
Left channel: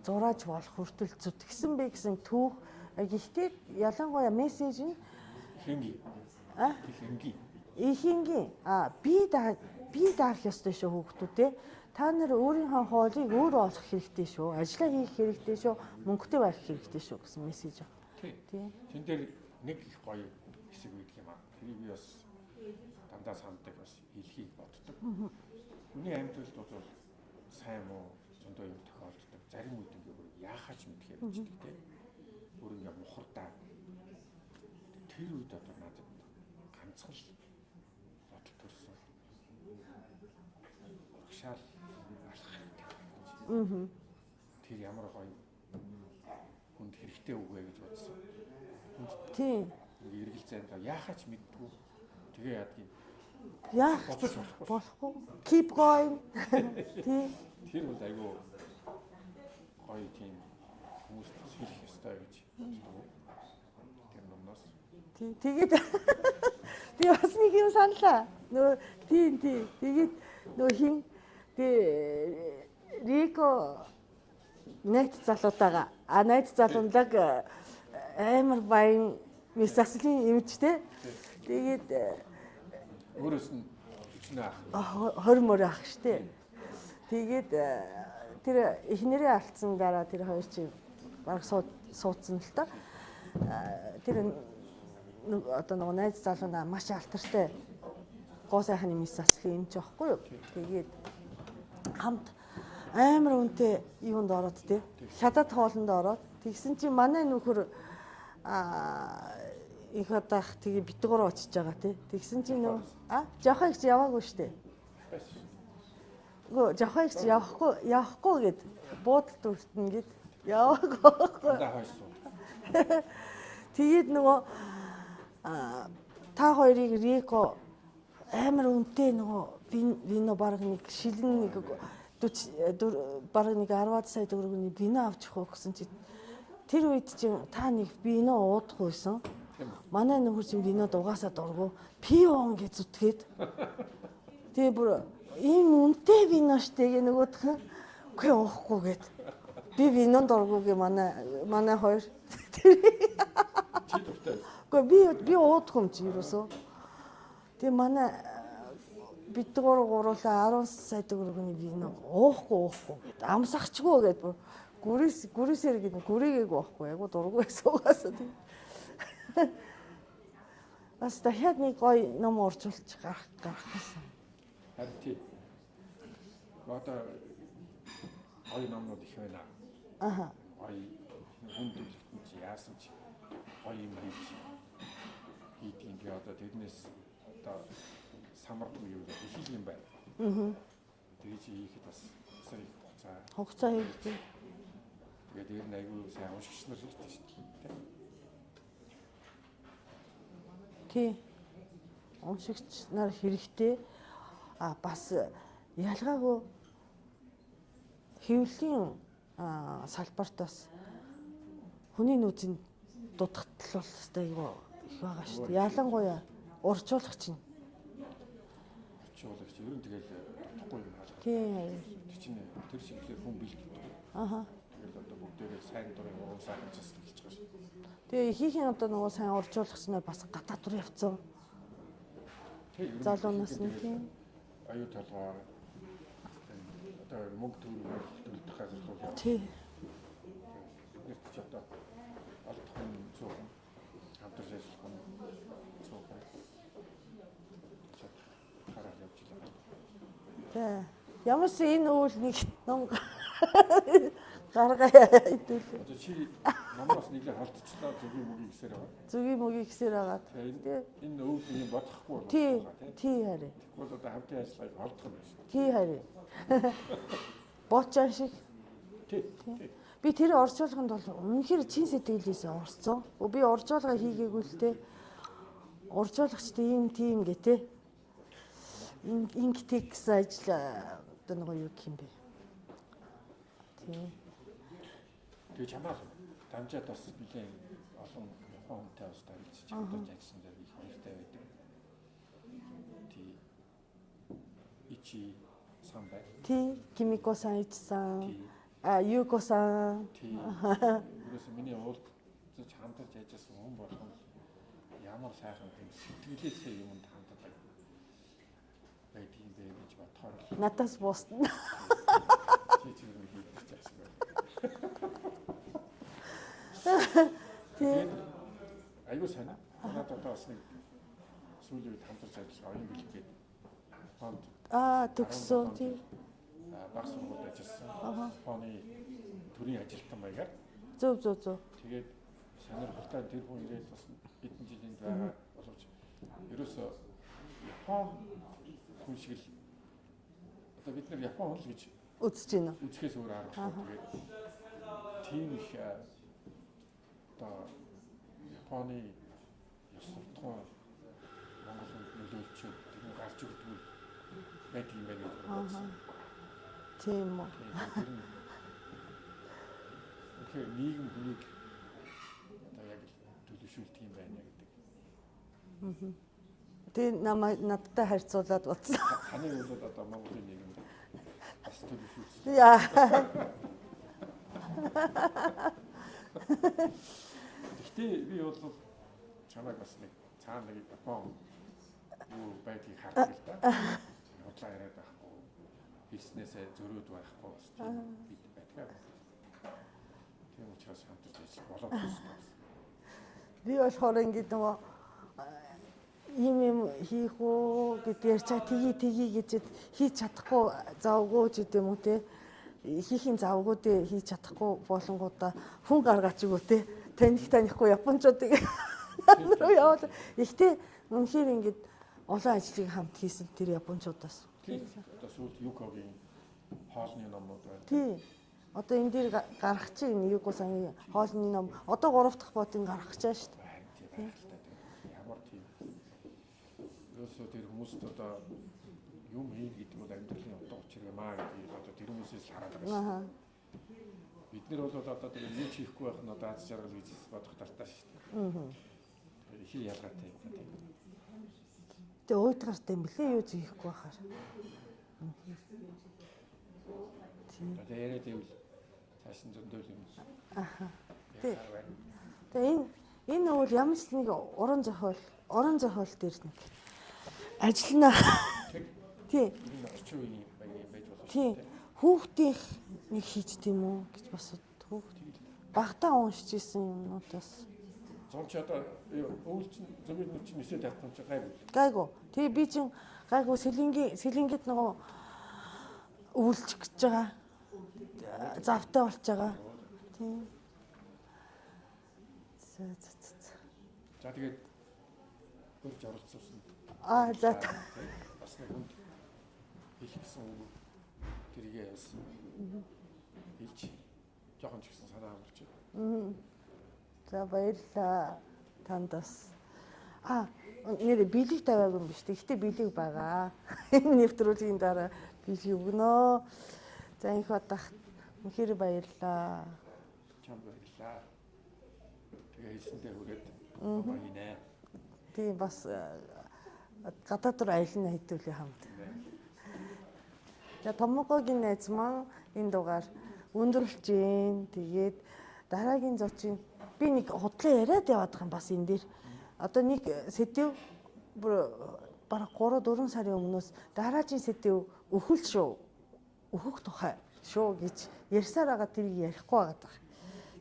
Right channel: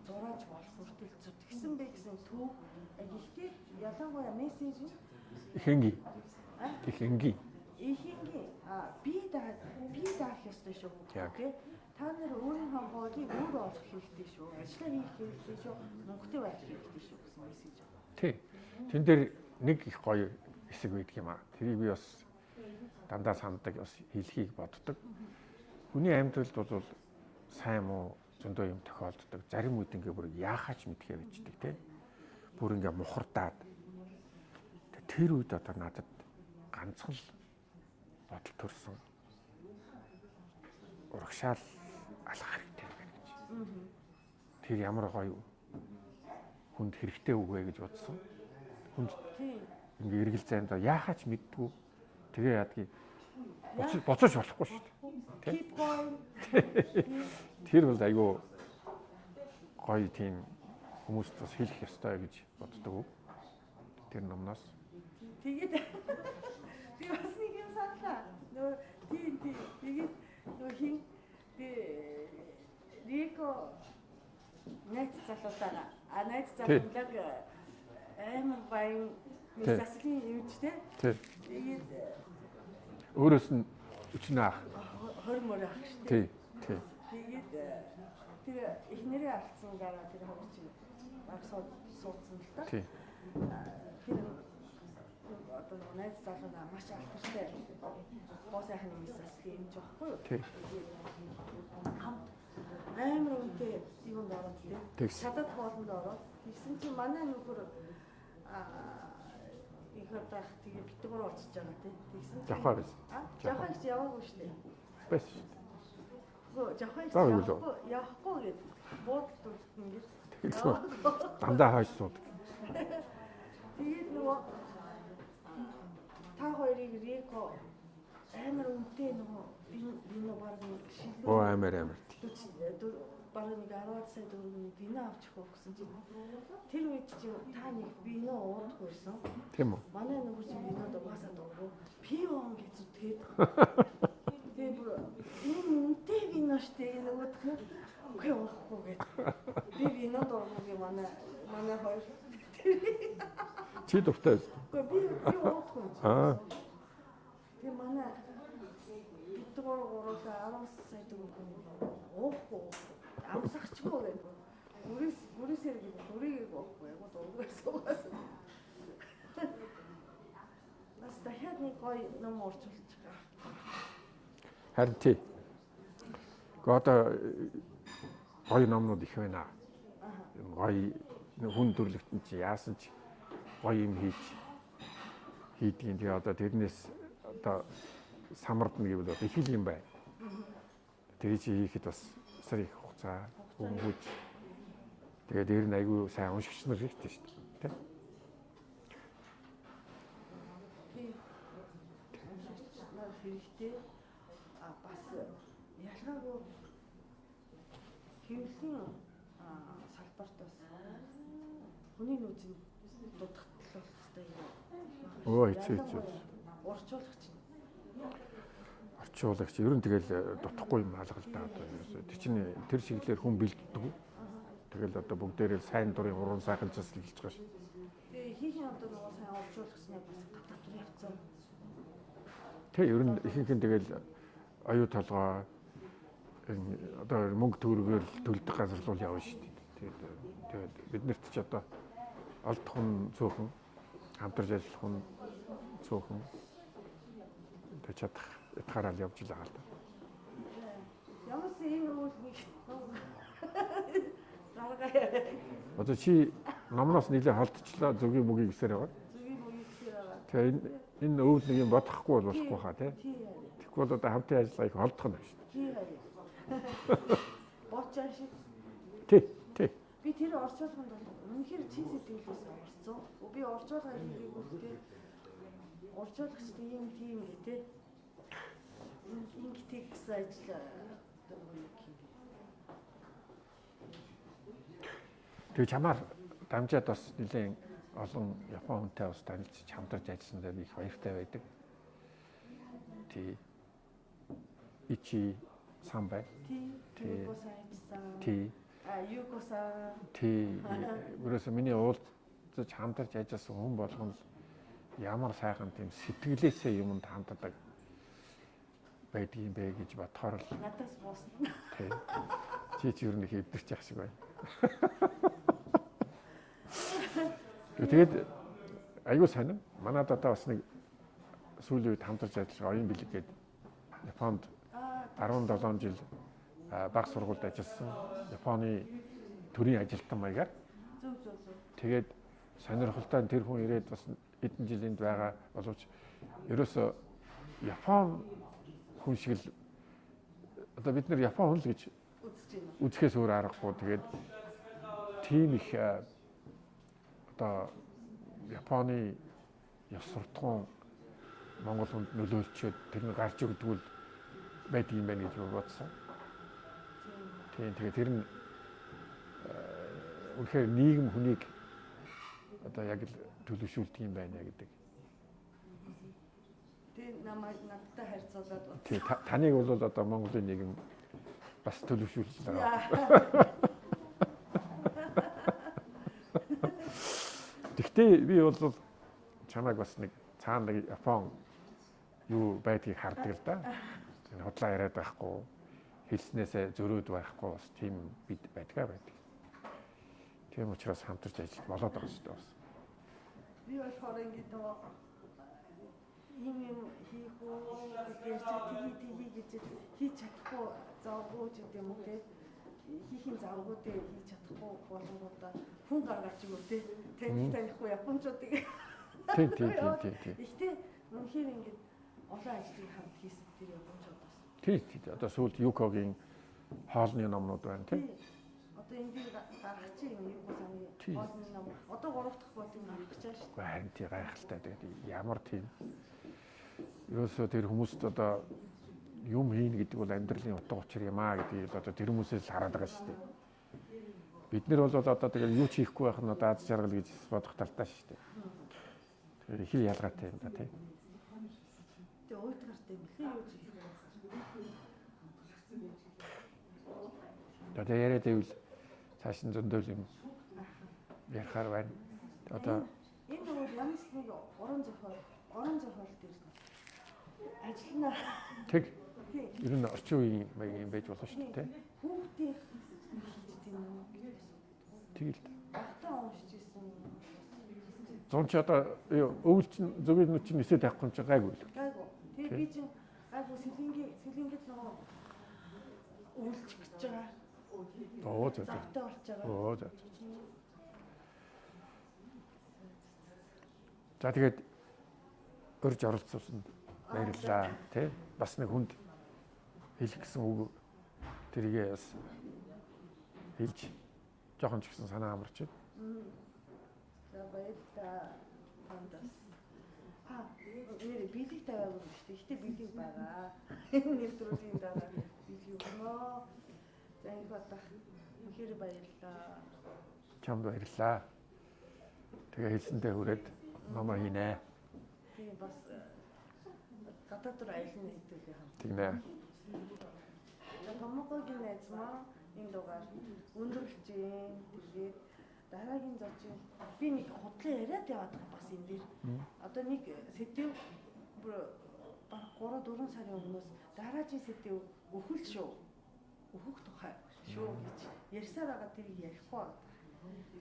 зурааж болох хүртэл зүтгэсэн бэ гэсэн түүх гэхдээ ялангуяа мессеж нь ихэнги ихэнги би даах ёстой шүү хүүхдүүд те та нар өөрийнхөө хоолыг өөрөө олох хэрэгтэй шүү ажиллаа хийх хэрэгтэй шүү мөнгөтэй байх хэрэгтэй шүү гэсэн мессеж байна. Тий. Тэн дээр нэг их гоё хэсэг байдаг юм аа. Тэрийг би бас дандаа санддаг бас хэлхийг боддог. Хүний амьдралд бол сайн муу зөндөө юм тохиолддог. Зарим үед ингээ бүр яахаач мэдхээр ичдэг те. Бүр ингээ мухардаад. Тэр үед одоо надад ганцхан л бодол төрсөн. Урагшаал алах хэрэгтэй байна гэж. Тэр ямар гоё хүнд хэрэгтэй үг вэ гэж бодсон. Хүнд тийм ингээ эргэл зайнд яахаач мэддгүү. Тэгээ яадгийг боцооч болохгүй. Keep going. Тэр бол айгүй гоё тийм хүмүүст бас хэлэх ёстой гэж боддог. Тэр номноос. Тэгээд би бас нэг юм саналаа. Нөө тийм тэгээд нөө хин Рико найз залуутайгаа найз залуунлаг амар баян мессажлын эмчтэй. Тэгээд өөрөөс нь өчнөө ах 20 мөр ах штэ. Тэгээд тэр эхнэрээ алдсан дараа тэр хоёр чинь баг суудсан л та. Тэр одоо нөгөө найз залуунаа маш алтартай гоо сайхны мессажлын эмч байхгүй юу? Тэгээд хамт амар үнэтэй юунд ороод те. Шадад хоолнд ороод тэгсэн чинь манай нөхөр их удаах тэгээ битгүүр очиж байгаа тий. Тэгсэн чинь жохоо их яваагүй штэ. Бэс. Гөө жохоо их явахгүй гэд буудалд үлдэн гэд яваагүй. Андаа хойш сууд. Тэгээд нөгөө та хоёрыг Рико амар үнэтэй нөгөө вино баг нэг шилэн 40 баг нэг 10 сая төгрөгийн вино авч явах гэсэн чи тэр үед чи та нэг вино уудахгүйсэн. Тийм үү. Манай нөхөр чинь винод угаасаа дургу пион гэж зүтгээд. Тэгээ бүр ийм үнэтэй вино штэ гэ нөгөөх нь үгүй уухгүй гэд. Би винон дургу гэ манай хоёр. Чи дуртай. Үгүй би уудах юм чинь юусэн. Тэгээ манай бид гуруулаа 10 сая төгрөгийн вино уухгүй гэд. Амсахчгүй гэд. Гүрээсээр гэдэг гүрээгээг байхгүй яг дургүй суугаас. Бас дахиад нэг гоё ном орчуулж гарах гэсэн. Харин тий. Одоо гоё номнууд их байна. Гоё хүн төрлөختөн чи яасан ч гоё юм хийж хийдгийн. Тэгээ одоо тэрнээс одоо самардна гэвэл одоо их юм байна. Тэгээ чи хийхэд бас сар их Хугацаа хийдэг. Тэгээ дээр нь айгүй сайн уншигч нар хэрэгтэй шүү дээ. Тий. Уншигч нар хэрэгтэй. Бас ялгаагүй хэвлэлийн салбарт бас хүний нөөцийн дутагдал бол хэвээр айгүй их байгаа шүү дээ. Ялангуяа урьдчуулагч нь. Урьдчуулагч ер нь тэгэл дутхгүй юм алга л да. Тэр чинь тэр чиглэлээр хүн бэлддэг. Тэгэл одоо бүгдээрээ сайн дурын уран сайхан засалж байгаа шүү. Тэгээ ихийнх нь одоо нөгөө сайн урьдчуулагч нар бас гадаад руу явцсан. Тэг ер нь ихийнх нь тэгэл аюу толгой одоо мөнгө төгрөгөөр төлдөг газар руу явна шүү. Тэгээд биднэрт ч одоо олдох нь цөөхөн, хамтарч ажиллах нь цөөхөн. Тэг чадах ятгаараа явж байгаа л да. Тэг. Ямарс энэ үйл нэг ном гаргая хэдүүл. Одоо чи номноос нэлээд холдчихлаа зүгийн мөгийг гисээр байгаа. Зүгийн мөгийг гисээр байгаа. Тэгээ энэ өвөл нэг юм бодохгүй бол болохгүй хаа тий. Тий харин. Тэгэхгүй бол одоо хамтын ажиллагааг холдох нь шүү. Тий харин. Боочаа шиг. Тий. Би тэр орчуулганд бол үнэхээр чин сэтгэлээсээ орцсон. Би орчуулга хийгээгүй л те. Орчуулагчтай ийм тийм гэ те. Инктекс ажил одоо нэг юу гэх юм бэ? Тий. Тэгээ чамаар дамжаад бас нэлээд олон Япон хүнтэй бас танилцж хамтарч ажилласан дээр их баяртай байдаг. Тий. Ичи сан бай. Тий, Кимико-сан ичсан. Тий. Юко-сан. Тий. Өөрөөсөө миний уулзаж хамтарч ажилласан хүн болгоно ямар сайхан тийм сэтгэлээсээ юмд ханддаг байдаг юм бэ гэж бодохоор л Надаас буусна. чи ер нь хийдэрч яах шиг байна. Тэгээд аюу сайн. Манайд одоо бас нэг сүүлийн үед хамтарч ажиллаж оюун бэлэг гээд Японд 17 жил баг сургуульд ажилласан. Японы төрийн ажилтан маягаар. Зөв. Тэгээд сонирхолтой тэр хүн ирээд бас хэдэн жилинд байгаа боловч ерөөсөө Япон хүн шиг л одоо бид нэр Япон хүн л гэж үзэж байна. Үзэхээс өөр аргагүй. Тэгээд тийм их одоо Японы ёс суртахуун Монгол хүнд нөлөөлчөөд тэрний гарч өгдөг л байдаг юм байна гэж бодсон. Тийм үү. Тэгээд тэр нь үнэхээр нийгэм хүнийг одоо яг л төлөвшүүлдэг юм байна гэдэг. Тэгээ надтай харьцуулаад бодсон. Таныг бол одоо Монголын нийгэм бас төлөвшүүлсэн. Яа. Гэхдээ би бол чамайг бас нэг цаана нэг Япон юу байдгийг хардаг л да. Худлаа яриад байхгүй, хэлснээсээ зөрөөд байхгүй бас тийм бид байдгаа байдаг. Тийм учраас хамтарч ажиллах болоод байна шүү дээ. Би болохоор ингэ нөгөө юм хийх үү гэдгээр чаа тгий гэж хийж чадахгүй завгүй ч гэдэм үү те хийхин завгуудыг хийж чадахгүй болонгуудаа хүн гаргаач өгөө те танихгүй японочдыг яваад ихтэй үнэхээр ингэ олон ажлыг хамт хийсэн тэр японочдоос тий одоо сүүлд Юкогийн хоолны номнууд байна тий одоо энэ дээр гарах чинь Юко-сан хоолны ном одоо 3 дахь бодыг гаргах чаа шүү дээ харин тий гайхалтай ямар тийм ерөөсөө тэр хүмүүст одоо юм хийн гэдэг бол амьдралын утга учир юм аа гэдгийг одоо тэр хүмүүсээс хараад байгаа шүү дээ. Бид нар бол одоо тэгэл юу ч хийхгүй байх нь одоо аз жаргал гэж бодох талтай шүү дээ. Тэгэхээр их ялгаатай юм да тийм. Тэгээ уйтгартай юм блэ юу ч хийхгүй байхаар. Одоо яриад байвал цааш нь зөндөөл юм. Яхаар байна. Энэ бол ямар ч нэг уран зохиол дээр нэг ажиллана. Тэг. Тий. Ер нь орчин үеийн маяг юм байж болох шүү дээ. Хүүхдийн нэг хийж тийм үү гэж бас хүүхд. Тэгэл. Багтаа уншиж исэн юмнуудаас. Зун ч одоо өвөлчин зөвгийн нүч нисээд авахгүй юм чи гайгүй. Гайгүй. Тэгээ би чин гайгүй сэлингэд нөгөө өвөлчих гэж байгаа. Завтай болж байгаа. Тийм. За тэгээд урьж оролцуулсан. За тий. Бас нэг хүнд хэлэх гэсэн үг тэрийгээ бас хэлж жоохон ч гэсэн санаа амарч байна. За баярлалаа. Танд бас нэр билег тавиагүй юм биш. Гэхдээ билег байгаа. Энэ нэвтрүүлгийн дараа билег өгнө. За энэ удаа үнэхээр баярлалаа. Чамд баярлалаа. Тэгээ хэлсэндээ хүрээд номоо хийнэ. Тийм бас гадаад руу аялна хэдүүлээ хамт. Тийм ээ. За Томокогийн найз маань энэ дугаар өндөрлж гин. Тэгээд дараагийн зочин би нэг худлаа яриад яваад байгаа юм бас энэ дээр. Одоо нэг сэдв бараг 3-4 сарын өмнөөс дараагийн сэдв өхөл шүү. Өөхөх тухай шүү гэж ярьсаар байгаа тэрийг ярихгүй байгаа.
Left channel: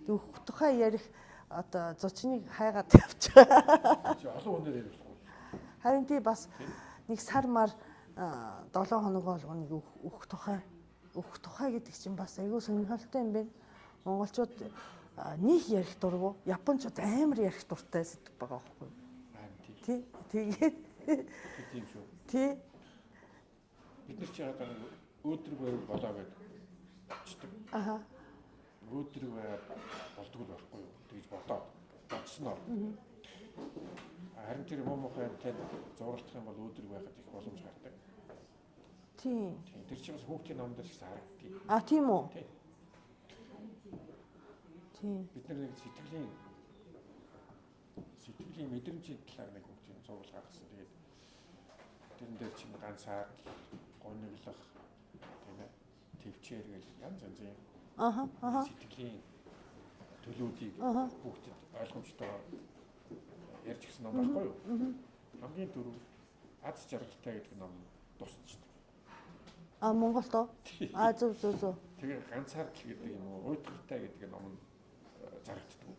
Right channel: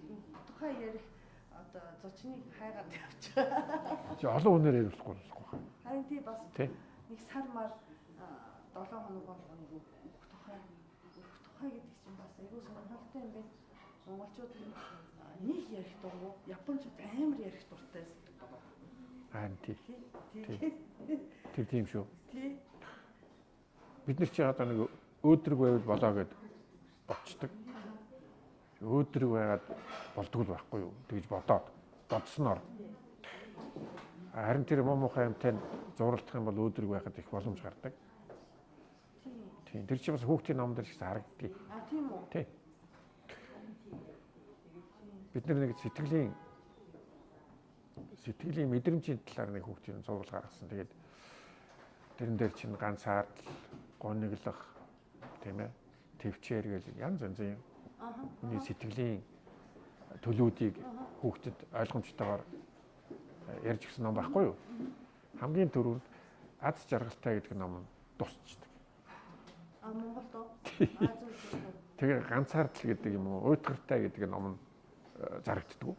Өөхөх тухай ярих одоо зочныг хайгаад явж байгаа. Чи олон хүнээр ярихгүй. Харин тий бас нэг сар мар 7 хоног болгоныг өөхөх тухай гэдэг чинь бас аюу сонирхолтой юм байна. Монголчууд нэг ярих дургу, японочууд амар ярих дуртай сэдв байгаа байхгүй юу? Тий. Тэгээд Тийм шүү. тий. Бид нар чи одоо нэг өөдрөг байвал болоо гэд бодчихдаг. Өөдрөг байгаад болдгоо байхгүй юу? Тэгж бодсноор. Харин тэр муухай юмтай зурлах юм бол өөдрөг байхад их боломж гардаг. Тийм. Тэр чинь бас хүүхдийн номдэр ч харагддаг. Тийм үү? Тий. Тийм. Бид нэг сэтгэлийн мэдрэмжийн талаар нэг хүүхдийн зурвал гаргасан. Тэгээд тэрэн дээр чинь ганцаар гониглох тийм ээ төвчээр гэж янз янзын сэтгэлийн төлөвүүдийг хүүхдэд ойлгомжтойгоор ярьж өгсөн ном байхгүй юу? Хамгийн түрүүнд аз жаргалтай гэдэг ном дуусчихдаг. Монголд оо? Зөв. Тэгээ ганцаардл гэдэг юм уу? Уйтгартай гэдэг ном зарагддаг.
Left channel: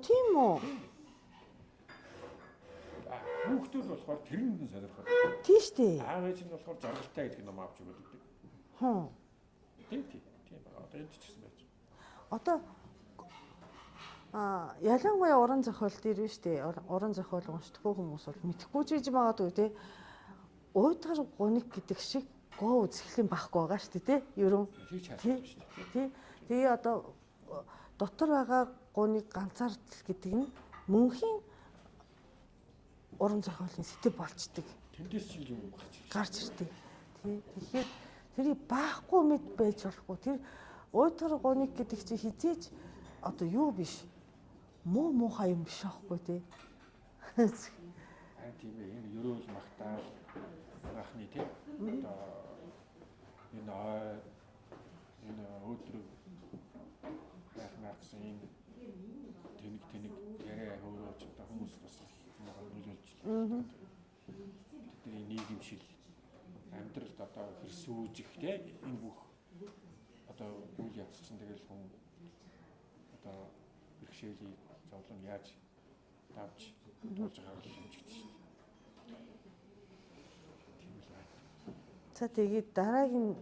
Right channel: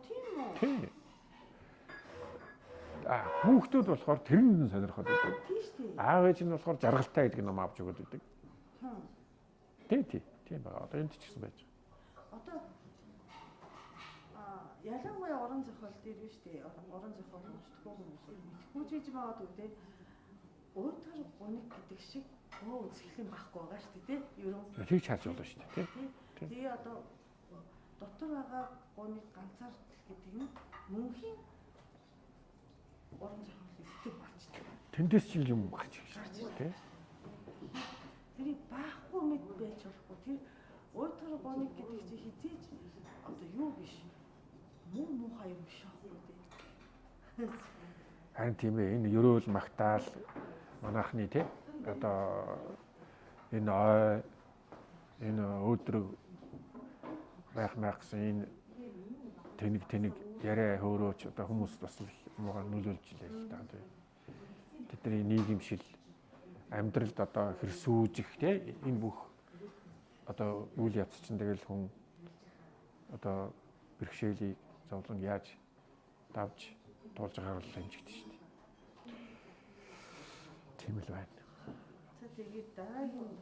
Тийм үү? Тийм. Хүүхдүүд болохоор тэрэнд сонирхоод байдаг. Тийм шүү дээ. Аав ээж нь болохоор жаргалтай гэдэг ном авч өгöd байдаг. Тийм байна. Одоо энд ч гэсэн байж байгаа. Одоо ялангуяа уран зохиол дээр биш үү? Уран зохиол уншдаггүй хүмүүс бол мэдэхгүй ч гэж магадгүй тий. Уйтгар гуник гэдэг шиг гоо үзэхлэн байхгүй байгаа шүү дээ тий. Ерөн тийм ч харсан шүү дээ тий. Тэгээ одоо дотор байгаа гуник ганцаардл гэдэг нь мөнхийн уран зохиолын сэтэв болчдөг. Тэндээс ч юм гарч ирдэг. Тэгэхээр тэрийг баахгүй мэд байж болохгүй. Тэр уйтгар гуник гэдэг чинь хизээж одоо юу биш. Муухай юм биш аахгүй тий. Харин тийм ээ энэ ерөөл магтаал манайхны тий одоо энэ өдрөг байх гэсэн энэ тэнэг яриа хөөрөөч одоо хүмүүс бас муугар нөлөөлж байна. Тэдний нийгэмшил амьдралд одоо хэрсүүжих тий энэ бүх одоо үйл явц чинь тэгэл хүн одоо бэрхшээлийг зовлон яаж давж туулж байгаагаар л хэмжигдэж шүү дээ. Тийм л байна. За тэгээд дараагийн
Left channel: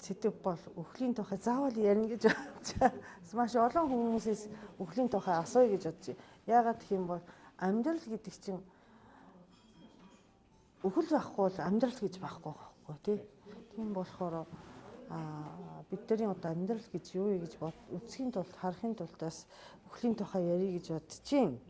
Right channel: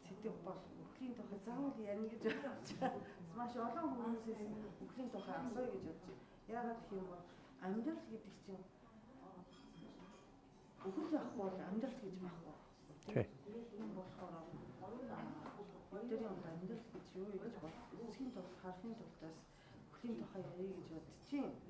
сэдв бол өхлийн тухай заавал ярина гэж бодож. Маш олон хүмүүсээс өхлийн тухай асууя гэж бодож. Яагаад гэх юм бол амьдрал гэдэг чинь өхөл байхгүй бол амьдрал гэж байхгүй байхгүй тий. Тийм болохоор бидний одоо амьдрал гэж юу вэ гэж үзэхийн тулд харахын тулд бас өхлийн тухай ярих гэж бодчихин.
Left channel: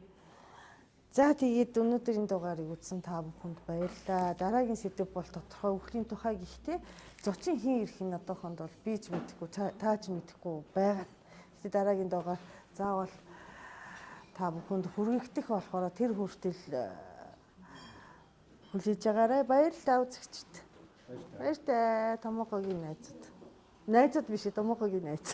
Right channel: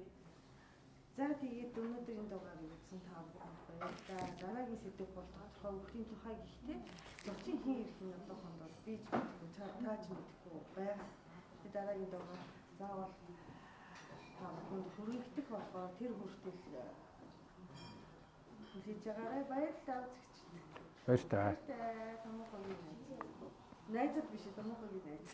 За тэгээд өнөөдрийн дугаарыг үзсэн та бүхэнд баярлалаа. Дараагийн сэдв бол тодорхой өхлийн тухай гэхдээ зочин хийн ирэх нь одоохонд бол би ч мэдэхгүй та ч мэдэхгүй байгаа. Тэгээд дараагийн дугаар заавал та бүхэнд хүргэгдэх болохоор тэр хүртэл хүлээж байгаарай. Баярлалаа үзэгчд. Баярлалаа. Томокогийн найзууд. Найзууд биш Томокогийн найз.